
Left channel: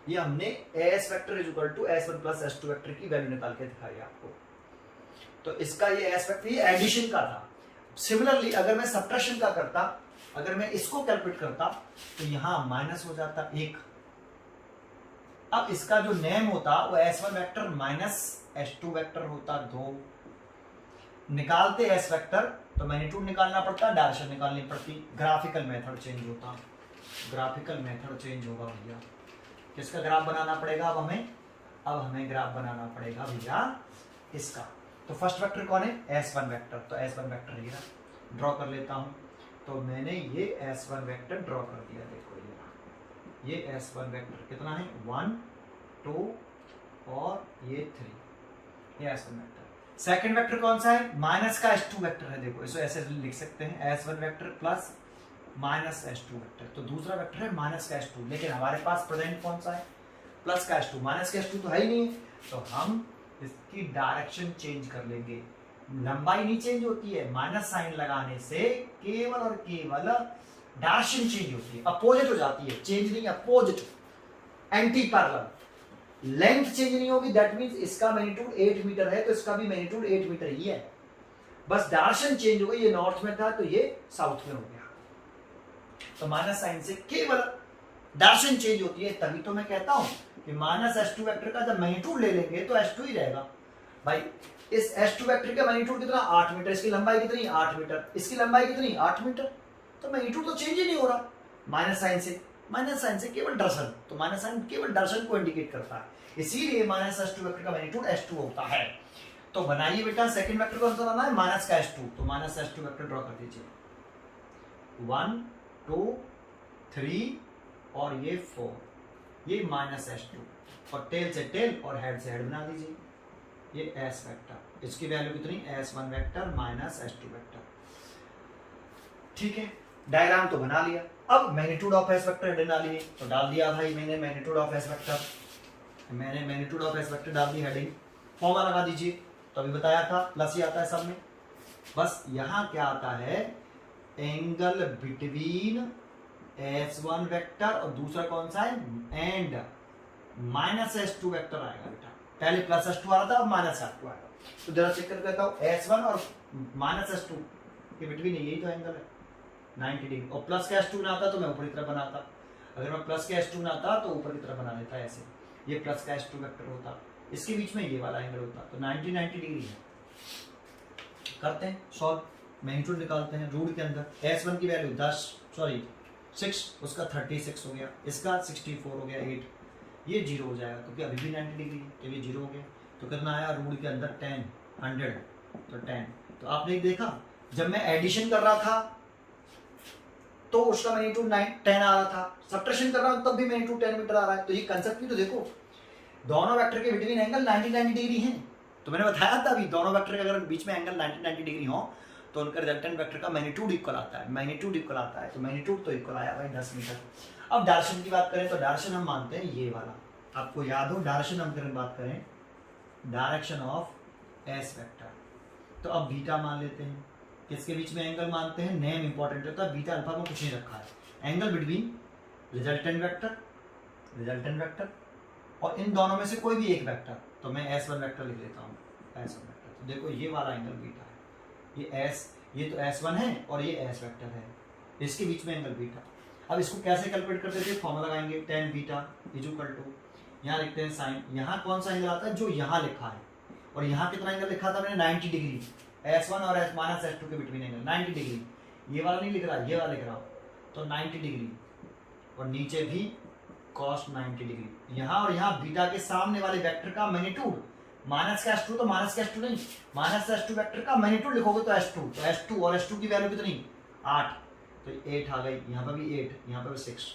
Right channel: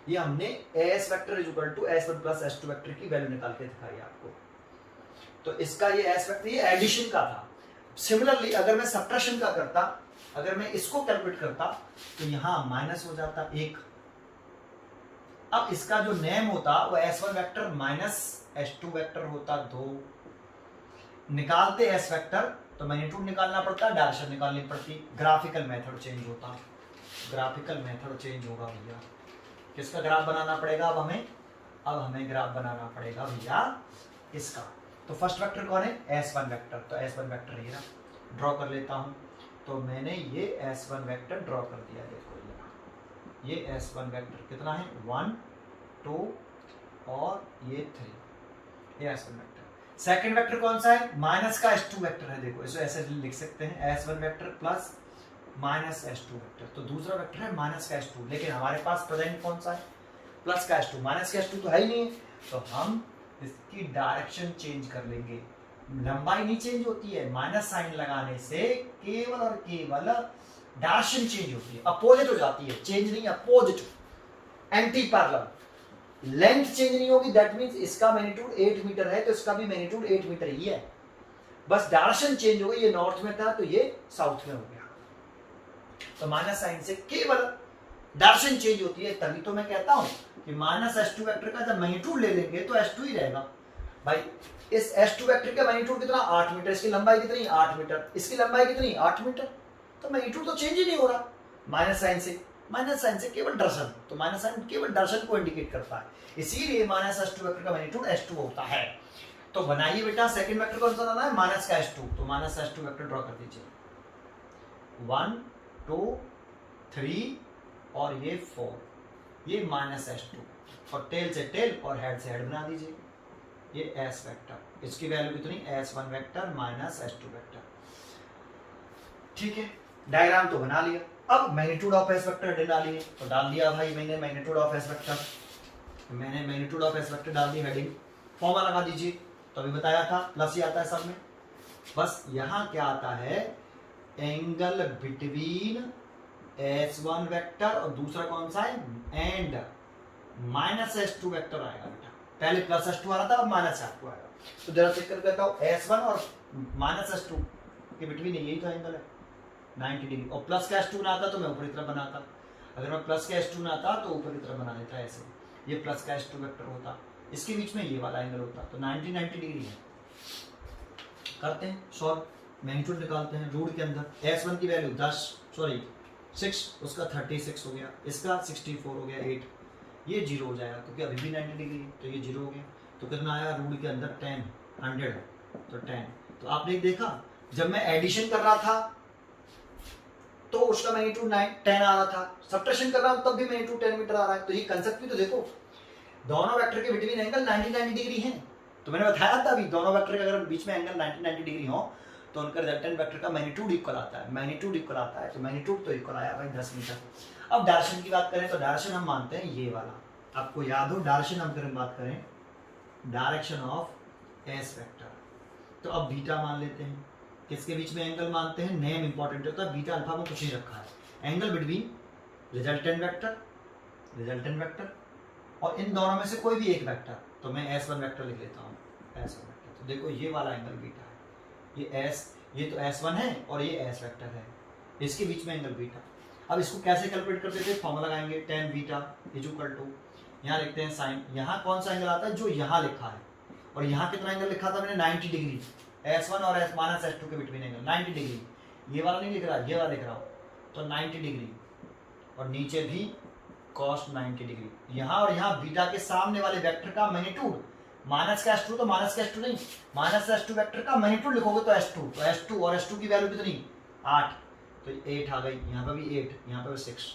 ये हमने S vector is equal to S1 plus S2 vector की वैल्यू निकाल के दिखाई आपको। तो इसका ये एस वेक्टर, ये एडिशन का था। सिमिलरली अगर मैं सब्ट्रैक्शन का करता, अगर मैं इसको कैलकुलेट करता, तो यहां माइनस हो जाता 1। अब इसका जो नेम होता वो S1 vector minus S2 vector होता 2। निकालते एस वेक्टर तो मैग्नीट्यूड निकालना पड़ता, डायरेक्शन निकालनी पड़ती, ग्राफिकल मेथड चेंज होता, ग्राफिकल मेथड चेंज होगा भैया। किसका ग्राफ बनाना पड़ेगा अब हमें, अब हमें ग्राफ बनाना पड़ेगा भैया इसका। तो फर्स्ट वेक्टर कौन है, S1 वेक्टर। तो S1 वेक्टर ये ड्रॉ कर लेता हूं। तो मैंने ये S1 वेक्टर ड्रॉ कर दिया। देखो ये S1 वेक्टर कितना है, 1 2 और ये 3, ये S1 वेक्टर। सेकंड वेक्टर कौन सा है, माइनस का S2 वेक्टर है। देखो इसको ऐसे लिख सकते हैं, S1 vector plus minus S2 vector. तो दूसरा वेक्टर है माइनस का S2, लेकिन हमारे पास प्रेजेंट कौन सा है, प्लस का S2। माइनस का S2 तो है ही नहीं, तो हम इसकी डायरेक्शन चेंज कर लेंगे। लंबाई नहीं चेंज होती है, माइनस साइन लगाने से केवल और केवल डायरेक्शन चेंज होती है, अपोजिट हो जाती है, चेंज नहीं, opposite, anti parallel. Length change नहीं होगी, दैट मींस इसका मैग्नीट्यूड 8 मीटर है तो इसका भी मैग्नीट्यूड 8 मीटर ही है, बस डायरेक्शन चेंज हो गई। ये नॉर्थ में था तो ये साउथ में हो गया। तो माइनस साइन से केवल डायरेक्शन चेंज होती है, तभी तो मैं कहता हूं कि माइनस S2 वेक्टर का जब मैग्नीट्यूड ले लेंगे तो S2 ही रहेगा भाई। इस S2 वेक्टर का मैग्नीट्यूड कितना, 8 मीटर। इसकी लंबाई कितनी, 8 मीटर। इसकी लंबाई कितनी, 8 मीटर। तो मैग्नीट्यूड तो चेंज ही नहीं हो रहा माइनस साइन से। माइनस साइन से केवल दर्शन, तो माइनस साइन केवल दर्शन को इंडिकेट करता है, इसीलिए माइनस S2 वेक्टर का मैग्नीट्यूड S2 होता है। तो बनाइए बेटा, सेकंड वेक्टर कौन सा लाना है, माइनस का S2। तो माइनस S2 वेक्टर ड्रॉ कर दीजिए, 1 2 3 और ये 4, ये माइनस S2 और टेल से टेल और हेड से हेड बना दीजिए। ये S वेक्टर, इसकी वैल्यू कितनी, S1 vector minus S2 vector. ठीक है, डायग्राम तो बना लिया। अब मैग्नीट्यूड ऑफ S वेक्टर डालिए, तो डाल दिया भाई मैंने मैग्नीट्यूड ऑफ S वेक्टर। मैंने मैग्नीट्यूड ऑफ S वेक्टर डाल दी, हेडिंग फॉर्मूला लगा दीजिए। तो अभी बताया था प्लस ही आता है सब में, बस यहाँ क्या आता है, एंगल बिटवीन S1 वेक्टर और दूसरा कौन सा है, एंड माइनस S2 वेक्टर आएगा बेटा। पहले प्लस S2 आ रहा था, अब माइनस S2 आएगा। तो जरा चेक करके कहता हूँ, S1 और माइनस S2 के बिटवीन यही तो एंगल है 90 डिग्री। और प्लस का S2 ना आता तो मैं ऊपर की तरफ बनाता, अगर मैं प्लस का S2 ना आता तो ऊपर की तरफ बना देता ऐसे। ये प्लस का S2 वेक्टर होता, इसके बीच में ये वाला एंगल होता, तो 90 डिग्री है। करते हैं सॉल्व, मैग्नीट्यूड निकालते हैं। रूट के अंदर S1 की वैल्यू 6, उसका 36 हो गया, इसका 64 हो गया, 8, ये 0 हो जाएगा क्योंकि अभी भी 90 डिग्री है, तो ये 0 हो गया। तो कितना आया, रूट के अंदर 10, 100, तो 10। तो आपने देखा जब मैं एडिशन कर रहा था तो उसका मैग्नीट्यूड 10 आ रहा था, सब्ट्रैक्शन कर रहा हूं तब भी मैग्नीट्यूड 10 मीटर आ रहा है। तो ये कंसेप्ट भी तो देखो, दोनों वेक्टर के बिटवीन एंगल 90 डिग्री है। तो मैंने बताया था अभी, दोनों वेक्टर के अगर बीच में एंगल 90 डिग्री हो तो उनका रिजल्टेंट वेक्टर का मैग्नीट्यूड इक्वल आता है, मैग्नीट्यूड इक्वल आता है। तो मैग्नीट्यूड तो इक्वल आया भाई 10 मीटर। अब डायरेक्शन की बात करें तो डायरेक्शन हम मानते हैं ये वाला, आपको याद हो डायरेक्शन हम करें, बात करें डायरेक्शन ऑफ S वेक्टर। तो अब बीटा मान लेते हैं, किसके बीच में एंगल मानते हैं, नेम इंपॉर्टेंट होता है, बीटा अल्फा को कुछ नहीं रखा है, एंगल बिटवीन रिजल्टेंट वेक्टर और इन दोनों में से कोई भी एक वेक्टर। तो मैं S1 वेक्टर लिख लेता हूँ, S1 वेक्टर। तो देखो ये वाला एंगल बीटा है, ये तो S1 है और ये S वेक्टर है, इसके बीच में एंगल बीटा। अब इसको कैसे कैलकुलेट करते थे, फॉर्मूला लगाएंगे tan beta is equal to, यहाँ लिखते हैं साइन, यहाँ कौन सा एंगल आता है जो यहाँ लिखा है, और यहाँ कितना एंगल लिखा था मैंने 90 डिग्री, S1 और S-2 के बिटवीन एंगल 90 डिग्री, ये वाला नहीं लिख रहा, ये वाला लिख रहा हूँ, तो 90 डिग्री, और नीचे भी cos 90 डिग्री। यहाँ और यहाँ बीटा के सामने वाले वेक्टर का मैग्नीट्यूड, माइनस का S2 तो माइनस का S2 नहीं, माइनस S2 वेक्टर का मैग्नीट्यूड लिखोगे तो S2, तो S2 और S2 की वैल्यू कितनी 8, तो 8 आ गई, यहाँ पर भी 8, यहाँ पर भी 6,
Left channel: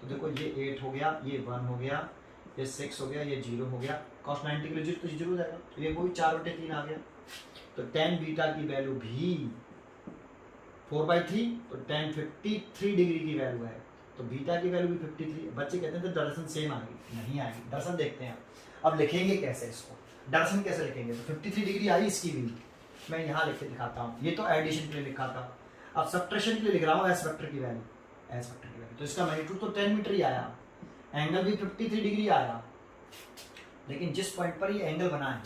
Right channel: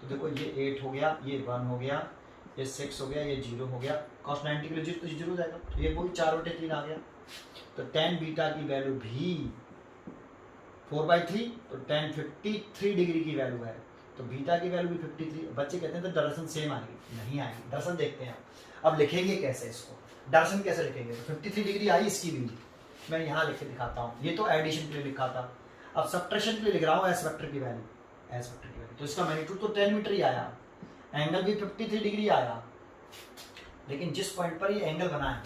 तो देखो ये 8 हो गया, ये 1 हो गया, ये 6 हो गया, ये 0 हो गया, cos 90 के लिए 0 तो 0 हो जाएगा, तो ये वही 4/3 आ गया। तो tan बीटा की वैल्यू भी 4/3, तो tan 53 डिग्री की वैल्यू है, तो बीटा की वैल्यू भी 53। बच्चे कहते हैं तो डायरेक्शन सेम आएगी, नहीं आएगी, डायरेक्शन देखते हैं। अब लिखेंगे कैसे इसको, डायरेक्शन कैसे लिखेंगे, तो 53 डिग्री आई इसकी भी, मैं यहाँ लिख के दिखाता हूँ, ये तो एडिशन के लिए लिखा था, अब सब्ट्रैक्शन के लिए लिख रहा हूँ एस वेक्टर की वैल्यू, एस वेक्टर की वैल्यू, तो इसका मैग्नीट्यूड तो 10 मीटर ही आया, एंगल भी 53 डिग्री आया, लेकिन जिस पॉइंट पर ये एंगल बना है,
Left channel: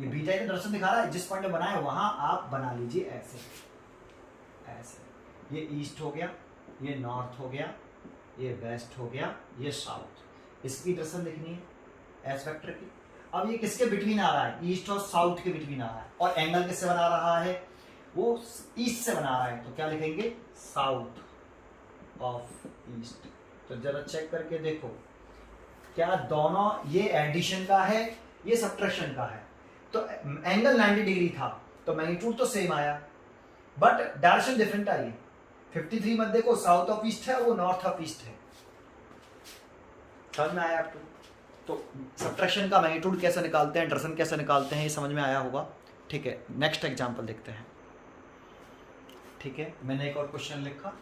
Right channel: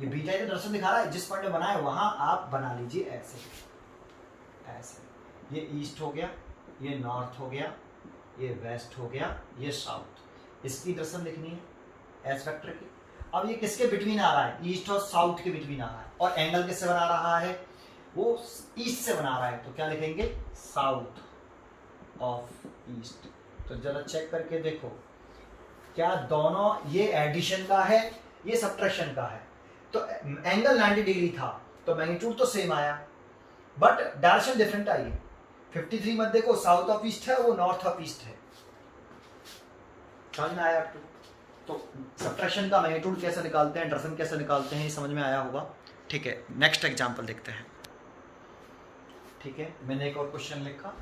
ये बीटा का दर्शन दिखा रहा है, जिस पॉइंट में बना है वहां आप बना लीजिए ऐसे, ऐसे, ये ईस्ट हो गया, ये नॉर्थ हो गया, ये वेस्ट हो गया, ये साउथ, इसकी दर्शन लिखनी है एस वेक्टर की। अब ये किसके बिटवीन आ रहा है, ईस्ट और साउथ के बिटवीन आ रहा है, और एंगल किससे बना रहा है, वो ईस्ट से बना रहा है, तो क्या लिखेंगे, साउथ ऑफ ईस्ट। तो जरा चेक करके देखो, क्या दोनों, ये एडिशन का है, ये सब्ट्रैक्शन का है, तो एंगल 90 डिग्री था, तो मैग्नीट्यूड तो सेम आया, बट डायरेक्शन डिफरेंट आई। 53 मत देखो, साउथ ऑफ ईस्ट है, वो नॉर्थ ऑफ ईस्ट है, समझ में आया आपको। तो सब्ट्रैक्शन का मैग्नीट्यूड कैसे निकालते हैं, डायरेक्शन कैसे निकालते हैं, ये समझ में आया होगा। ठीक है, नेक्स्ट एग्जांपल देखते हैं। ठीक है, मैंने एक और क्वेश्चन लिखा,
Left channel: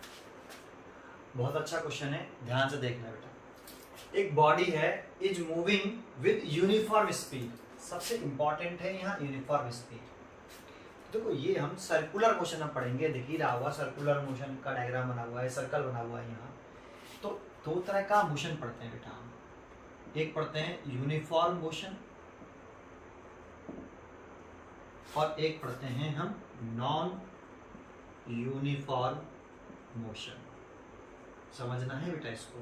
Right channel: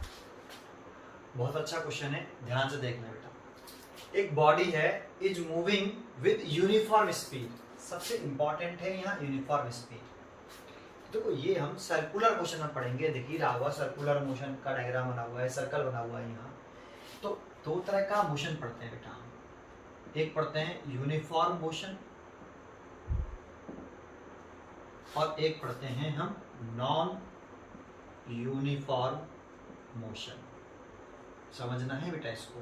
बहुत अच्छा क्वेश्चन है, ध्यान से देखना बेटा। एक बॉडी है, is moving with uniform speed, सबसे इंपॉर्टेंट है यहाँ यूनिफॉर्म स्पीड। देखो ये हम सर्कुलर मोशन में पढ़ेंगे, दिख ही रहा होगा सर्कुलर मोशन का डायग्राम बना हुआ है, सर्कल बना हुआ है यहाँ। तो दो तरह का मोशन पढ़ते हैं बेटा हम, एक पढ़ते हैं यूनिफॉर्म मोशन और एक पढ़ते हैं हम नॉन यूनिफॉर्म मोशन। समझना है बेटा इसको,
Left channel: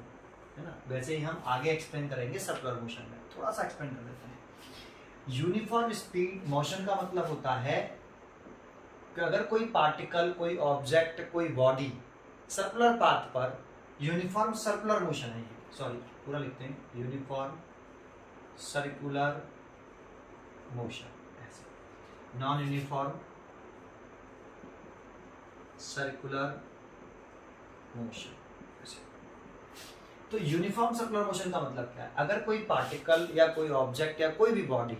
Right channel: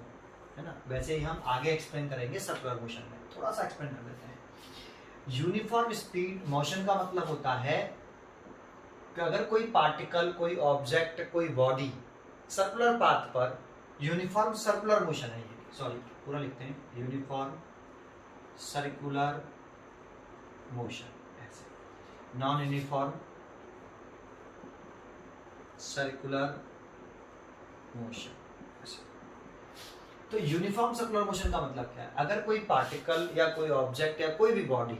है ना। वैसे ही हम आगे एक्सप्लेन करेंगे सर्कुलर मोशन में, थोड़ा सा एक्सप्लेन कर देते हैं। यूनिफॉर्म स्पीड मोशन का मतलब होता है कि अगर कोई पार्टिकल, कोई ऑब्जेक्ट, कोई बॉडी सर्कुलर पाथ पर यूनिफॉर्म सर्कुलर मोशन है, सॉरी पूरा लिखते हैं, यूनिफॉर्म सर्कुलर मोशन, ऐसे नॉन यूनिफॉर्म सर्कुलर मोशन। तो यूनिफॉर्म सर्कुलर मोशन का मतलब क्या है, अगर कोई पार्टिकल या कोई ऑब्जेक्ट या कोई भी बॉडी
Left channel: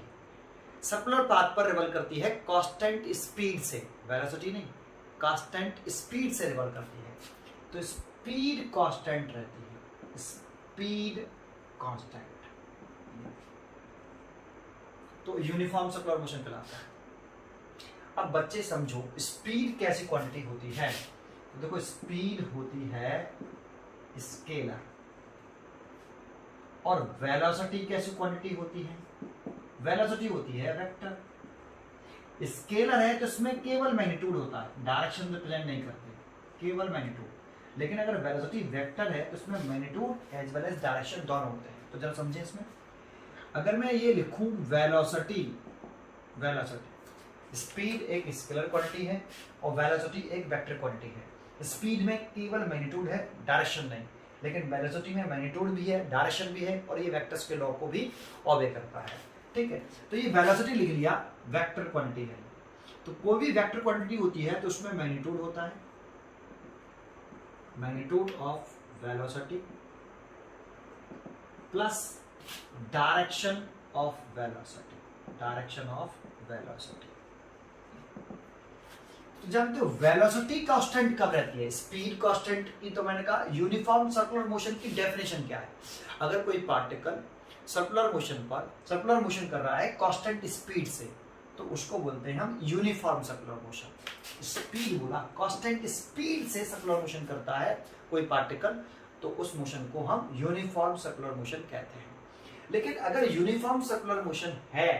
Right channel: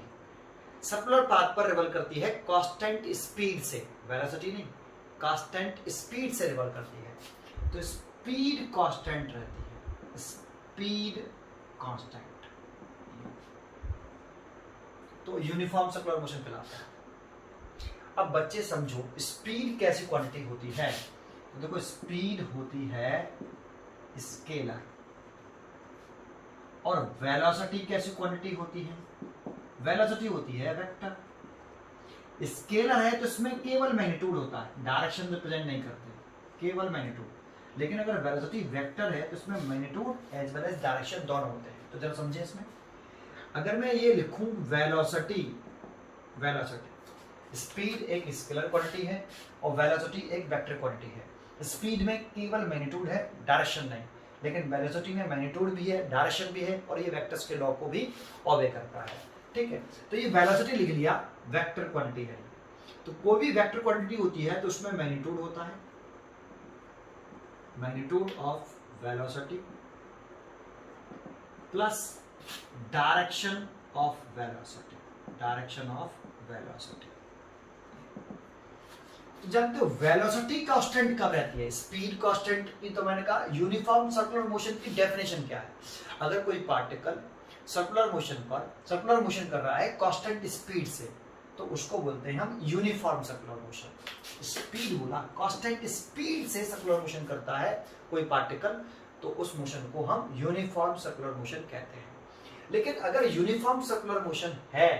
सर्कुलर पाथ पर रिवॉल्व करती है कांस्टेंट स्पीड से, वेलोसिटी नहीं, कांस्टेंट स्पीड से रिवॉल्व करती है, तो स्पीड कांस्टेंट रहती है, स्पीड कांस्टेंट, तो यूनिफॉर्म सर्कुलर मोशन कहलाता है। अब बच्चे समझो स्पीड कैसी क्वांटिटी होती है, तो देखो स्पीड होती है स्केलर, और वेलोसिटी कैसी क्वांटिटी होती है, वेलोसिटी होती है वेक्टर। स्केलर है तो इसमें केवल मैग्नीट्यूड होता है, डायरेक्शन रिप्रेजेंट नहीं करते, केवल मैग्नीट्यूड। लेकिन अगर वेलोसिटी वेक्टर है तो इसमें magnitude as well as direction दोनों होते हैं। तो जरा समझे इसमें, अगर मैं ये लिखूं वेलोसिटी, वेलोसिटी, स्पीड एक स्केलर क्वांटिटी है और वेलोसिटी एक वेक्टर क्वांटिटी है। स्पीड में केवल मैग्नीट्यूड है, डायरेक्शन नहीं, लेकिन वेलोसिटी में मैग्नीट्यूड भी है, डायरेक्शन भी है, और ये वेक्टर्स के लॉ को भी ओबे करता है। ठीक है, तो ये वेलोसिटी लिख लिया, वेक्टर क्वांटिटी है। तो कोई भी वेक्टर क्वांटिटी होती है तो उसमें मैग्नीट्यूड होता है, magnitude of velocity plus direction of velocity, direction of velocity. तो जानते हो वेलोसिटी कांस्टेंट कब रहती है, स्पीड कांस्टेंट की तो मैंने कहा। यूनिफॉर्म सर्कुलर मोशन की डेफिनेशन क्या है, अगर कोई पार्टिकल सर्कुलर मोशन कर रहा है कांस्टेंट स्पीड से, तो उसको बोलते हैं हम यूनिफॉर्म सर्कुलर मोशन। स्पीड बोला, कांस्टेंट स्पीड से सर्कुलर मोशन करता है कोई पार्टिकल, तो उस मोशन को हम यूनिफॉर्म सर्कुलर मोशन कहते हैं। लेकिन अगर यूनिफॉर्म सर्कुलर मोशन है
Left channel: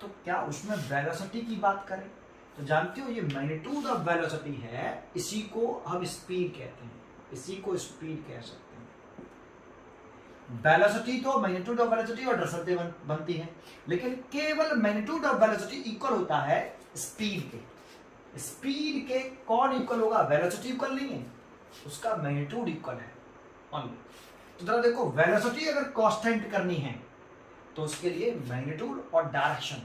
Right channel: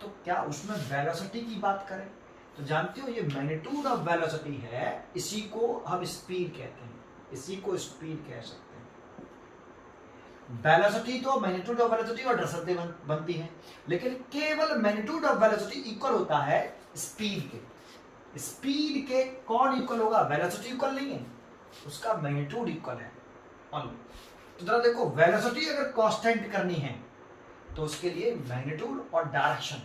तो क्या उसमें वेलोसिटी की बात करें, तो जानते हो ये मैग्नीट्यूड ऑफ वेलोसिटी है, इसी को हम स्पीड कहते हैं, इसी को स्पीड कह सकते हैं। वेलोसिटी तो मैग्नीट्यूड ऑफ वेलोसिटी और दरअसल बनती है, लेकिन केवल मैग्नीट्यूड ऑफ वेलोसिटी इक्वल होता है स्पीड के। स्पीड के कौन इक्वल होगा? वेलोसिटी इक्वल नहीं है, उसका मैग्नीट्यूड इक्वल है ओनली। तो जरा देखो, वेलोसिटी अगर कांस्टेंट करनी है तो उसके लिए मैग्नीट्यूड और डायरेक्शन,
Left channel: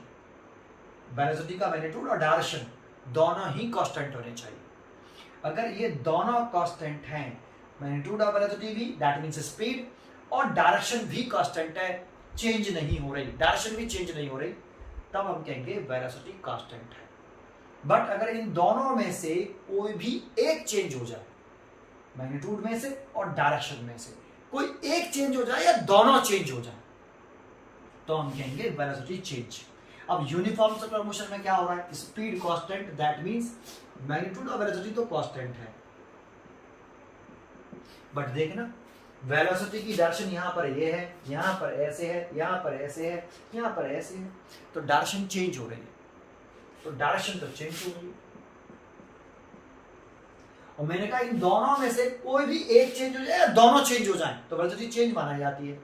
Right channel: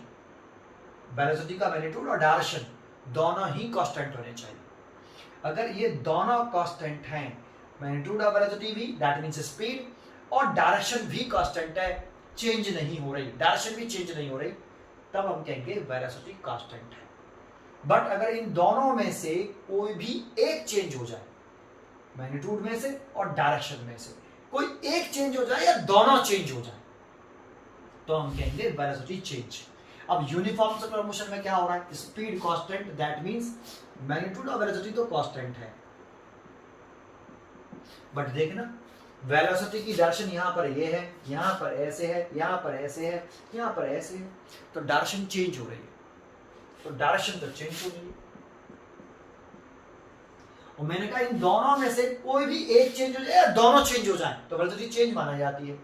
वेलोसिटी का मैग्नीट्यूड और डायरेक्शन दोनों ही कांस्टेंट होने चाहिए। अगर ये दोनों कांस्टेंट हैं, मैग्नीट्यूड ऑफ वेलोसिटी भी दैट मींस स्पीड, और डायरेक्शन भी कांस्टेंट है, चेंज नहीं हो रही, डायरेक्शन भी चेंज नहीं हो रही, तब हम कहेंगे वेलोसिटी कांस्टेंट है। बट अगर इन दोनों में से कोई भी एक चेंज हो जाए, मैग्नीट्यूड में से और डायरेक्शन में से कोई एक चेंज हो जाए या दोनों चेंज हो जाए, तो हम कहेंगे वेलोसिटी चेंज। अब यूनिफॉर्म सर्कुलर मोशन में क्या हो रहा है? Speed constant, that means magnitude और वेलोसिटी तो कांस्टेंट है, बट देखना वेलोसिटी की डायरेक्शन यहाँ पर ये है, यहाँ पर ऐसे है, यहाँ पर ऐसे है, यहाँ पर ऐसे है, तो डायरेक्शन चेंज हो रही है, तो डायरेक्शन तो चेंज हो रही है। और मैंने कहा इन दोनों में से कोई भी एक चेंज हो जाए, दोनों चेंज हो जाए तो वेलोसिटी चेंज माना जाती है।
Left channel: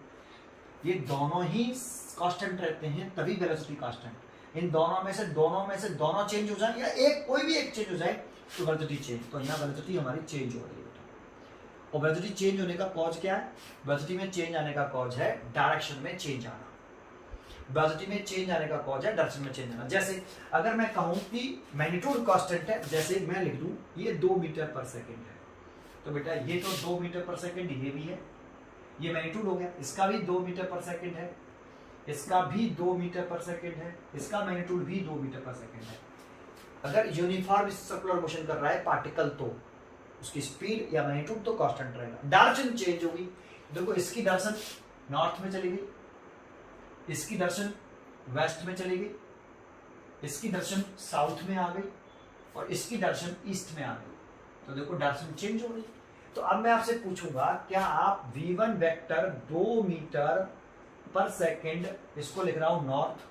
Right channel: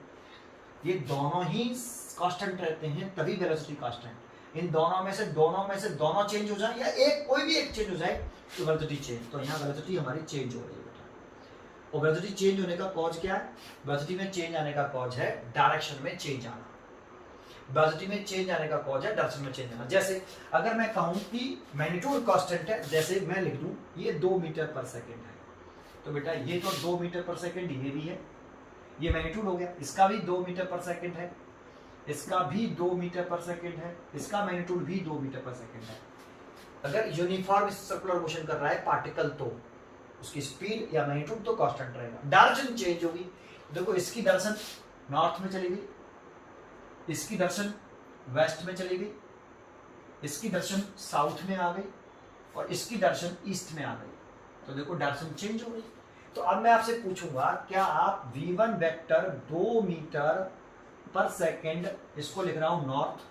ये दोनों ही कांस्टेंट रहते हैं तभी वेलोसिटी कांस्टेंट। इन दोनों में से दोनों चेंज हो जाए या एक कोई भी एक चेंज हो जाए तो वेलोसिटी चेंज। तो यहाँ वेलोसिटी हमारी चेंज हो रही है। और वेलोसिटी चेंज होने का कॉज क्या है? वेलोसिटी में चेंज आने का कॉज है डायरेक्शन में चेंज आना, वेलोसिटी में चेंज आने का कॉज है डायरेक्शन में चेंज आना। जैसे अगर मैं कहूँ कि मैग्नीट्यूड कांस्टेंट है, जैसे मैं लिख दूँ ये 2 मीटर पर सेकेंड है, तो बेटा ये तो 2 मीटर पर सेकेंड ये भी है, ये मैग्नीट्यूड हो गया, इसका भी 2 मीटर पर सेकेंड है, इसका भी 2 मीटर पर सेकेंड है, इसका मैग्नीट्यूड भी 2 मीटर पर सेकेंड है। अगर यूनिफॉर्म सर्कुलर मोशन कर रहा है पार्टिकल तो उसकी स्पीड या मैग्नीट्यूड तो कांस्टेंट रहेगा। डायरेक्शन चेंज होगी, देखो इसकी डायरेक्शन नॉर्थ में चली गई, इसकी डायरेक्शन वेस्ट में चली गई, इसकी डायरेक्शन साउथ में आ गई और इसकी डायरेक्शन ईस्ट में आ गई, तो देखो डायरेक्शन चेंज हो रही। तो अब मैं आपसे पूछूंगा, क्या आप v1 वेक्टर 2 मीटर पर सेकेंड इसको लिख रहा हूं नॉर्थ,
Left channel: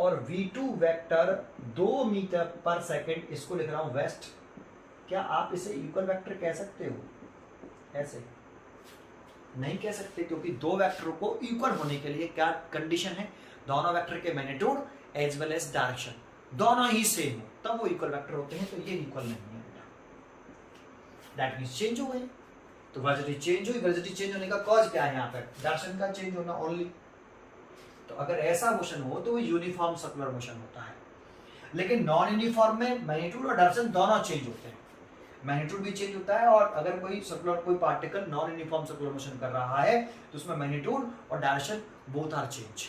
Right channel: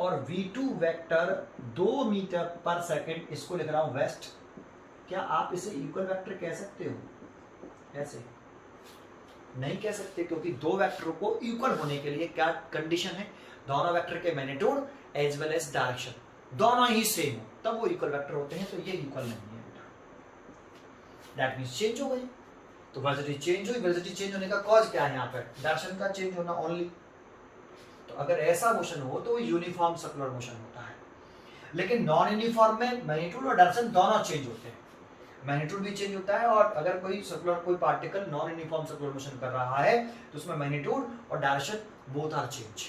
और v2 वेक्टर 2 मीटर पर सेकेंड इसको लिख रहा हूं वेस्ट, क्या आप इसे इक्वल वेक्टर कह सकते हो? ऐसे नहीं कह सकते, क्योंकि दो वेक्टरों को इक्वल होने के लिए क्या कंडीशन है? दोनों वेक्टर के magnitude as well as direction दोनों ही सेम हो, तब वो इक्वल वेक्टर होते हैं। तो ये इक्वल नहीं है बेटा, दैट मींस चेंज हो गई। तो वेलोसिटी चेंज हुई, वेलोसिटी चेंज होने का कॉज क्या है? यहाँ पे डायरेक्शन का चेंज होना ओनली। तो अगर ऐसा मोशन हो तो वो यूनिफॉर्म सर्कुलर मोशन होता है। लेकिन नॉन यूनिफॉर्म में मैग्नीट्यूड और डायरेक्शन दोनों चेंज होते हैं, मैग्नीट्यूड भी चेंज होता है, और अगर कोई सर्कुलर कोई particle non uniform circular motion कर रहा है तो उसमें मैग्नीट्यूड और डायरेक्शन बोथ आर चेंज,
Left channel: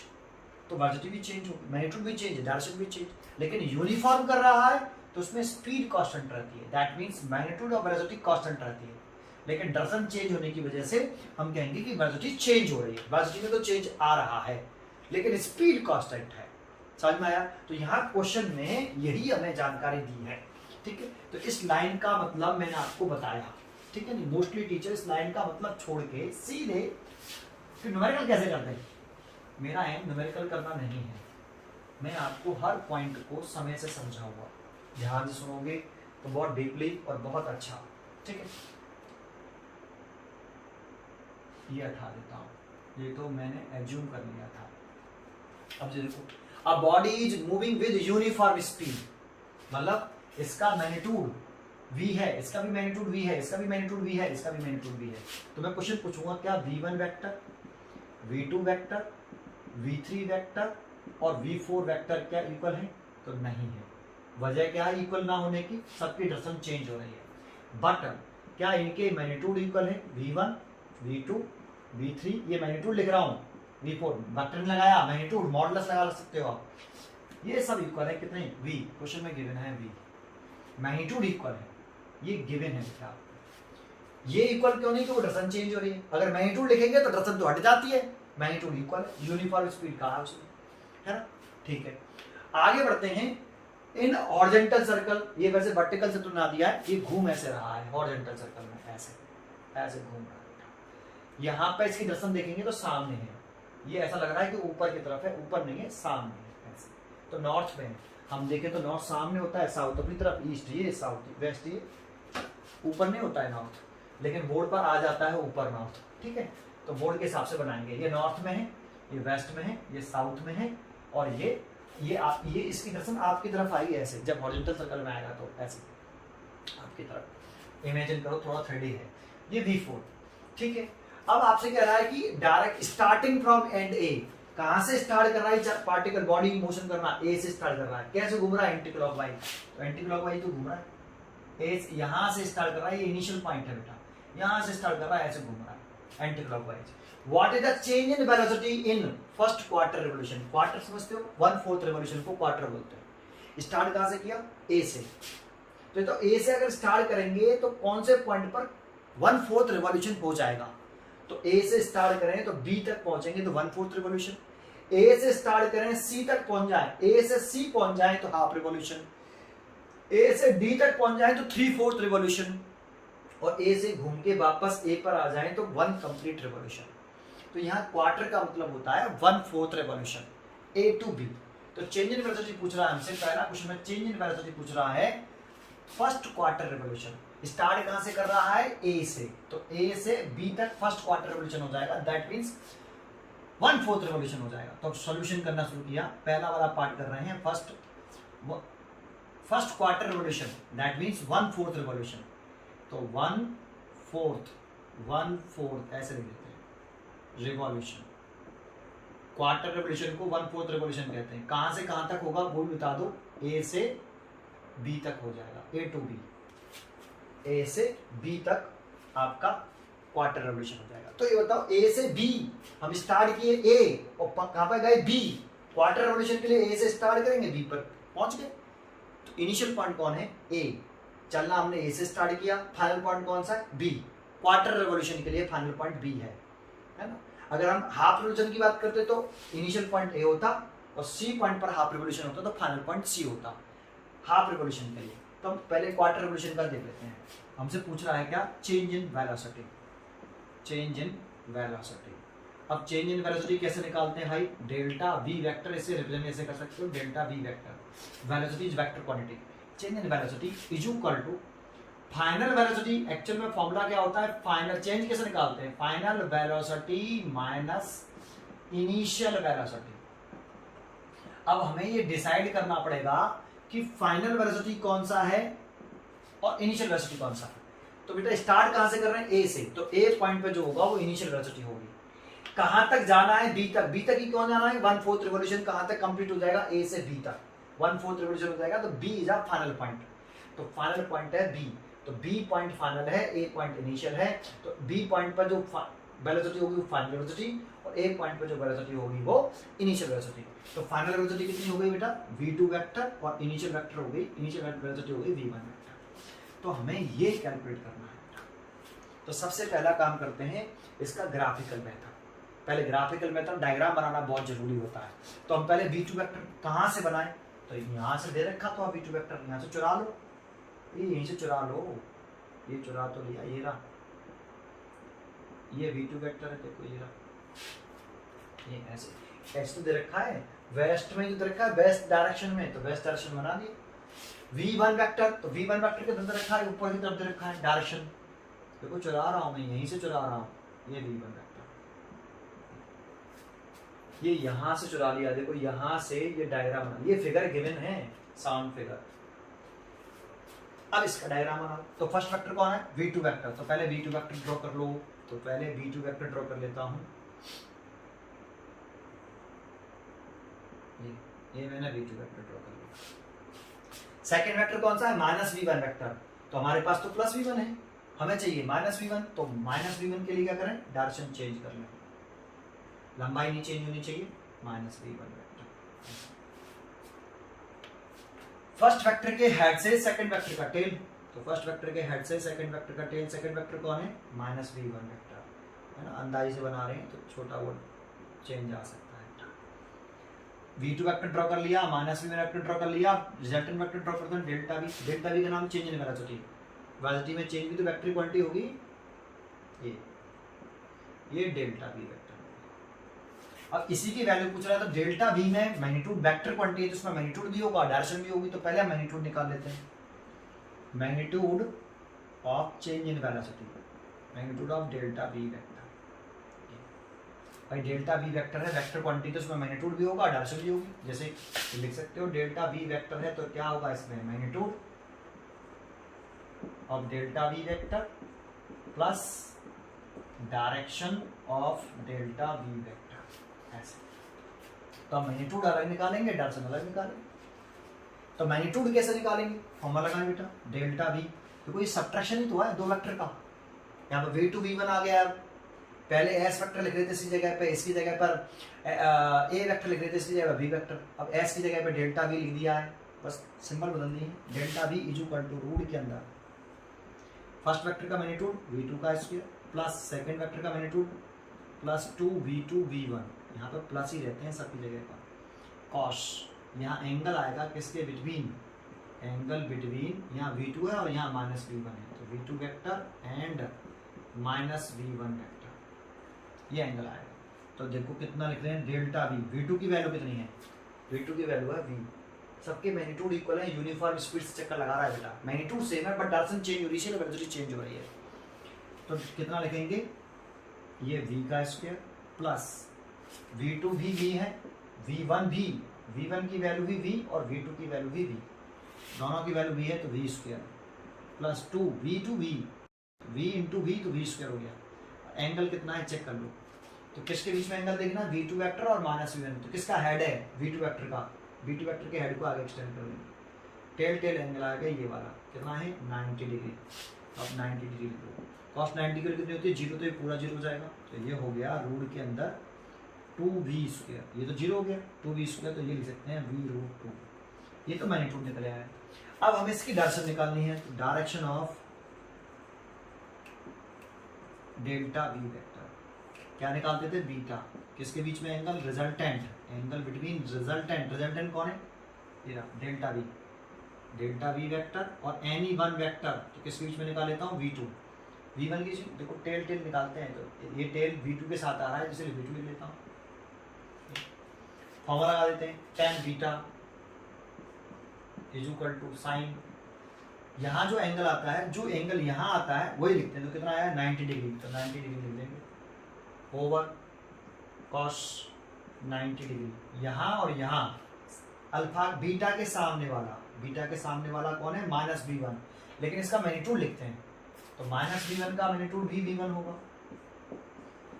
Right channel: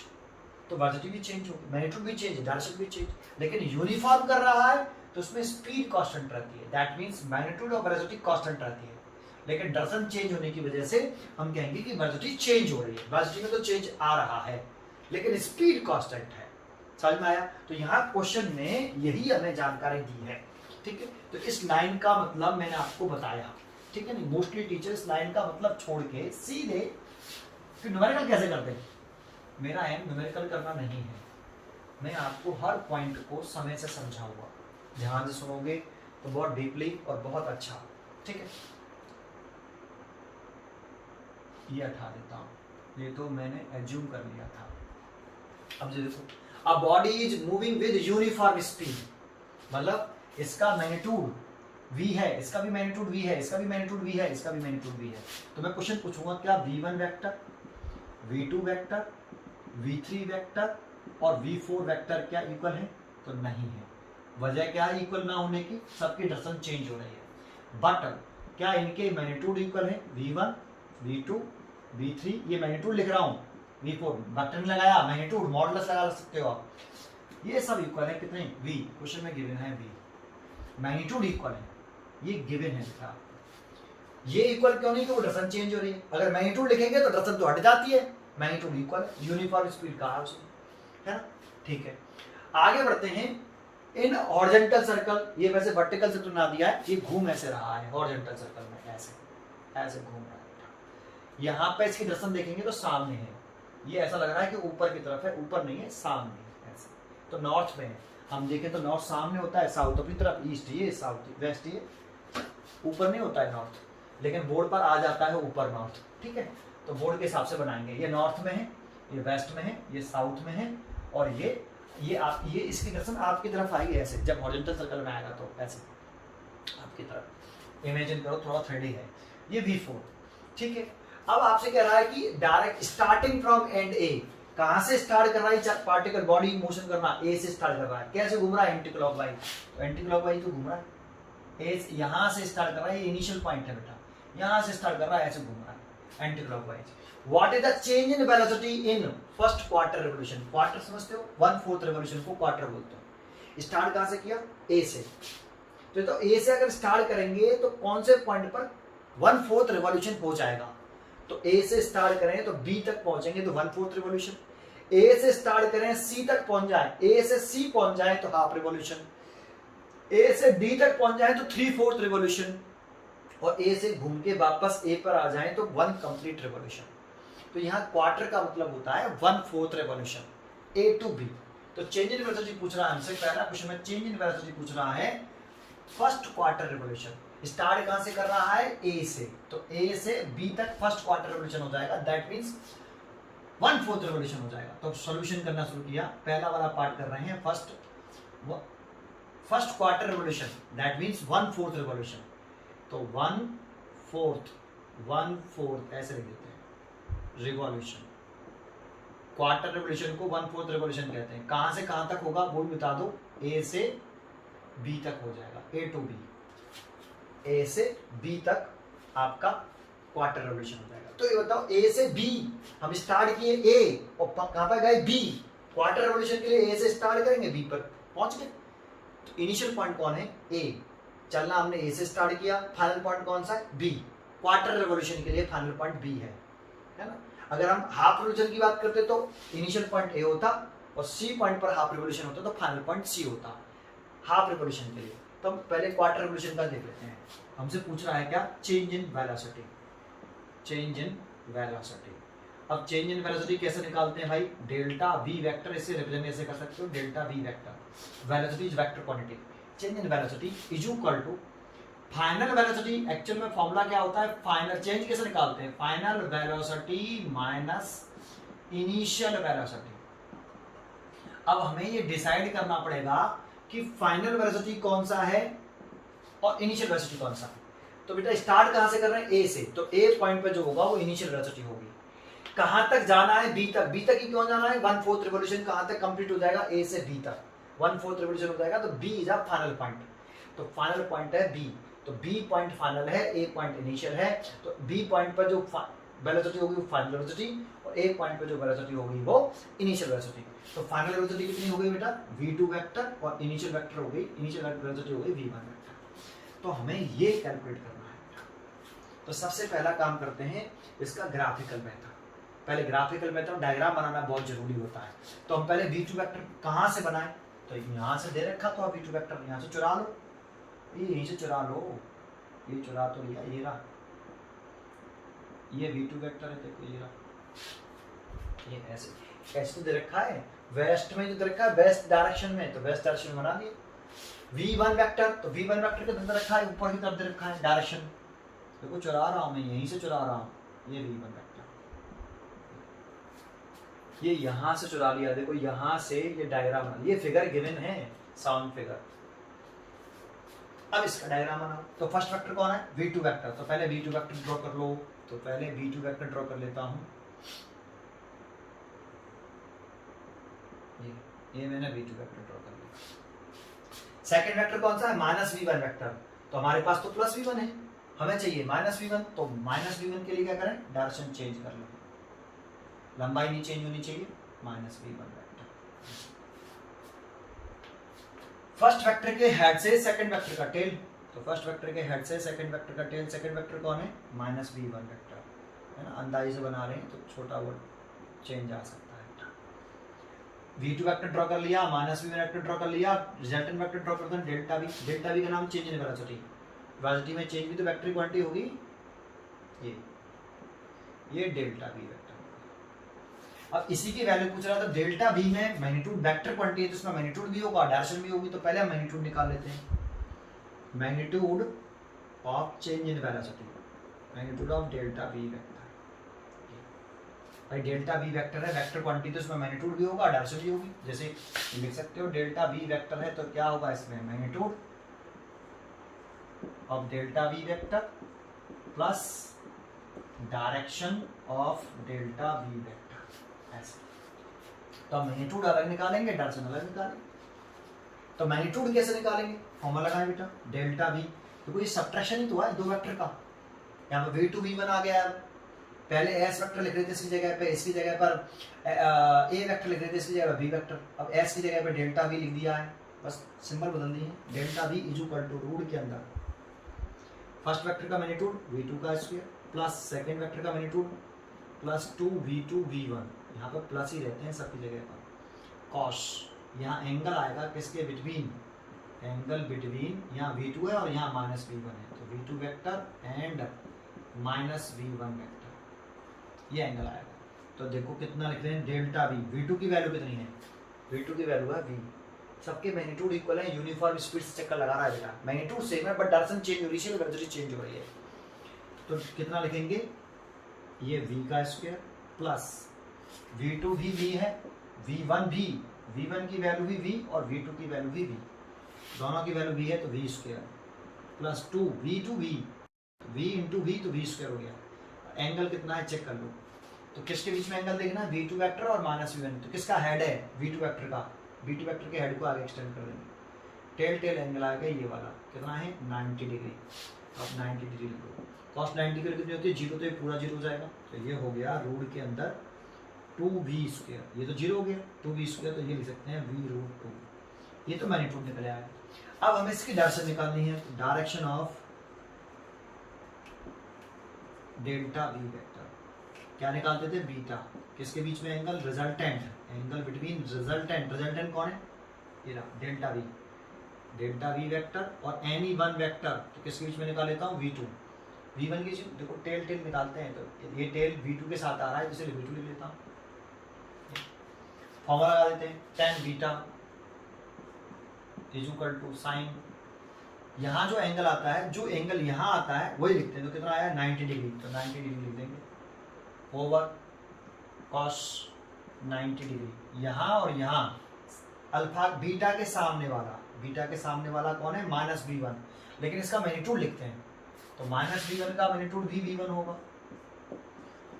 तो वेलोसिटी भी चेंज होगी, मैग्नीट्यूड भी चेंज, डायरेक्शन भी चेंज। लेकिन यूनिफॉर्म कर रहा है तो उसमें स्पीड कांस्टेंट रहती है, दैट मींस मैग्नीट्यूड और वेलोसिटी कांस्टेंट रहती है। लेकिन डायरेक्शन चेंज होने की वजह से हम कहेंगे कि वेलोसिटी चेंज हो रही है, वेलोसिटी में तो चेंज आ रहा है लेकिन स्पीड कांस्टेंट है। समझ में आया? तो यहाँ क्वेश्चन में यही हमें जानकारी दी है, ठीक है। तो इस लाइन का मतलब मैंने आपको बताया, ठीक है नहीं। मोस्टली टीचर इस लाइन का मतलब छोड़ के सीधे कि न्यूमेरिकल कैसे करते हैं, मेरा एम न्यूमेरिकल करना नहीं है, मैं आपको हर पॉइंट को समय से समझाऊंगा, ध्यान से सुनोगे तो बहुत डीपली और बहुत अच्छा, ठीक है। ये हटा देता हूँ, ये तो मैंने एज्यूम कर लिया था। अब देखो, a body is moving with uniform speed, मतलब इसका मैग्नीट्यूड v है, इसका भी मैग्नीट्यूड v है, इसका भी मैग्नीट्यूड v है, इसका भी मैग्नीट्यूड v है। तो मैं क्वेश्चन पूछूंगा, क्या v1 vector, v2 vector, v3 vector और v4 वेक्टर क्या इक्वल है? तो नहीं है। वजह क्या है इक्वल ना होने की? सबकी डायरेक्शन चेंज हो रही है। बट क्या इनके मैग्नीट्यूड इक्वल है? v1, v2, v3, ये मैग्नीट्यूड लिख रहा हूँ, v4 वेक्टर नहीं लगाया, मैग्नीट्यूड मॉडुलस लगा सकते हो आप, ये सब इक्वल है कितने? v, क्वेश्चन में गिवन है v, मैग्नीट्यूड इक्वल है, ये गिवन है बेटा। ये इक्वल क्यों नहीं? कि वो डायरेक्शन चेंज हो रही है। अगर मैग्नीट्यूड लिखेंगे तो डायरेक्शन तो हट जाती है, मैग्नीट्यूड इक्वल है, यूनिफॉर्म स्पीड कहा है ना, ठीक है। आगे बढ़ते हैं। इन हॉरिजॉन्टल सर्कल, ये वैसे वर्टिकल से तो ना दिया है, ये घूम ऐसे रहा है हॉरिजॉन्टल सर्कल में, ऐसे ऐसे घूम रहा है। यहाँ पे इसकी डायरेक्शन देखेंगे तो सामने है, ये ऐसा लग रहा है कि ऊपर की तरफ है, ऊपर नहीं है, सामने है, ऐसे तो नॉर्थ में है, हम देखें तो नॉर्थ सामने होता है, साउथ अपनी तरफ, ईस्ट ये, साउथ वेस्ट ये, ऊपर नहीं होता है नॉर्थ, लेकिन बोर्ड पर आ जाता है ऊपर नॉर्थ, ठीक है। तो बोर्ड के हिसाब से बनाएंगे, ये नॉर्थ में है, ये वेस्ट में है, ये साउथ में है, और ये इसकी दर्शन आपकी तरफ आएगी ऐसे, जब हॉरिजॉन्टल सर्कल में आएगा तो ऐसे आपकी तरफ इमेजिन करो, थोड़ा 3D है। ये V4, ठीक है। अब आपसे कह रहा है कि डायरेक्ट स्टार्टिंग फ्रॉम एंड ए, कहां से स्टार्ट कर रहा है पार्टिकल, बॉडी मोशन करना ए से स्टार्ट कर रहा है, कैसे घूम रहा है एंटी क्लॉकवाइज, तो एंटी क्लॉकवाइज तो घूम रहा है, ए यहां से स्टार्ट कर रहा है, ये इनिशियल पॉइंट है बेटा, यहां से स्टार्ट कर रहा है, ऐसे घूम रहा है anti clockwise. What is the change in velocity in first quarter revolution, quarter समझते हो, 1/4 रिवोल्यूशन को क्वार्टर बोलते हैं। स्टार्ट कहां से किया, ए से, तो ए से अगर स्टार्ट करेंगे तो कौन से पॉइंट पर 1/4 रिवोल्यूशन पहुंच जाएगा, तो ए से स्टार्ट करें तो बी तक पहुंचेंगे तो 1/4 रिवोल्यूशन, ए से स्टार्ट करें सी तक पहुंच जाए, ए से सी पहुंच जाए तो हाफ रिवोल्यूशन, ए से डी तक पहुंच जाए तो 3/4 रिवोल्यूशन, और ए से घूम के वापस ए पर आ जाए तो 1 कंप्लीट रिवोल्यूशन। तो यहाँ क्वार्टर का मतलब होता है 1/4 रिवोल्यूशन, ए टू बी। तो चेंज इन वेलोसिटी पूछ रहा है हमसे, पहला क्वेश्चन में चेंज इन वेलोसिटी पूछ रहा है फर्स्ट क्वार्टर रिवोल्यूशन, स्टार्ट कहां से कर रहा है, ए से, तो ए से बी तक फर्स्ट क्वार्टर रिवोल्यूशन हो जाएगा, दैट मींस 1/4 रिवोल्यूशन हो जाएगा। तो सॉल्यूशन करना शुरू किया, पहला वाला पार्ट कर रहे हैं first quarter revolution, that means 1/4 revolution, तो 1/4 ऐसे लिख देते हैं रिवॉल्यूशन, क्वार्टर रिवोल्यूशन को 1/4 रिवोल्यूशन कहते हैं। कहां से कहां तक होगा वो भी बता दो, ए से बी तक हो जाएगा, ए टू बी, ए से बी तक आपका क्वार्टर रिवोल्यूशन हो जाएगा। तो ये बताओ, ए से बी हम स्टार्ट किए ए और कहां पर गए बी, क्वार्टर रिवोल्यूशन के लिए ए से स्टार्ट करेंगे, बी पर पहुंच गए, तो इनिशियल पॉइंट कौन है, ए, चलना हमने ए से स्टार्ट किया, फाइनल पॉइंट कौन सा है, बी, क्वार्टर रिवोल्यूशन के लिए फाइनल पॉइंट बी है ना। अगर हम हाफ रिवोल्यूशन की बात करते तो इनिशियल पॉइंट ए होता और सी पॉइंट पर हाफ रिवोल्यूशन होता, तो फाइनल पॉइंट सी होता हाफ रिवोल्यूशन के लिए। तो हम पहले क्वार्टर रिवोल्यूशन का देख लेते हैं। हमसे पूछ रहा है क्या, चेंज इन वेलोसिटी, चेंज इन वेलोसिटी। अब चेंज इन वेलोसिटी कैसे निकालते हैं भाई, डेल्टा वी वेक्टर, इसे रिप्रेजेंट ऐसे कर सकते हो, delta V vector, velocity is vector quantity, change in velocity is equal to final velocity. Actual में फॉर्मूला क्या होता है, फाइनल चेंज कैसे निकालते हैं, final velocity minus initial velocity. अब हमें ये डिसाइड करना पड़ेगा कि फाइनल वेलोसिटी कौन सा है और इनिशियल वेलोसिटी कौन सा है। तो बेटा स्टार्ट कहां से कर रहे हैं, ए से, तो ए पॉइंट पे जो होगा वो इनिशियल वेलोसिटी होगी। कहां तक जाना है, बी तक, बी तक ही क्यों जाना है, 1/4 रिवोल्यूशन कहां तक कंप्लीट हो जाएगा, ए से बी तक 1/4 रिवोल्यूशन हो जाएगा, तो B is a final point, तो फाइनल पॉइंट है बी, तो बी पॉइंट फाइनल है, ए पॉइंट इनिशियल है, तो बी पॉइंट पर जो वेलोसिटी होगी वो फाइनल वेलोसिटी, और ए पॉइंट पर जो वेलोसिटी होगी वो इनिशियल वेलोसिटी। तो फाइनल वेलोसिटी कितनी हो गई बेटा, v2 वेक्टर, और इनिशियल वेक्टर हो गई, इनिशियल वेलोसिटी हो गई v1 वेक्टर। तो हमें ये कैलकुलेट करना है। तो सबसे पहला काम करते हैं इसका ग्राफिकल मेथड। पहले ग्राफिकल मेथड डायग्राम बनाना बहुत जरूरी होता है। तो हम पहले v2 वेक्टर कहाँ से बनाएं, तो यहाँ से दे रखा, तो v2 वेक्टर यहाँ से चुरा लो, ये यहीं से चुरा लो, ये चुरा तो लिया, ये रहा, ये v2 वेक्टर है, देखो ये रहा, ये ऐसे ऐसे तो दे रखा है, वेस्ट में जो दे रखा है, वेस्ट डायरेक्शन में, तो वेस्ट डायरेक्शन बना दिए। v1 वेक्टर, तो v1 वेक्टर के अंदर रखा है, ऊपर की तरफ दे रखा है डायरेक्शन, देखो चुरा रहा हूँ मैं, यहीं से चुरा रहा हूँ, ये v1 वेक्टर, ये यहाँ से चुरा लिया, देखो यहाँ से ये डायग्राम बना, ये फिगर गिवन है, साउंड फिगर। अब इसका डायग्राम बनाओ। तो फर्स्ट वेक्टर कौन है, v2 वेक्टर, तो पहले v2 वेक्टर ड्रॉ कर लो, तो पहले v2 वेक्टर ड्रॉ कर लेता हूँ, ये मैंने v2 वेक्टर ड्रॉ कर लिया। सेकंड वेक्टर कौन सा है, -v1 वेक्टर, तो हमारे पास तो +v1 है, हमें चाहिए -v1, तो -v1 के लिए क्या करें, डायरेक्शन चेंज कर लें, लंबाई नहीं चेंज होनी चाहिए, -v1 वेक्टर। फर्स्ट वेक्टर के हेड से सेकंड वेक्टर का टेल, तो फर्स्ट वेक्टर के हेड से सेकंड वेक्टर का टेल, सेकंड वेक्टर कौन है, -v1 वेक्टर, है ना, अंदाजे से बना रहे हैं तो छोटा वो चेंज आ सकता है। v2 वेक्टर ड्रॉ कर लिया, -v1 वेक्टर ड्रॉ कर लिया, रिजल्टेंट वेक्टर ड्रॉ करते हैं डेल्टा v, डेल्टा v का नाम चेंज इन वेलोसिटी, वेलोसिटी में चेंज भी तो वेक्टर क्वांटिटी होगी, ये डेल्टा v वेक्टर। अब इसी की वैल्यू पूछ रहा था, डेल्टा वी में मैग्नीट्यूड वेक्टर क्वांटिटी है तो उसमें मैग्नीट्यूड भी होगा, डायरेक्शन भी होगी, तो पहले हम मैग्नीट्यूड निकाल लेते हैं। Magnitude of change in velocity, magnitude of delta V vector. भाई डेल्टा वी वेक्टर है, वेक्टर क्वांटिटी तो उसमें मैग्नीट्यूड भी होगा, डायरेक्शन भी होगी। जैसे लिख सकते हो डेल्टा वी वेक्टर है तो क्या होगा इसमें, magnitude of delta V vector plus direction of delta V vector, ऐसे। तो हम मैग्नीट्यूड अलग निकालेंगे, डायरेक्शन अलग निकालेंगे। तो मैग्नीट्यूड कैसे निकालेंगे, फॉर्मूला लगाएं बेटा, डेल्टा वी, क्योंकि ये सबट्रैक्शन ही तो है दो वेक्टर का। यहाँ पर v2 v1 आ गया, पहले s वेक्टर लिख रहे थे इसकी जगह पर, इसकी जगह पर a वेक्टर लिख रहे थे इसकी जगह पर b वेक्टर, अब s की जगह पर डेल्टा v लिख दिया है, बस सिंबल बदल दी है। Delta v is equal to root के अंदर फर्स्ट वेक्टर का मैग्नीट्यूड v2 का स्क्वायर प्लस सेकंड वेक्टर का मैग्नीट्यूड प्लस 2v2 v1, यहाँ पर प्लस ही रहते हैं सबकी जगह पर, कॉस, यहाँ एंगल आएगा किसके बिटवीन, एंगल बिटवीन, यहाँ v2 है और यहाँ माइनस v1 है, तो v2 vector and minus v1 vector, ये एंगल आएगा। तो देखो कितना लिख रहे हैं, डेल्टा v, v2 की वैल्यू कितनी है, v2 की वैल्यू है v, सबके मैग्नीट्यूड इक्वल है, यूनिफॉर्म स्पीड से चक्कर लगा रहा है बेटा, मैग्नीट्यूड सेम है बट डायरेक्शन चेंज हो रही है, वेलोसिटी चेंज हो रही है। तो कितना लिखेंगे, ये v का स्क्वायर प्लस v2 भी v है, v1 भी, v1 की वैल्यू भी v और v2 की वैल्यू भी v, दोनों की वैल्यू v है तो v square plus 2 v2 v, v into v तो v स्क्वायर हो गया। एंगल कितना है चेक कर लो, तो किसके बीच में एंगल देखना, v2 वेक्टर और माइनस v1, तो किसका हेड है, v2 वेक्टर का, v2 वेक्टर के हेड को आगे एक्सटेंड कर देंगे, टेल टेल एंगल आएगा ये वाला, कितना है 90 डिग्री। अब 90 डिग्री लिखो, कॉस 90 डिग्री कितनी होती है, जीरो, तो ये पूरा जीरो हो जाएगा, तो ये हो गया रूट के अंदर 2v स्क्वायर, ये तो जीरो हो गया 2v स्क्वायर, तो ये लिख सकते हैं v√2, ये तो मैग्नीट्यूड निकल आया है। अब हमें इसकी डायरेक्शन निकालनी है, direction of delta V vector क्या निकालते थे, बीटा, किसके बीच में angle, resultant, angle between resultant, resultant कौन है, ये delta we, delta V vector और एनी वन वेक्टर, तो किसके बीच में निकाल लेता हूँ, v2, v1 की, देखो टेल टेल निकालते हैं, तो ये टेल v2 के साथ आ रहा है, जिसे v2 लिख लेता हूँ, फॉर्मूला लगा देते हैं, tan beta is equal to sine, यहाँ जो एंगल आता है, जो एंगल यहाँ आता है वही लिखते हैं, तो कितना आया 90 डिग्री, तो 90 डिग्री लिख देंगे ओवर कॉस 90 डिग्री, यहाँ और यहाँ अल्फा बीटा के सामने वाला, बीटा के सामने वाला कौन है, माइनस v1, लेकिन इसका मैग्नीट्यूड लिखते हैं, तो माइनस v1 का मैग्नीट्यूड भी v1 होगा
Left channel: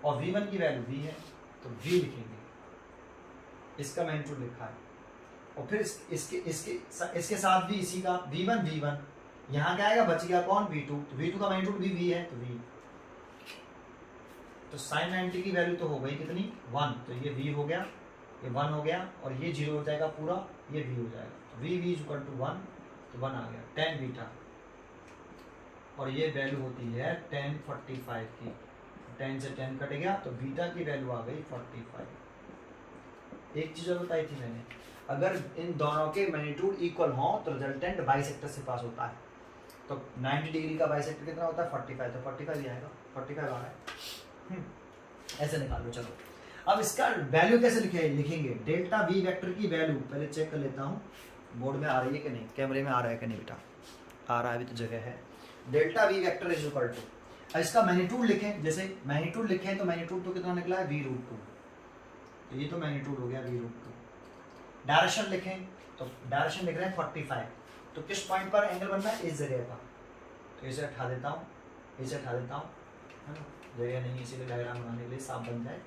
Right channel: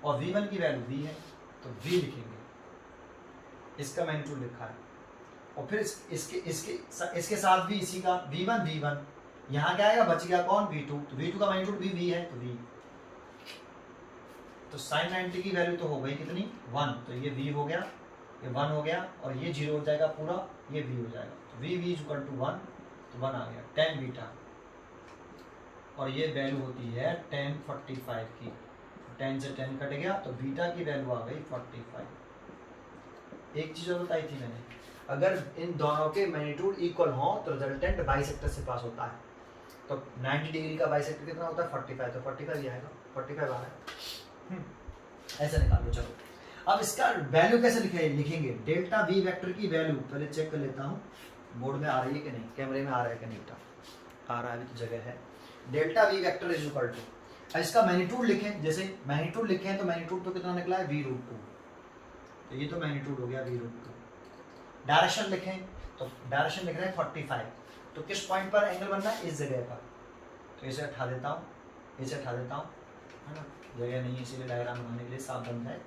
और v1 की वैल्यू v है, तो v लिखेंगे, इसका मैग्नीट्यूड लिखा है, और फिर इसके साथ भी इसी का v1, यहाँ क्या आएगा, बच गया कौन, v2, तो v2 का मैग्नीट्यूड भी v है, तो v, तो साइन 90 की वैल्यू तो हो गई कितनी 1, तो ये v हो गया, ये 1 हो गया, और ये 0 हो जाएगा पूरा, ये v हो जाएगा, तो v इज इक्वल टू 1, तो 1 आ गया tan बीटा, और ये वैल्यू होती है tan 45 की, 10 से 10 कट गया, तो बीटा की वैल्यू आ गई 45। एक चीज़ और बताई थी मैंने, अगर इन दोनों के मैग्नीट्यूड इक्वल हो तो रिजल्टेंट बाइसेक्टर से पास होता है, तो 90 डिग्री का बाइसेक्टर कितना होता है 45, तो 45 ये आएगा, 45 आ रहा है, ऐसे निकालो। चलो अब इसका वैल्यू कैसे लिखेंगे, डेल्टा वी वेक्टर की वैल्यू पहले चेक कर लेता हूँ, बोर्ड में आ रही है कि नहीं, कैमरे में आ रहा है कि नहीं बेटा, आ रहा है, अभी तो जगह है। Delta V vector is equal to, अब इसका मैग्नीट्यूड लिखें, जैसे मैग्नीट्यूड लिखें तो मैग्नीट्यूड तो कितना निकला है v√2, तो ये तो मैग्नीट्यूड हो गया v√2। डायरेक्शन लिखें तो डायरेक्शन लिख रहे हैं 45, तो किस पॉइंट पर एंगल बनना है, इस जगह पर, तो इसे हटा देता हूँ, इसे हटा देता हूँ, है ना, जगह नहीं इसीलिए डायग्राम बनाने के लिए साफ बन जाए।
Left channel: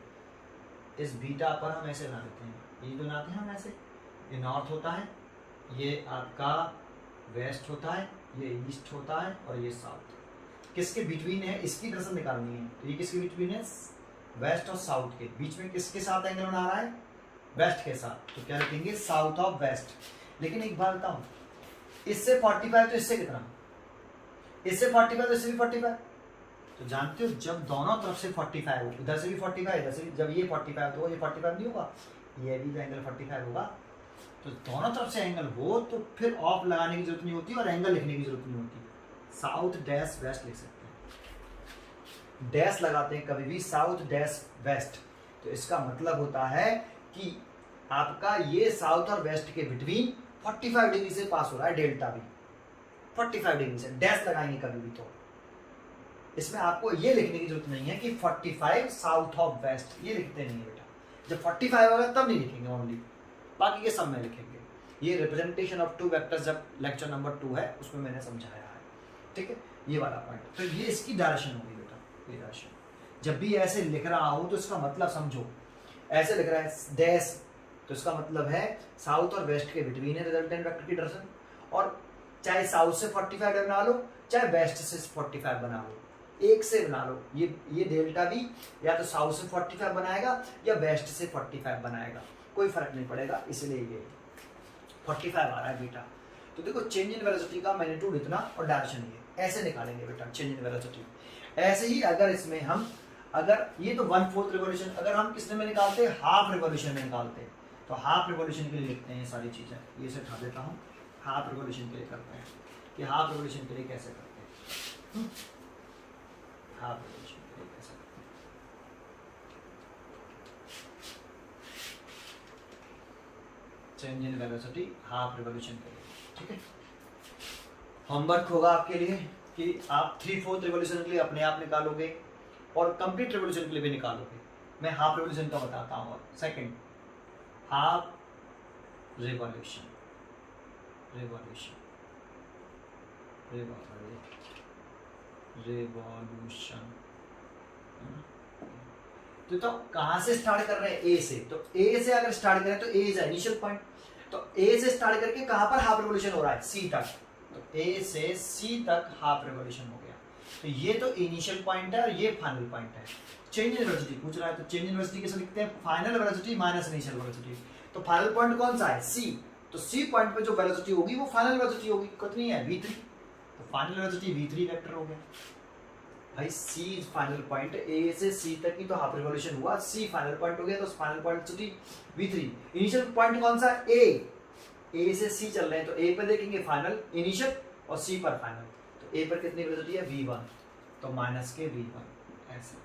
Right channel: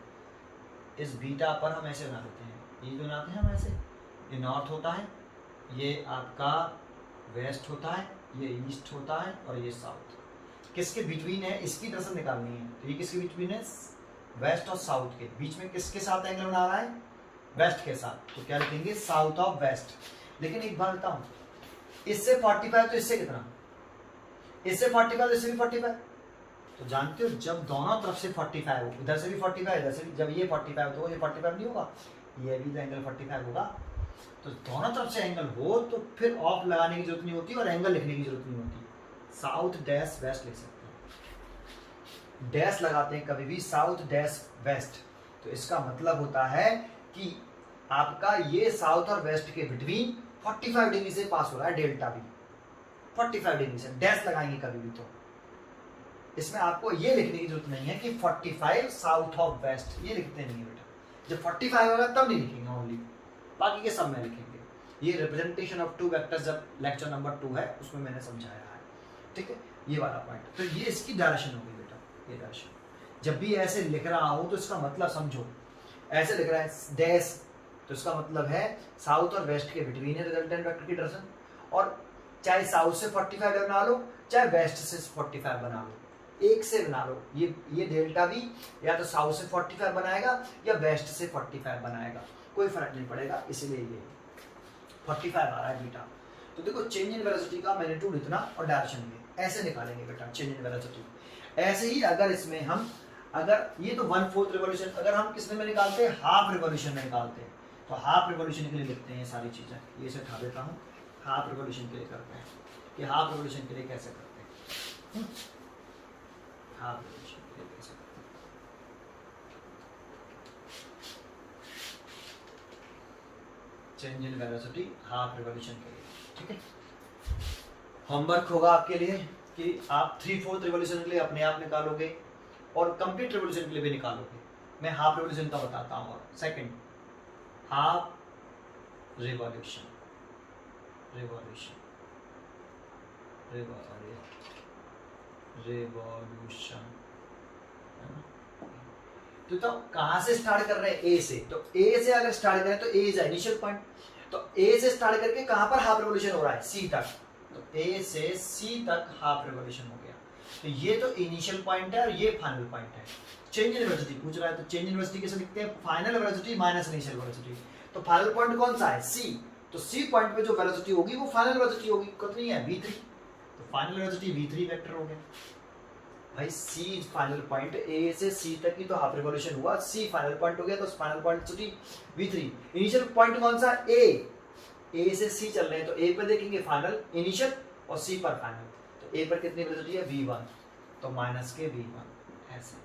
इस बीटा पर हम ऐसे बना देते हैं, ये बनाते हैं हम ऐसे, ये नॉर्थ होता है, ये आपका वेस्ट होता है, ये ईस्ट होता है और ये साउथ, किसके बिटवीन है, इसकी डायरेक्शन निकालनी है, तो ये किसके बिटवीन है, वेस्ट और साउथ के बीच में, किसके साथ एंगल बना रहा है, वेस्ट के साथ, तो क्या लिखेंगे साउथ ऑफ वेस्ट। लेकिन एक बात बताऊं, इससे 45 तो इससे कितना, इससे 45 तो इससे भी 45, तो जानते हो जब दोनों तरफ से 45 हो, इधर से भी 45 इधर से भी, जब ये 45 तो ये 45 नहीं होगा, ये भी तो एंगल 45 होगा, तो दोनों तरफ से एंगल हो तो फिर ऑफ लगाने की जरूरत नहीं होती और एंगल लिखने की जरूरत नहीं होती, साउथ डैश वेस्ट लिख सकते हैं, डैश लगाते हैं कभी भी, साउथ डैश वेस्ट, तो इसका मतलब होता है कि आपका ये साउथ और वेस्ट के बिटवीन 45 डिग्री से पास हो रहा है डेल्टा बी, 45 डिग्री से डैश लगाएंगे कभी भी। तो इसमें आपको ये लिखने की जरूरत नहीं है कि 45 साउथ ऑफ वेस्ट, ये लिखते नहीं है बेटा। जब 45 होगा तब नहीं लिखेंगे ओनली, बाकी के सब में लिखेंगे। ये रिप्रेजेंटेशन ऑफ टू वेक्टर्स जब लेक्चर नंबर 2 है उसमें मैंने समझाया है, ठीक है, ये वाला पॉइंट। तो ये इसकी डायरेक्शन होगी बेटा, ये डायरेक्शन। जब भी ऐसे लिख रहा हूं तो इसका मतलब समझो, ऐसे लिख रहा है डैश, तो इसका मतलब है साउथ और वेस्ट के बिटवीन है रिजल्टेंट वेक्टर की डायरेक्शन। और चाहे साउथ से 45 बना लो, चाहे वेस्ट से 45 बना लो, एक से बना लो। ये डेल्टा बी या तो साउथ से 45 बनाएगा या वेस्ट से 45 बनाएगा, कोई फर्क नहीं पड़ेगा, इसलिए ये 45 आ रहा है बेटा। तो देखो चेंज इन वेलोसिटी का मैग्नीट्यूड इतना और डायरेक्शन ये, ऐसे निकालेंगे बेटा चेंज इन वेलोसिटी। ऐसे ही अगर इसमें हम, अगर ये तो 1/4 रिवॉल्यूशन, अगर हम किसने में निकालते हैं, हाफ रिवॉल्यूशन में निकालते हैं, तो हाफ रिवॉल्यूशन के लिए लिखते हैं ये सारी चीज़ें, ये से उठा देता हूँ, हाफ रिवॉल्यूशन के लिए करते हैं कि हाफ रिवॉल्यूशन के लिए कैसे करते हैं, हाफ रिवॉल्यूशन के लिए कैसे करते हैं। Change in velocity half revolution के लिए, ठीक है। होमवर्क होगा आपके लिए कि आप 3/4 रिवॉल्यूशन के लिए अपने आप निकालोगे और कंप्लीट रिवॉल्यूशन के लिए भी निकालोगे। मैं हाफ रिवॉल्यूशन का बताता हूँ। और second, half revolution, revolution, revolution, तो कहाँ से स्टार्ट कर रहे हैं, ए से। तो ए से अगर स्टार्ट करें तो ए इज इनिशियल पॉइंट, तो ए से स्टार्ट करके कहाँ पर हाफ रिवॉल्यूशन हो रहा है, सी तक। तो ए से सी तक हाफ रिवॉल्यूशन हो गया। तो ये तो इनिशियल पॉइंट है और ये फाइनल पॉइंट है। चेंज इन वेलोसिटी पूछ रहा है, तो चेंज इन वेलोसिटी कैसे लिखते हैं, final velocity minus initial velocity. तो फाइनल पॉइंट कौन सा है, सी। तो सी पॉइंट पे जो वेलोसिटी होगी वो फाइनल वेलोसिटी होगी, कितनी है, v3। तो फाइनल वेलोसिटी v3 वेक्टर हो गया भाई। सी फाइनल पॉइंट, ए से सी तक की तो हाफ रिवॉल्यूशन हुआ, सी फाइनल पॉइंट हो गया, तो final point v3। Initial point कौन सा, ए से सी चल रहे हैं, तो ए पर देखेंगे फाइनल इनिशियल और सी पर फाइनल। तो ए पर कितनी वेलोसिटी है, v1, तो माइनस के v1 ऐसा।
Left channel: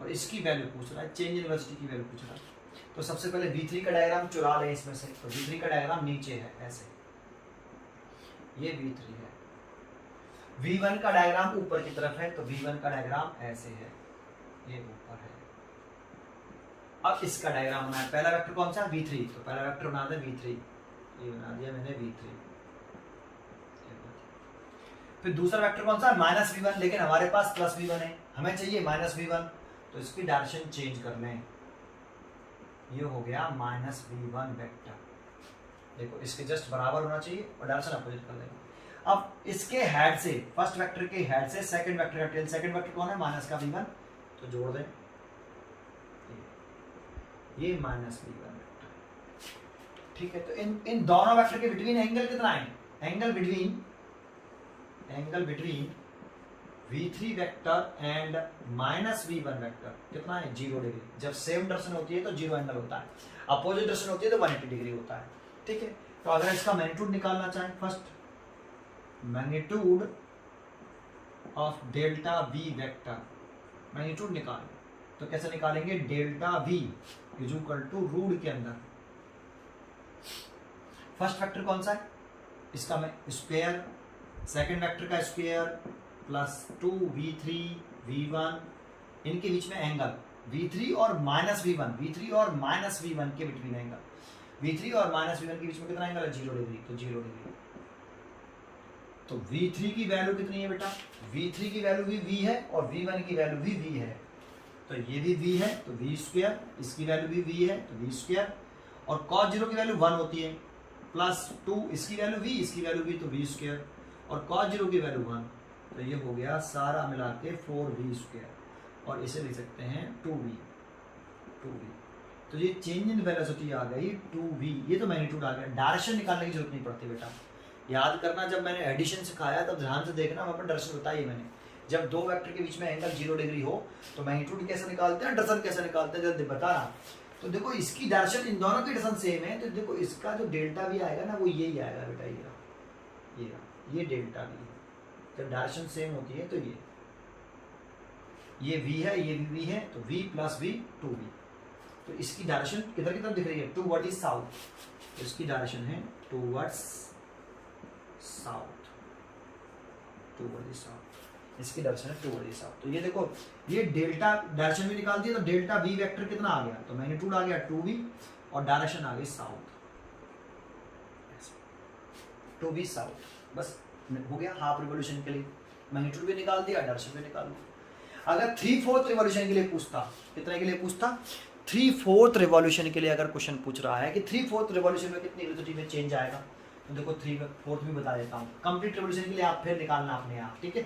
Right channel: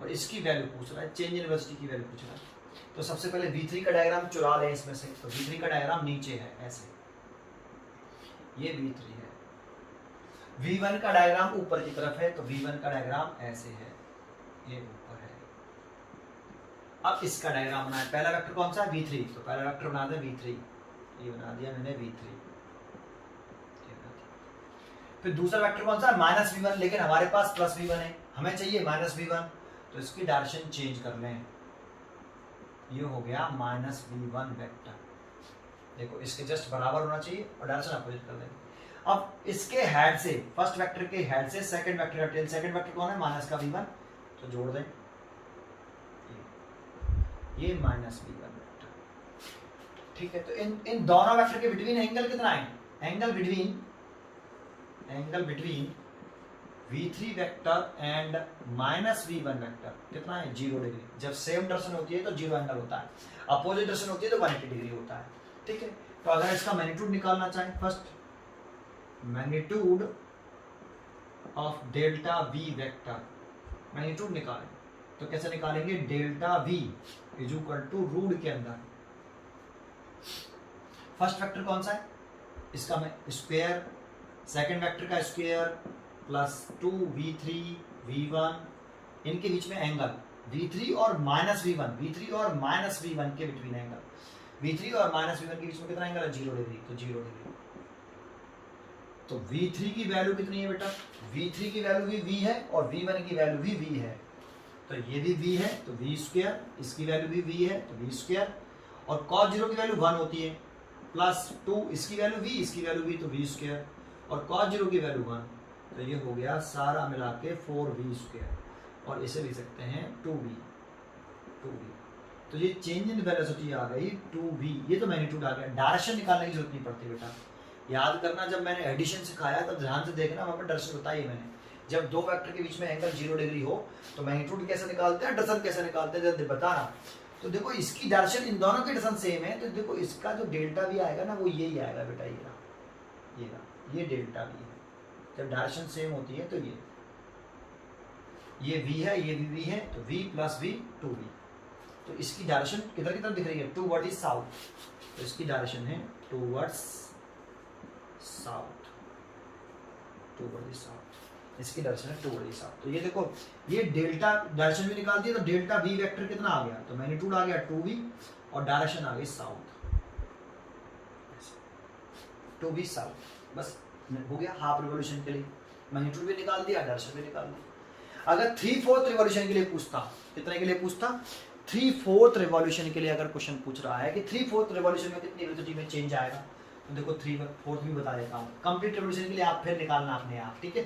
और इसकी वैल्यू पूछ रहा है, चेंज इन वेलोसिटी की वैल्यू पूछ रहा है। तो सबसे पहले v3 का डायग्राम चुरा लें इसमें से। तो v3 का डायग्राम नीचे है ऐसे, ये v3 है। v1 का डायग्राम ऊपर की तरफ है, तो v1 का डायग्राम ऐसे है, ये ऊपर है। अब इसका डायग्राम बना है, पहला वेक्टर कौन सा है, v3। तो पहला वेक्टर बना दे v3, ये बना दिया मैंने v3। फिर दूसरा वेक्टर कौन सा है, -v1, लेकिन हमारे पास +v1 है, हमें चाहिए -v1, तो इसकी डायरेक्शन चेंज कर लें। ये हो गया -v1 वेक्टर, देखो इसके जस्ट बराबर होना चाहिए और डायरेक्शन अपोजिट कर लेंगे। अब इसके हेड से, फर्स्ट वेक्टर के हेड से सेकंड वेक्टर का टेल, सेकंड वेक्टर कौन है, माइनस का v1, तो जोड़ दें ये -v1 वेक्टर, ठीक है। तो इन दोनों वेक्टर के बिटवीन एंगल कितना है, angle between v3 vector and -v1 vector कितना है, 0 डिग्री। जब सेम डायरेक्शन होती है तो 0 एंगल होता है, अपोजिट डायरेक्शन होती है तो 180 डिग्री होता है, ठीक है। तो अगर इसका मैग्नीट्यूड निकालना चाहें, first magnitude of delta v vector, magnitude निकालें तो कैसे निकालेंगे, delta v is equal to root के अंदर फर्स्ट वेक्टर कौन सा है, इसका मैं स्क्वायर, सेकंड वेक्टर का स्क्वायर प्लस 2v3 v1, इनके बीच में एंगल v3 और -v1, v3 और -v1 के बिटवीन एंगल, v3 और -v1 के बीच में कितना एंगल है, 0 डिग्री, तो 0 डिग्री। तो v3 की वैल्यू कितनी है बेटा, v3 की वैल्यू भी v है और v1 की वैल्यू भी v है। तो ये भी v है तो v स्क्वायर, इसकी वैल्यू भी v है तो v स्क्वायर, और cos 0 की वैल्यू 1 होती है, प्लस 2 इसकी वैल्यू v, इसकी वैल्यू v, तो v स्क्वायर, और cos 0 की वैल्यू 1, तो ये हो गया सारा मिला के 4v स्क्वायर, और इसे लिख सकते हैं 2v। तो ये चेंज इन वेलोसिटी आ गई 2v, ये तो मैग्नीट्यूड आ गया। डायरेक्शन निकालने की जरूरत नहीं पड़ती बेटा, याद करना जब मैंने एडिशन सिखाया तब ध्यान से देखना, वहाँ पर डायरेक्शन बताई मैंने। जब दो वेक्टर के बीच में एंगल 0 डिग्री हो तो मैग्नीट्यूड कैसे निकालते हैं, डायरेक्शन कैसे निकालते हैं, जल्दी बताना। तो देखो इसकी डायरेक्शन, इन दोनों की डायरेक्शन सेम है, तो देखो इसका जो डेल्टा भी आएगा ना वो यही आएगा बेटा, ये डेल्टा भी है। जब डायरेक्शन सेम होती है तो ये v है, ये भी v है, तो v प्लस v 2v, तो इसकी डायरेक्शन किधर की तरफ दिख रही है, टूवर्ड द साउथ, तो इसकी डायरेक्शन है towards south, toward the south, इसकी डायरेक्शन है टूवर्ड द साउथ। तो ये देखो ये डेल्टा डायरेक्शन भी निकाल दी, तो डेल्टा वी वेक्टर कितना आ गया, तो मैग्नीट्यूड आ गया 2v और डायरेक्शन आ गई साउथ, 2v साउथ, बस हो गया हाफ रिवॉल्यूशन के लिए मैग्नीट्यूड भी निकाल दिया, डायरेक्शन भी निकाल दिया। अगर 3/4 रिवॉल्यूशन के लिए पूछता, कितने के लिए पूछता, 3/4 रिवॉल्यूशन के लिए अगर क्वेश्चन पूछ रहा है कि 3/4 रिवॉल्यूशन में कितनी वेलोसिटी में चेंज आएगा, तो देखो 3/4 भी बता देता हूँ। कंप्लीट रिवॉल्यूशन के लिए आप फिर निकालना अपने आप, ठीक है,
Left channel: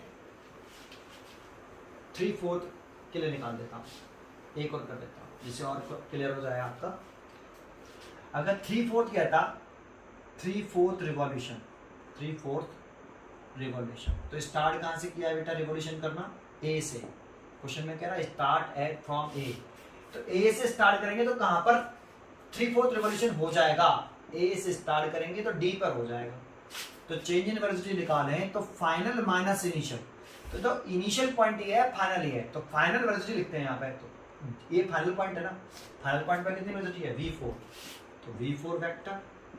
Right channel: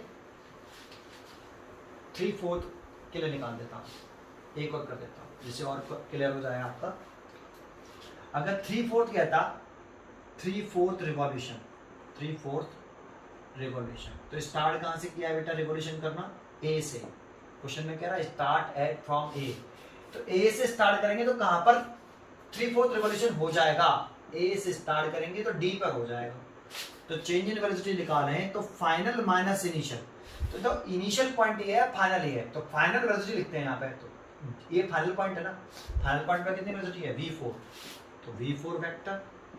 3/4 के लिए निकाल देता हूँ, एक और कर देता हूँ जिससे और क्लियर हो जाए आपका। अगर 3/4 कहता 3/4 रिवॉल्यूशन, 3/4 रिवॉल्यूशन, तो स्टार्ट कहाँ से किया बेटा रिवॉल्यूशन करना, ए से। क्वेश्चन में कह रहा है स्टार्ट एट फ्रॉम ए, तो ए से स्टार्ट करेंगे तो कहाँ पर 3/4 रिवॉल्यूशन हो जाएगा, ए से स्टार्ट करेंगे तो डी पर हो जाएगा। तो चेंज इन वेलोसिटी निकालें तो फाइनल माइनस इनिशियल, तो इनिशियल पॉइंट ये है, फाइनल ये है, तो फाइनल वेलोसिटी लिखते हैं यहाँ पे, तो ये फाइनल पॉइंट है ना, फाइनल पॉइंट पर कितनी वेलोसिटी है v4, तो v4 vector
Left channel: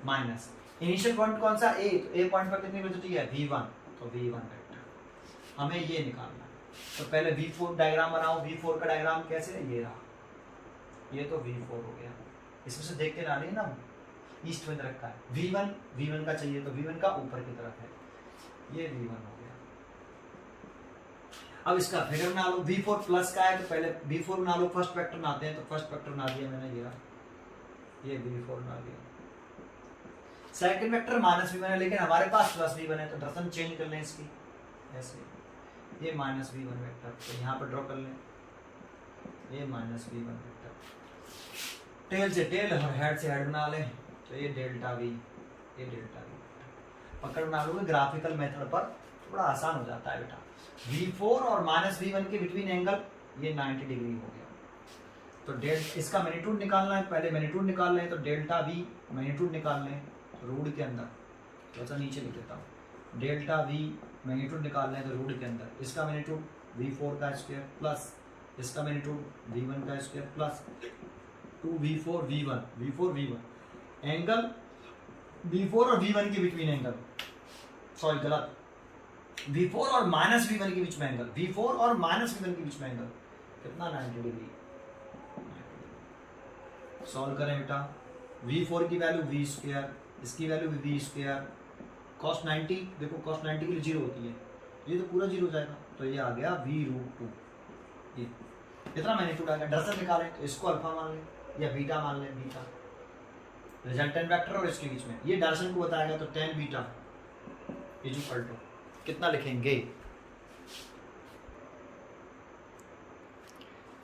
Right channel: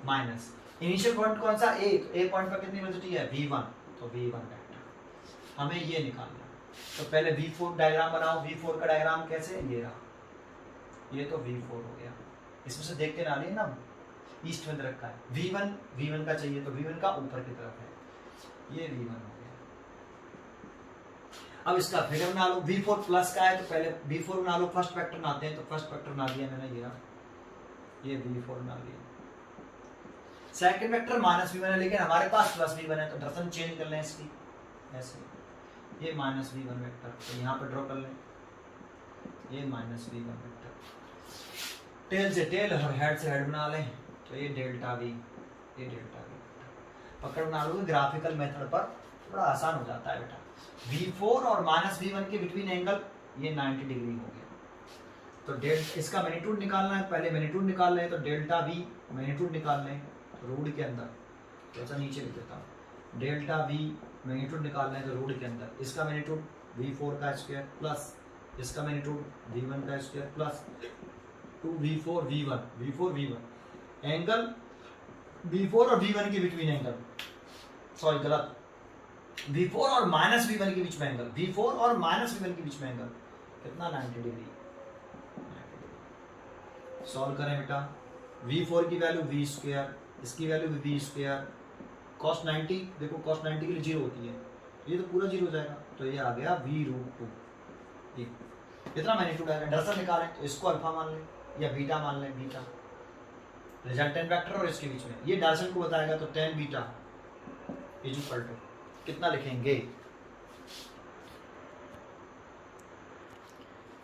minus initial point कौन सा a, तो a पॉइंट पर कितनी वेलोसिटी है v1, तो v1 वेक्टर, हमें ये निकालना। तो पहले v4 डायग्राम बनाओ, v4 का डायग्राम कैसे, ये रहा, ये तो v4 हो गया, इसमें से देखते ना ना ईस्ट में रखा है, v1 का चाहिए, तो v1 का ऊपर की तरफ है, ये v1 हो गया। अब इसका फिगर बना लो, v4 प्लस का है तो पहले v4 बना लो, फर्स्ट वेक्टर बनाते हैं, तो फर्स्ट वेक्टर बना दिया मैंने, ये v4 बना लिया। सेकंड वेक्टर माइनस v1 है, लेकिन हमारे पास प्लस v1 है, तो डायरेक्शन चेंज कर लें इसकी, ऐसे ये माइनस v1 वेक्टर, तो यहाँ पर ड्रॉ कर लें, ये माइनस v1 वेक्टर, टेल से टेल और हेड से हेड बना लें, तो ये डेल्टा v, ये डेल्टा v पकड़ बना लो। ग्राफिकल मेथड पर थोड़ा आसान हो जाता है बेटा। v4 और माइनस v1 के बिटवीन एंगल ये 90 डिग्री हो गया, तो डेल्टा इसका मैग्नीट्यूड निकालना है, पहले मैग्नीट्यूड निकाल लें, तो डेल्टा v मैग्नीट्यूड निकाल लें, रूट के अंदर, जैसा नीचे लिख देता हूँ, डेल्टा v मैग्नीट्यूड निकालना है तो रूट के अंदर, इसका मैग्नीट्यूड v4 का स्क्वायर प्लस इसका मैग्नीट्यूड v1 का square plus 2v4 v1 angle v4 और v1 के बिटवीन एंगल, सॉरी गलत, v4 और माइनस v1 के बीच में एंगल, v4 और माइनस v1 के बीच में एंगल कितना, 90 डिग्री। सॉल्व करें बेटा, v4 की वैल्यू v स्क्वायर, इसकी वैल्यू भी v स्क्वायर, cos 90, देखो cos 90 के लिए 0 होती है, ये तो पूरा 0 हो जाएगा, तो ये आ गया v√2, ये इतना मैग्नीट्यूड आ गया। डायरेक्शन निकालें तो इसको अल्फा मान लें या बीटा मान लें, बीटा रिजल्टेंट वेक्टर और इसके बीच में ये डायरेक्शन को बताएगा, तो tan beta is equal to कितना लिखेंगे,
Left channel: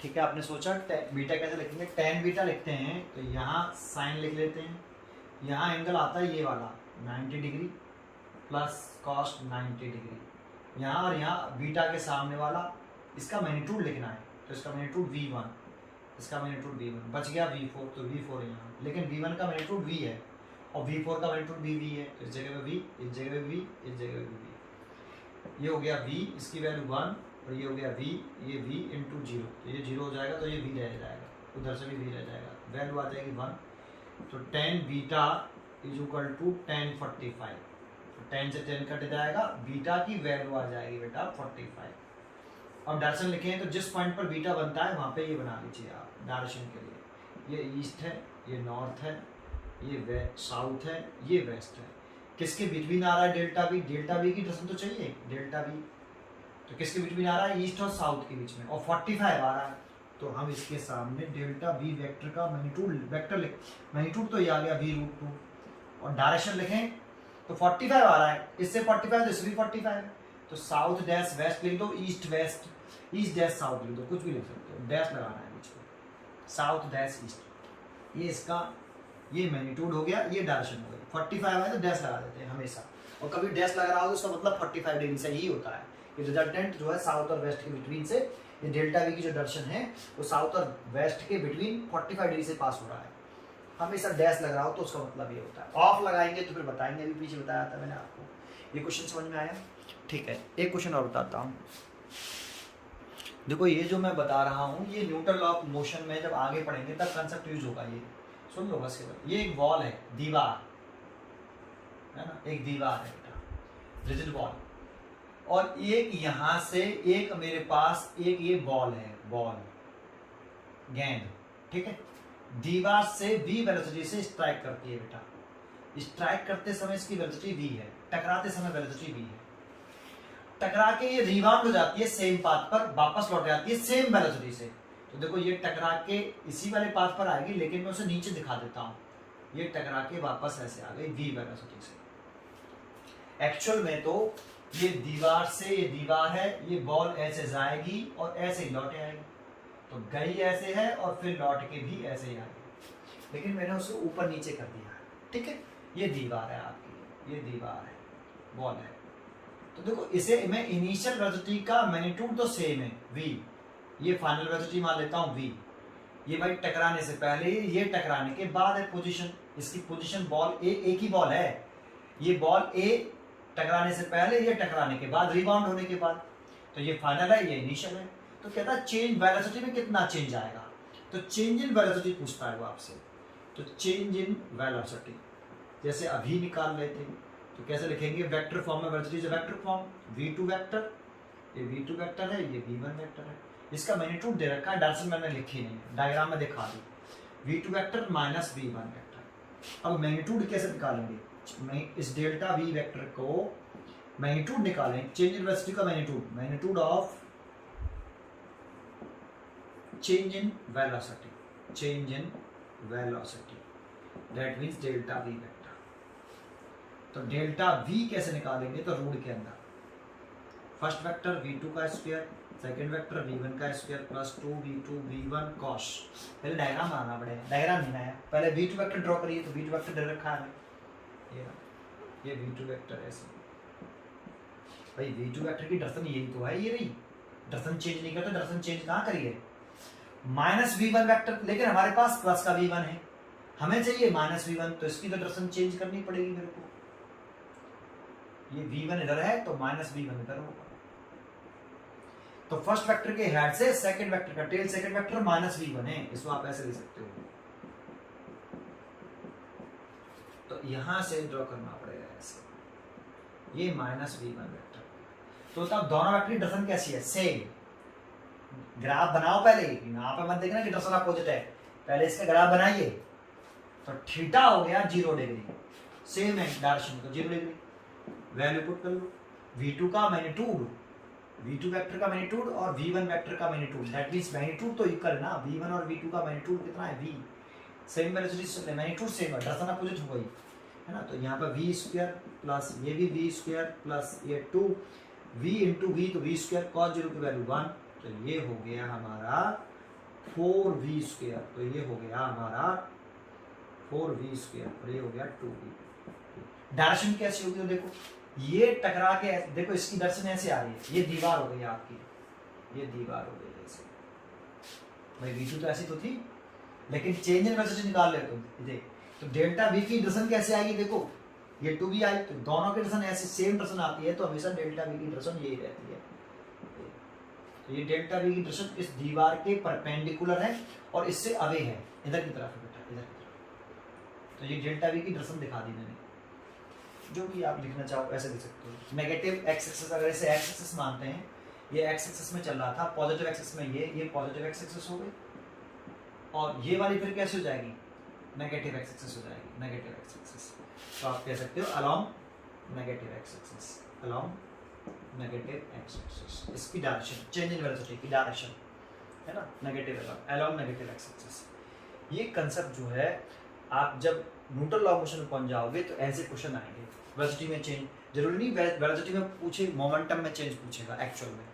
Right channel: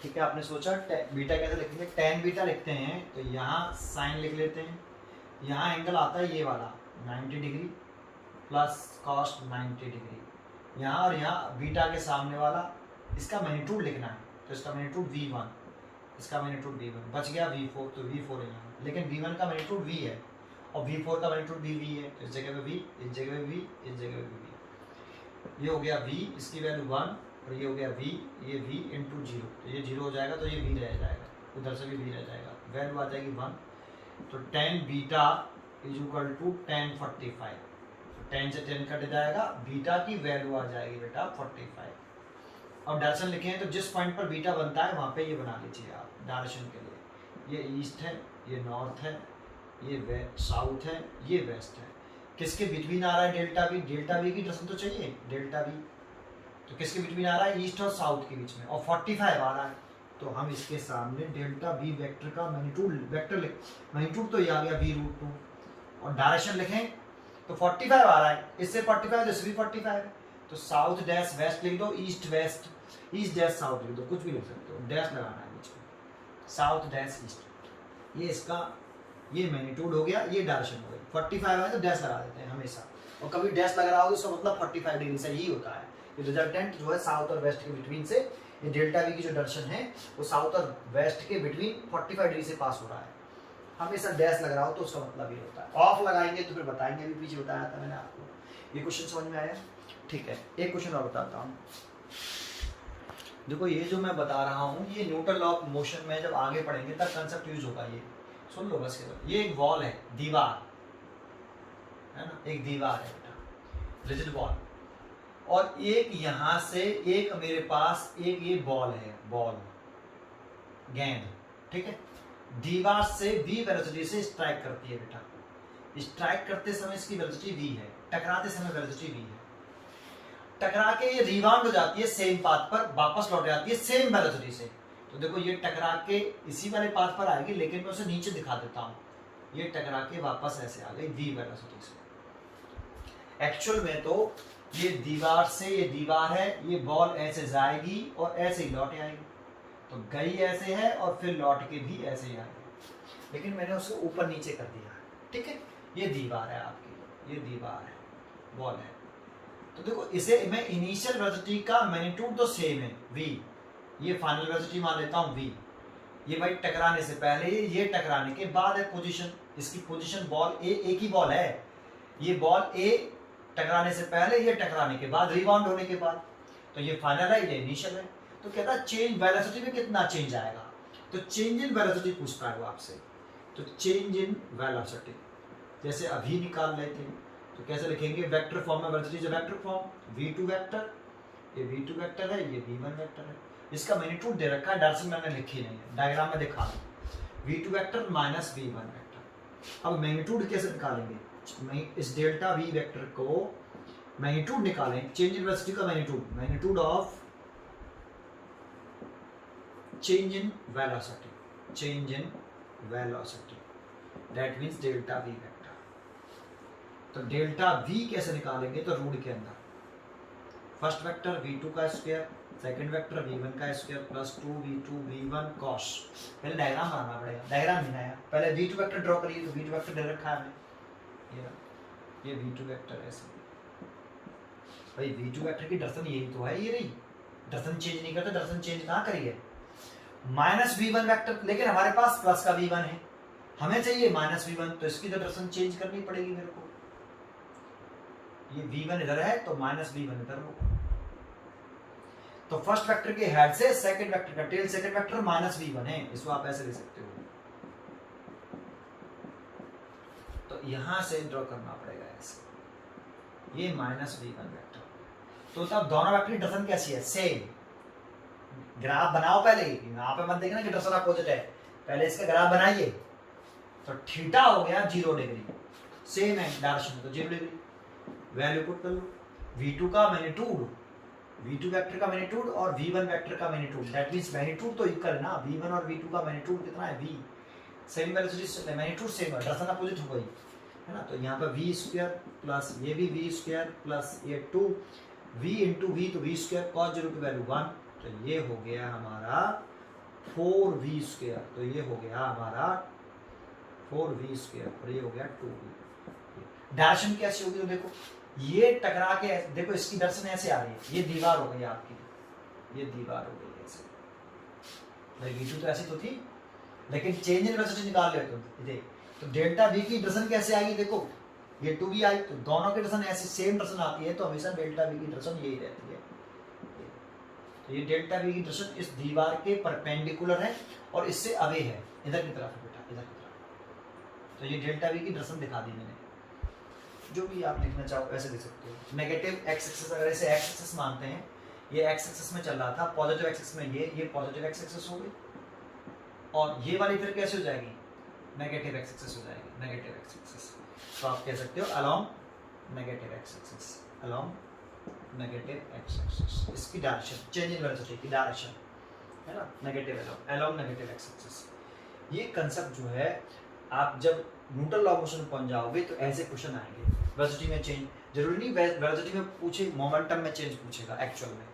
ठीक है, आपने सोचा बीटा कैसे लिखेंगे, tan बीटा लिखते हैं, तो यहाँ साइन लिख लेते हैं, यहाँ एंगल आता है ये वाला 90 डिग्री प्लस cos 90 डिग्री, यहाँ और यहाँ बीटा के सामने वाला, इसका मैग्नीट्यूड लिखना है, तो इसका मैग्नीट्यूड v1, इसका मैग्नीट्यूड v1, बच गया v4, तो v4 है यहाँ, लेकिन v1 का मैग्नीट्यूड v है और v4 का मैग्नीट्यूड भी v है, तो इस जगह पे v, इस जगह पे v, इस जगह पे v, ये हो गया v, इसकी वैल्यू 1 और ये हो गया v, ये v इंटू 0, तो ये 0 हो जाएगा, तो ये v रह जाएगा, उधर से भी v रह जाएगा, वैल्यू आ जाएगी 1, तो tan beta is equal to tan 45, तो tan से tan कट जाएगा, बीटा की वैल्यू आ जाएगी बेटा 45। अब डायरेक्शन लिखें तो जिस पॉइंट पर बीटा बनता है वहाँ पे ये बना लीजिए आप डायरेक्शन के लिए, ये ईस्ट है, ये नॉर्थ है, ये साउथ है, ये वेस्ट है, किसके बिटवीन आ रहा है डेल्टा वी, डेल्टा वी की डायरेक्शन तो चाहिए, डेल्टा वी तो किसके बिटवीन आ रहा है, ईस्ट और साउथ के बीच में, और 45 आ रहा है, तो हम इसके सामने डेल्टा वी वेक्टर का मैग्नीट्यूड वेक्टर मैग्नीट्यूड तो ये आ गया v√2, और डायरेक्शन लिखें तो 45 आ रहा है, इससे 45 तो इससे भी 45 है, तो साउथ डैश वेस्ट लिख दो, east west, east dash south लिख दो, कुछ भी लिख सकते हो, डैश लगाना है बीच में, साउथ डैश ईस्ट, ये इसका ये मैग्नीट्यूड हो गया, ये डायरेक्शन हो गई, 45 है तो डैश लगा देते हैं हमेशा, और कभी डैश लगा रहा हो तो उसका मतलब 45 डिग्री से ही होता है, ये रिजल्टेंट जो है साउथ और वेस्ट के बिटवीन से, ये डेल्टा वी की जो डायरेक्शन है वो साउथ और वेस्ट के बिटवीन 45 डिग्री से पास हो रहा है, हमेशा डैश लग रहा हो तो उसका मतलब ये होता है। ऑफ लगाएंगे तो फिर बताएंगे, अभी पीछे बताया था मैंने आपको, ये क्वेश्चन समझ में आया, ठीक है। एक क्वेश्चन और बताता हूँ, देखो ये जो मैं बता रहा हूँ ये न्यूटन लॉ ऑफ मोशन में जब आगे पढ़ेंगे तब कंसेप्ट यूज होगा। ये सुन लो बस केवल, ये एक वॉल है, दीवार है ना, एक दीवार है बेटा, रिजिड वॉल, और एक यहाँ से एक मेरे पास एक ये बॉल है, बॉल गेंद, ठीक है, दीवार से v वेलोसिटी से स्ट्राइक करती है बेटा। स्ट्राइक करते समय इसकी वेलोसिटी v है, टकराते समय वेलोसिटी v है, टकरा के ये रिबाउंड हो जाती है सेम पाथ पर, वापस लौट जाती है सेम वेलोसिटी से। तो देखो ये टकरा के इसी वाले पाथ पर आएगी, लेकिन मैं उसे नीचे दिखा देता हूँ, ये टकरा के वापस ऐसे आ गई v वेलोसिटी से। एक्चुअल में तो ये दीवार से, ये दीवार है, ये बॉल ऐसे जाएगी और ऐसे ही लौट आएगी, तो गई ऐसे है और फिर लौट के भी ऐसे ही आएगी, लेकिन मैंने उसको ऊपर नीचे कर दिया है, ठीक है। ये दीवार है आपकी, ये दीवार है, बॉल है। तो देखो इसे मैं इनिशियल वेलोसिटी का मैग्नीट्यूड तो सेम है v, ये फाइनल वेलोसिटी मान लेता हूँ v, ये भाई टकराने से पहले, ये टकराने के बाद है पोजीशन, इसकी पोजीशन बॉल ए, एक ही बॉल है, ये बॉल ए टकराने से पहले, ये टकराने के बाद, रिबाउंड होने के बाद, तो ये फाइनल है, ये इनिशियल है। तो कहता है चेंज वेलोसिटी में कितना चेंज आएगा, तो चेंज इन वेलोसिटी पूछता है वो आपसे, तो चेंज इन वेलोसिटी जैसे अभी निकाल लेते हैं, तो कैसे लिखेंगे, वेक्टर फॉर्म में वेलोसिटी जो वेक्टर फॉर्म, v2 वेक्टर, ये v2 वेक्टर है, ये v1 वेक्टर है, इसका मैग्नीट्यूड दे रखा है, डायरेक्शन मैंने लिखी नहीं है, डायग्राम में दिखा दी, v2 vector minus v1 vector. अब मैग्नीट्यूड कैसे निकालेंगे, इस डेल्टा v वेक्टर को मैग्नीट्यूड निकालें, चेंज इन वेलोसिटी का magnitude, magnitude of change in velocity, change in velocity, that means delta v vector. तो डेल्टा v कैसे निकालेंगे, तो रूट के अंदर फर्स्ट वेक्टर v2 का स्क्वायर, सेकंड वेक्टर v1 का square plus 2v2 v1 cos, पहले डायग्राम बनाना पड़ेगा, डायग्राम नहीं आया, पहले v2 वेक्टर ड्रॉ करिए, तो v2 वेक्टर दे रखा है ये v2 वेक्टर ऐसे, भाई v2 वेक्टर की डायरेक्शन यही तो है, ये रही, डायरेक्शन चेंज नहीं करते, डायरेक्शन चेंज ना करिए, माइनस v1 वेक्टर, लेकिन हमारे पास प्लस का v1 है, हमें चाहिए माइनस v1, तो इसकी तो डायरेक्शन चेंज करनी पड़ेगी मेरे को, ये v1 इधर है तो माइनस v1 इधर होगा, तो फर्स्ट वेक्टर के हेड से सेकंड वेक्टर का tail, second vector minus v1 है, इसको आप ऐसे ले सकते हो, तो यहां से ड्रॉ करना पड़ेगा ऐसे, ये माइनस v1 वेक्टर, तो तब दोनों वेक्टर की डायरेक्शन कैसी है, सेम, ग्राफ बनाओ पहले, यहाँ पे मत देखना कि डायरेक्शन अपोजिट है, पहले इसका ग्राफ बनाइए, तो थीटा हो गया 0 डिग्री, सेम है डायरेक्शन, तो 0 डिग्री, वैल्यू पुट कर लो, v2 का मैग्नीट्यूड, v2 वेक्टर का मैग्नीट्यूड और v1 वेक्टर का मैग्नीट्यूड, दैट मींस मैग्नीट्यूड तो इक्वल है ना, v1 और v2 का मैग्नीट्यूड कितना है, v, सेम वेलोसिटी से मैग्नीट्यूड सेम है, डायरेक्शन अपोजिट हो गई है ना, तो यहाँ पर v स्क्वायर प्लस ये भी v स्क्वायर प्लस ये 2v इंटू v, तो v स्क्वायर cos 0 की वैल्यू 1, तो ये हो गया हमारा 4v स्क्वायर, तो ये हो गया हमारा 4v स्क्वायर और ये हो गया 2v। डायरेक्शन कैसी होगी, तो देखो ये टकरा के, देखो इसकी डायरेक्शन ऐसे आ रही है, ये दीवार हो गई आपकी, ये दीवार हो गई ऐसे, भाई v2 तो ऐसी तो थी, लेकिन चेंज इन वेलोसिटी निकाल ले तुम देख, तो डेल्टा v की डायरेक्शन कैसे आएगी, देखो ये 2v आई, तो दोनों की डायरेक्शन ऐसी सेम डायरेक्शन आती है, तो हमेशा डेल्टा v की डायरेक्शन यही रहती है, तो ये डेल्टा v की डायरेक्शन इस दीवार के परपेंडिकुलर है और इससे अवे है, इधर की तरफ है बेटा, इधर की तरफ, तो ये डेल्टा v की डायरेक्शन दिखा दी मैंने, जो भी आप लिखना चाहो ऐसे लिख सकते हो। नेगेटिव एक्स एक्सिस, अगर इसे एक्स एक्सिस मानते हैं, ये एक्स एक्सिस में चल रहा था, पॉजिटिव एक्स एक्सिस में ये पॉजिटिव एक्स एक्सिस हो गई, और ये वाली फिर कैसे हो जाएगी, नेगेटिव एक्स एक्सिस हो जाएगी, नेगेटिव एक्स एक्सिस, तो आप कह सकते हो along negative x axis, along negative x axis, इसकी डायरेक्शन चेंज इन वेलोसिटी की डायरेक्शन है ना, negative along negative x axis. ये कंसेप्ट जो है आप जब न्यूटन लॉ ऑफ मोशन में पहुंच जाओगे तो ऐसे क्वेश्चन आएंगे, वेलोसिटी में चेंज, जरूरी नहीं वेलोसिटी में पूछे, मोमेंटम में चेंज पूछेगा, एक्चुअल में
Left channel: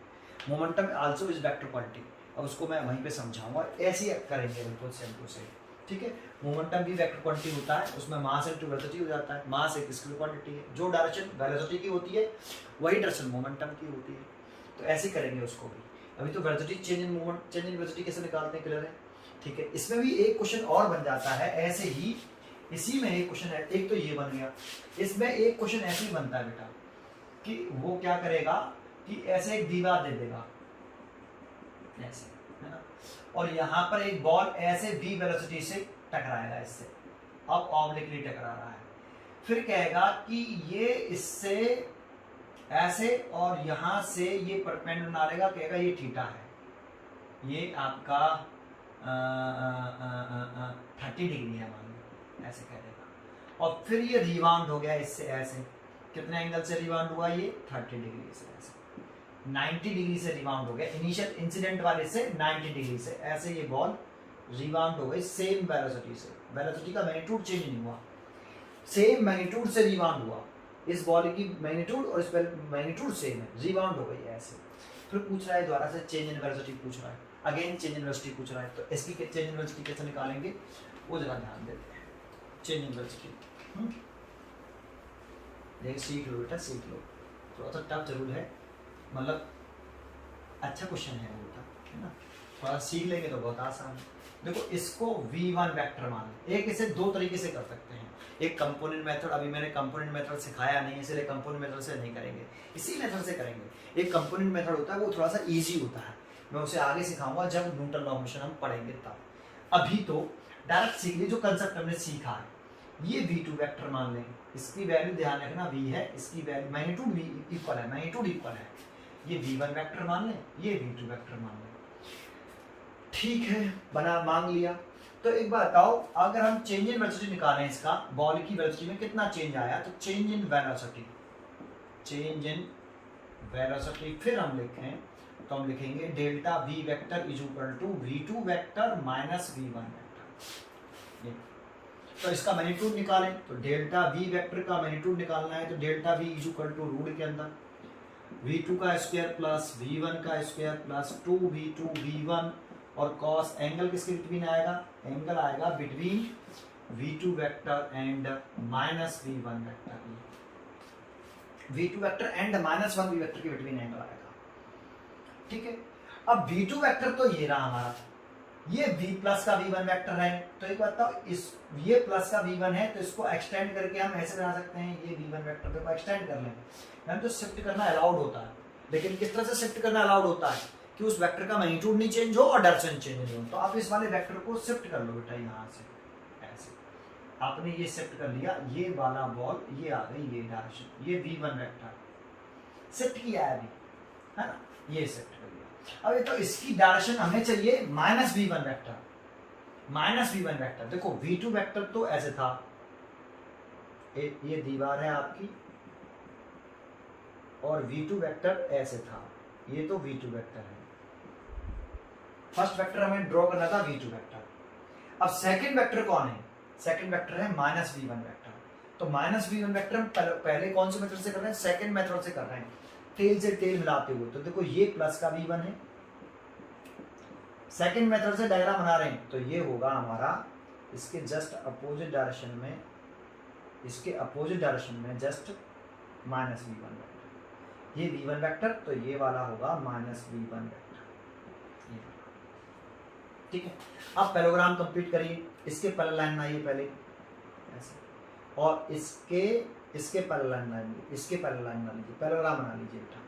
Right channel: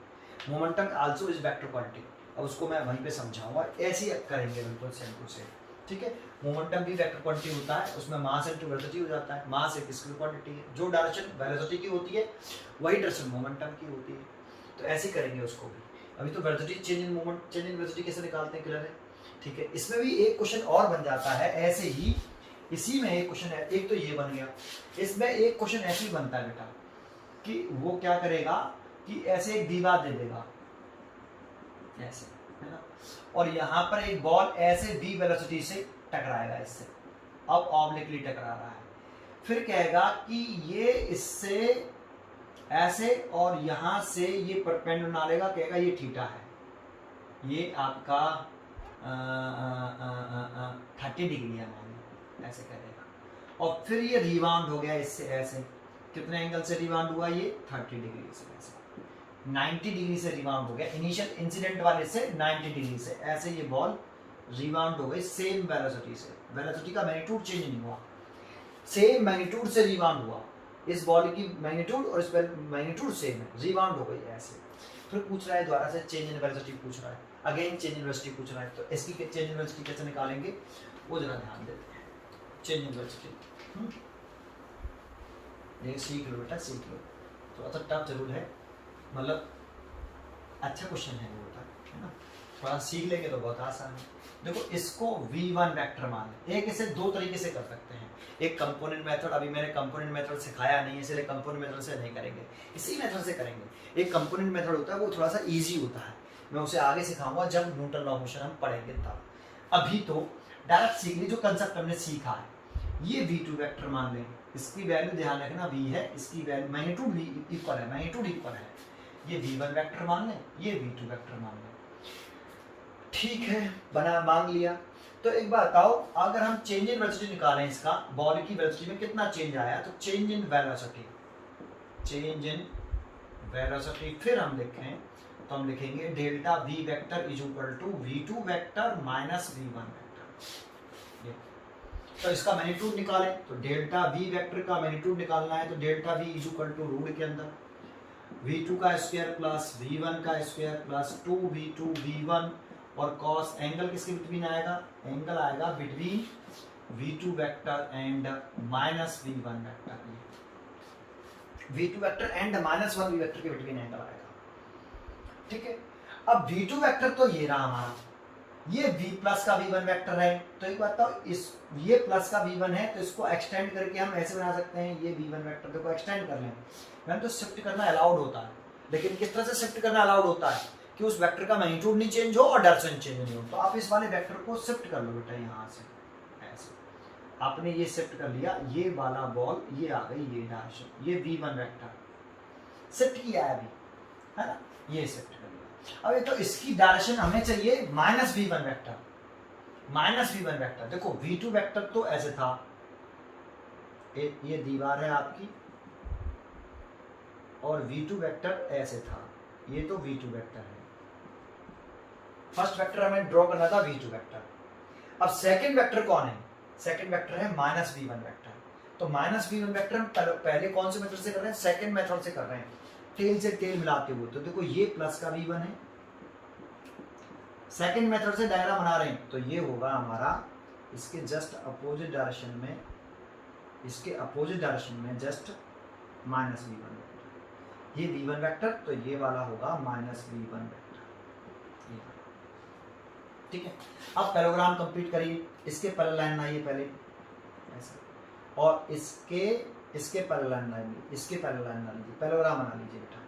momentum also is vector quantity, अब उसको मैं वहीं पे समझाऊंगा, ऐसे ही करेंगे बिल्कुल सेम टू सेम, ठीक है। मोमेंटम भी वेक्टर क्वांटिटी होता है, उसमें मास इनटू वेलोसिटी हो जाता है, मास एक स्केलर क्वांटिटी है, जो डायरेक्शन वेलोसिटी की होती है वही डायरेक्शन मोमेंटम की होती है, तो ऐसे ही करेंगे उसको भी। अभी तो velocity change in moment, change in वेलोसिटी कैसे निकालते हैं क्लियर है, ठीक है। इसमें भी एक क्वेश्चन और बन जाता है ऐसे ही, इसी में एक क्वेश्चन है, एक तो ये बन गया, इसमें एक क्वेश्चन ऐसे ही बनता है बेटा कि वो क्या करेगा कि ऐसे एक दीवार दे देगा, ऐसे, है ना। और यहाँ पर एक बॉल ऐसे v वेलोसिटी से टकराएगा इससे, अब ऑब्लिकली टकरा रहा है, फिर कहेगा कि ये इससे ऐसे और यहाँ से ये परपेंडिकुलर लेगा, कहेगा ये थीटा है, ये आपका 30 डिग्री है मान लो, ऐसे करेगा। और फिर ये रिबाउंड हो गया इससे ऐसे, कितने एंगल से रिबाउंड हुआ ये 30 डिग्री से, ऐसे 90 डिग्री से रिबाउंड हो गया, इनिशियल इंसिडेंट वाले से 90 डिग्री से, ऐसे ये बॉल रिबाउंड हो गई सेम वेलोसिटी से, वेलोसिटी का मैग्नीट्यूड चेंज नहीं हुआ, सेम मैग्नीट्यूड से रिबाउंड हुआ, इस बॉल की मैग्नीट्यूड और इस मैग्नीट्यूड सेम है, रिबाउंड हो गई ऐसे। फिर पूछ रहा है दोबारा से चेंज इन वेलोसिटी पूछ रहा है, अगेन चेंज इन वेलोसिटी पूछ रहा है, तो इसकी चेंज इन वेलोसिटी कैसे निकालेंगे वो जरा ध्यान देते हैं। चेंज इन वेलोसिटी ये सीख लो बेटा, सीख लो, थोड़ा सा टफ जरूर है, मतलब अच्छा क्वेश्चन है वो, है ना, थोड़ा सीख लेंगे तो बहुत आसान है। देखो इसको v1 वेक्टर मान लें, एक इसे दो तरीके से कर सकते हैं, एक कंपोनेंट मेथड, अभी मैंने कंपोनेंट मेथड सिखाया नहीं है इसलिए कंपोनेंट मेथड से नहीं करेंगे, इसी मेथड से करेंगे। एक कंपोनेंट मेथड होता है वो थोड़ा सा इजी होता है, मैं उसे आगे सिखाऊंगा जब न्यूटन लॉ ऑफ मोशन हम पढ़ेंगे तब। अभी तो डायरेक्ट सीख ली, जो कंसेप्ट हमने सीखा है, ये v2 वेक्टर मान लें, इसकी वैल्यू ध्यान रखना v है, इसकी वैल्यू मैग्नीट्यूड भी इक्वल है, मैग्नीट्यूड इक्वल है, ये v1 वेक्टर मान लें, ये v2 वेक्टर मान लें, ठीक है, बना मान लिया। तो एक बात बताओ, अगर हम चेंज इन वेलोसिटी निकालें इसका, बॉल की वेलोसिटी में कितना चेंज आया, तो चेंज इन वेलोसिटी, चेंज इन वेलोसिटी फिर हम लिखें तो हम लिखेंगे delta v vector is equal to v2 vector minus v1 vector. तो इसका मैग्नीट्यूड निकालें तो डेल्टा v वेक्टर का मैग्नीट्यूड निकालना है, तो delta v is equal to root के अंदर v2 का स्क्वायर प्लस v1 का स्क्वायर प्लस 2v2 v1 और कॉस एंगल किसके बिटवीन आएगा, एंगल आएगा between v2 vector and minus v1 vector, v2 vector and minus 1 v vector के between angle आएगा, ठीक है। अब v2 वेक्टर तो ये रहा हमारा, ये v प्लस का v1 वेक्टर है, तो एक बात बताओ, इस ये प्लस का v1 है तो इसको एक्सटेंड करके हम ऐसे बना सकते हैं, ये v1 वेक्टर देखो एक्सटेंड कर लेंगे, मैम तो शिफ्ट करना अलाउड होता है, लेकिन किस तरह से शिफ्ट करना अलाउड होता है कि उस वेक्टर का मैग्नीट्यूड नहीं चेंज हो और डायरेक्शन चेंज नहीं हो, तो आप इस वाले वेक्टर को शिफ्ट कर लो बेटा, यहाँ से ऐसे आपने ये शिफ्ट कर लिया, ये वाला बॉल ये आ गई ये डायरेक्शन, ये v1 वेक्टर शिफ्ट किया है अभी, है ना, ये शिफ्ट कर लिया। अब ये तो इसकी डायरेक्शन हमें चाहिए minus v1 vector, minus v1 vector, देखो v2 वेक्टर तो ऐसे था, ये दीवार है आपकी और v2 वेक्टर ऐसे था, ये तो v2 वेक्टर है, फर्स्ट वेक्टर हमें ड्रॉ करना था v2 वेक्टर। अब सेकंड वेक्टर कौन है, सेकंड वेक्टर है माइनस v1 वेक्टर, तो माइनस v1 वेक्टर हम पहले कौन से मेथड से कर रहे हैं, सेकंड मेथड से कर रहे हैं, टेल से टेल मिलाते हुए। तो देखो ये प्लस का v1 है, सेकंड मेथड से डायग्राम बना रहे हैं तो ये होगा हमारा इसके जस्ट अपोजिट डायरेक्शन में, इसके अपोजिट डायरेक्शन में जस्ट माइनस v1 वेक्टर, ये v1 वेक्टर तो ये वाला होगा माइनस v1 वेक्टर, ठीक है। अब पैराग्राम कंप्लीट करिए, इसके पैरेलल लाइन बनाइए पहले ऐसे, और इसके पैरेलल लाइन बनाइए, इसके पैरेलल लाइन बना लीजिए, पैराग्राम बना लीजिए बेटा।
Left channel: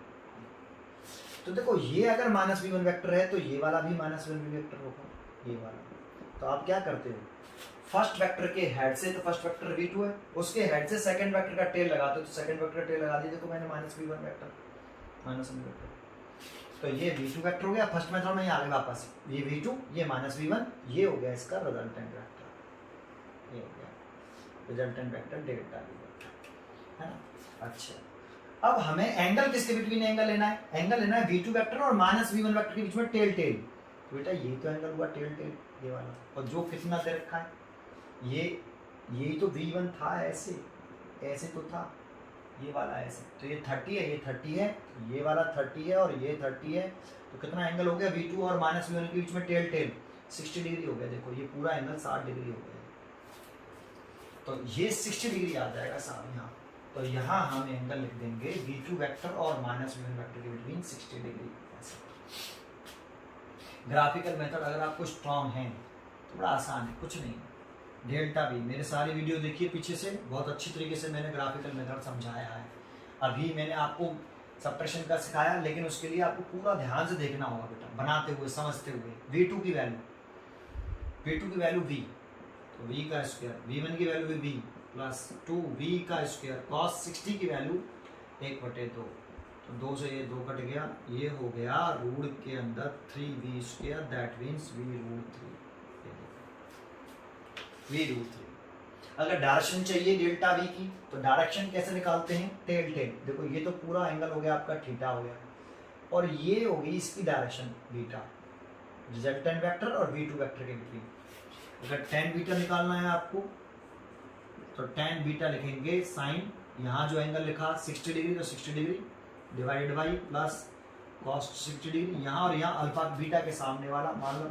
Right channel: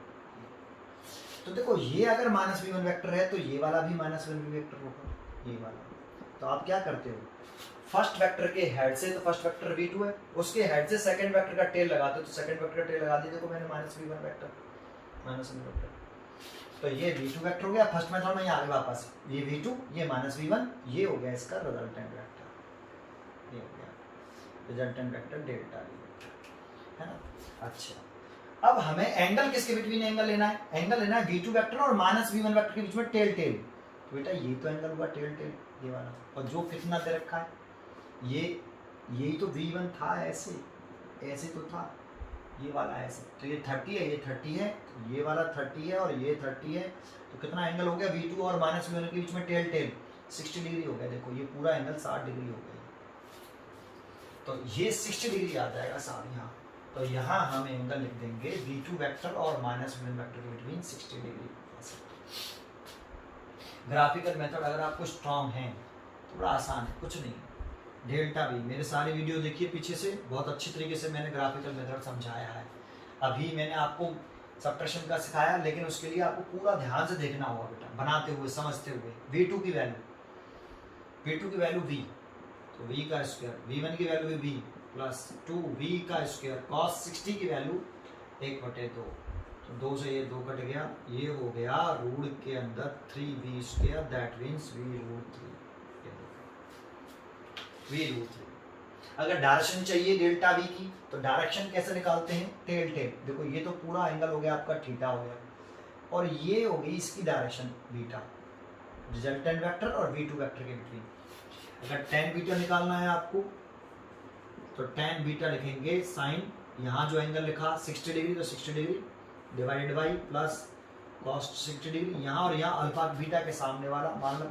तो देखो ये अगर माइनस v1 वेक्टर है तो ये वाला भी माइनस v1 वेक्टर होगा, ये वाला। तो आप क्या करते हो, फर्स्ट वेक्टर के हेड से, तो फर्स्ट वेक्टर v2 है, उसके हेड से सेकंड वेक्टर का टेल लगाते हो, तो सेकंड वेक्टर का टेल लगा दीजिए, देखो मैंने minus v1 vector, minus v1 vector, तो ये v2 वेक्टर हो गया फर्स्ट मेथड में, आगे वापस ये v2 ये माइनस v1, ये हो गया इसका रिजल्टेंट वेक्टर, ये हो गया resultant vector delta v vector, है ना। अच्छा, अब हमें एंगल किसके बिटवीन एंगल लेना है, एंगल लेना है v2 वेक्टर और माइनस v1 वेक्टर के बीच में टेल टेल, तो बेटा ये तो एंगल हुआ टेल टेल ये वाला, और जो कितना दे रखा है यही तो v1 था, ऐसे तो था ये वाला ऐसे, तो ये 30 है, ये 30 है, ये वाला 30 है और ये 30 है, तो कितना एंगल हो गया v2 और माइनस v1 के बीच में टेल टेल 60 डिग्री हो गया, देखो ये पूरा एंगल 60 डिग्री हो गया, तो ये 60 डिग्री आ जाएगा साहब यहाँ, तो यहाँ हम एंगल लिख देंगे v2 वेक्टर और माइनस v1 वेक्टर के बिटवीन 60 डिग्री। ग्राफिकल मेथड अगर आपको स्ट्रॉन्ग है, थोड़ा आसान है, कुछ नहीं, डेल्टा v, मेरे सारे वीडियो देखिए पीछे से, बहुत अच्छी तरीके से मैंने ग्राफिकल मेथड समझाया है। अभी मैंने आपको सब्ट्रैक्शन का सिखाया, लेकिन उसके लिए आपको पूरा ध्यान से देखना होगा बेटा, बनाते हुए समझते हुए। V2 की वैल्यू V, तो V का स्क्वायर, V1 की वैल्यू V प्लस 2V का स्क्वायर, cos 60 की वैल्यू 1/2, तो 2 से ये 2 कट गया, ये हो गया रूट के अंदर 3V square, that means V√3। V√3। अगर डायरेक्शन चाहिए डेल्टा V की, तो डायरेक्शन कैसे निकालते हैं, टेल। देखो ये तो पूरा एंगल हो गया आपका थीटा हो गया, और ये होगी इसकी डायरेक्शन बीटा, रिजल्टेंट वेक्टर और V2 वेक्टर के बीच। अगर tan बीटा निकालना है आपको, तो tan बीटा लिखेंगे साइन, यहाँ जो एंगल लिखा 60 डिग्री, तो 60 degree divided by plus cos 60 degree, यहाँ और यहाँ अल्फा बीटा के सामने वाला मान लो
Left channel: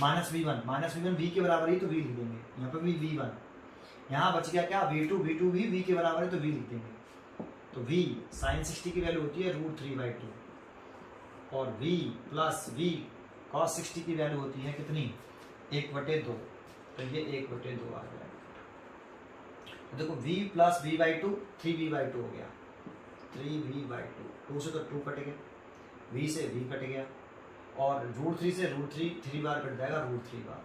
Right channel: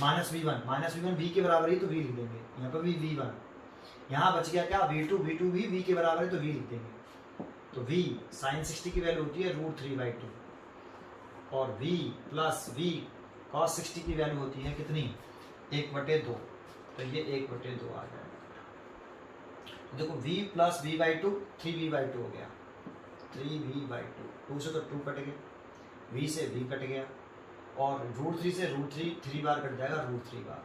-V1 V के बराबर ही, तो V लिख देंगे, यहाँ पर भी V1, यहाँ बच गया क्या V2 भी V के बराबर है, तो V लिख देंगे। तो V साइन 60 की वैल्यू होती है √3/2, और V प्लस V cos 60 की वैल्यू होती है कितनी, 1/2, तो ये 1/2 आ गया। देखो V प्लस V/2 3V/2 हो गया, 3V/2, 2 से तो 2 कट गया, V से V कट गया, और √3 से √3 3 बार कट जाएगा, √3 बार।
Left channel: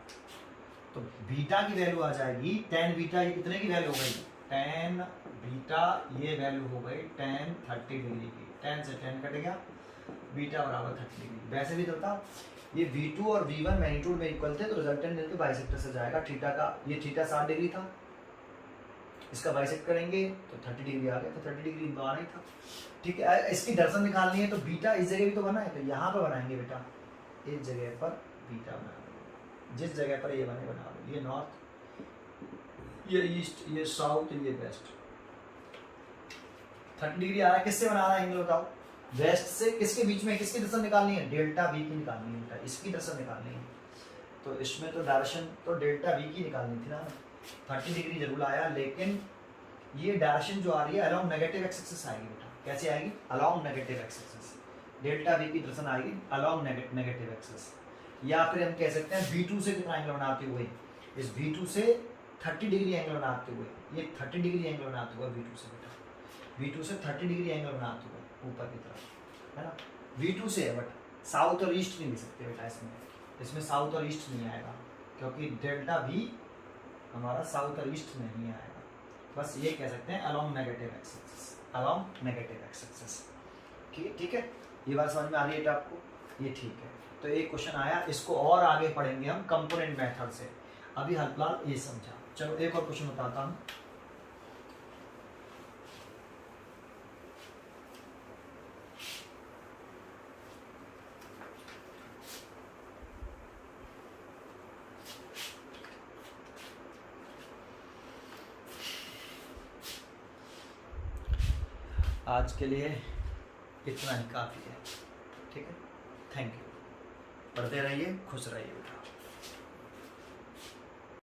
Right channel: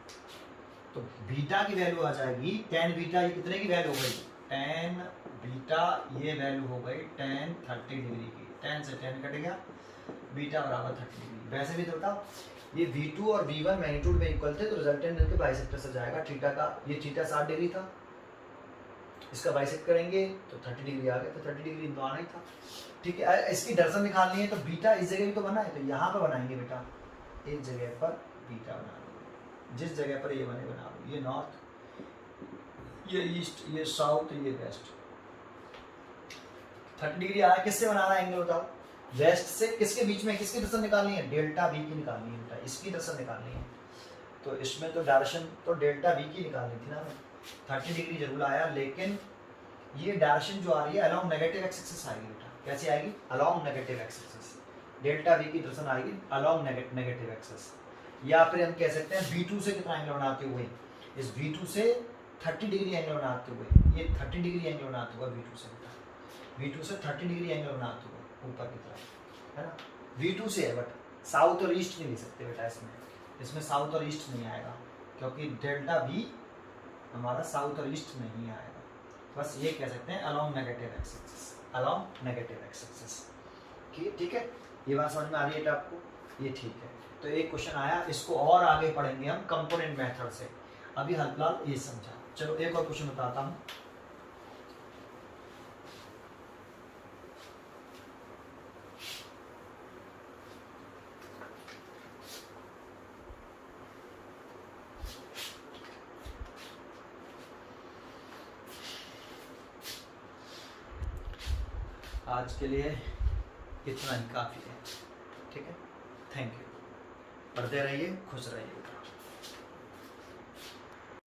तो बीटा की वैल्यू आ जाएगी tan बीटा, ये कितने की वैल्यू हो गई, tan बीटा ये वैल्यू हो गई tan 30 डिग्री की, tan से tan कट गया, बीटा बराबर 30 डिग्री। वैसे भी तो बताओ, ये V2 और V1 मैग्नीट्यूड में इक्वल थे, तो रिजल्टेंट मिलकर बाइसेक्टर से जाएगा, थीटा का, ये थीटा 60 डिग्री था, इसका बाइसेक्ट करेंगे तो 30 डिग्री आ गया, तो 30 डिग्री तो आना ही था। ठीक है, इसकी दर्शन निकालनी है, तो बीटा इस जगह भी तो बना है, तो यहाँ पर बनाएंगे बेटा, इस जगह पर बीटा बना, जिस जगह पर ये बना लो, ये नॉर्थ, ये ईस्ट, ये साउथ, ये वेस्ट। 30 डिग्री आया, किससे बना रहा है एंगल बताओ, वेस्ट से। किसके बीच में, किसकी दर्शन निकालनी है, डेल्टा V की निकालनी है बेटा, इसकी दर्शन निकालनी है, तो इसमें तो डायरेक्शन तो डेल्टा V की निकालनी थी ना। 30 डिग्री जरूर आया, लेकिन ये डायरेक्शन जो आ रही है अलोंग नेगेटिव एक्स एक्सिस आएगी बेटा, कैसे आएगी, along negative x axis, delta V की दर्शन आएगी अलोंग नेगेटिव एक्सिस। या फिर हम कह सकते हैं V2 से कितना एंगल बनाते हुए, इस V2 से 30 डिग्री एंगल बनाते हुए, ये 30 डिग्री एंगल बनाते हुए V2 से बेटा, V2 से 30 डिग्री एंगल बनाते हुए ऊपर की तरफ, है ना, V2 से है, बट साउथ और ईस्ट नहीं ले सकते बेटा, इसमें साउथ और ईस्ट नहीं आएगा, क्योंकि डेल्टा V हमारा साउथ और ईस्ट नहीं आएगा, बस ये कह सकते हैं along negative x axis, along negative x axis. ठीक है, ये बात समझ में आ रही है आपको, ये ठीक है। तो एक क्वेश्चन आया, इसको और आगे पढ़ेंगे हम कंपोनेंट मेथड से, अभी हाल ये समझा। चलो एक और क्वेश्चन बताता हूँ। आज के लिए इतना ही काफ़ी है, ठीक है, थैंक यू, पढ़ते रहिए, खुश रहिए।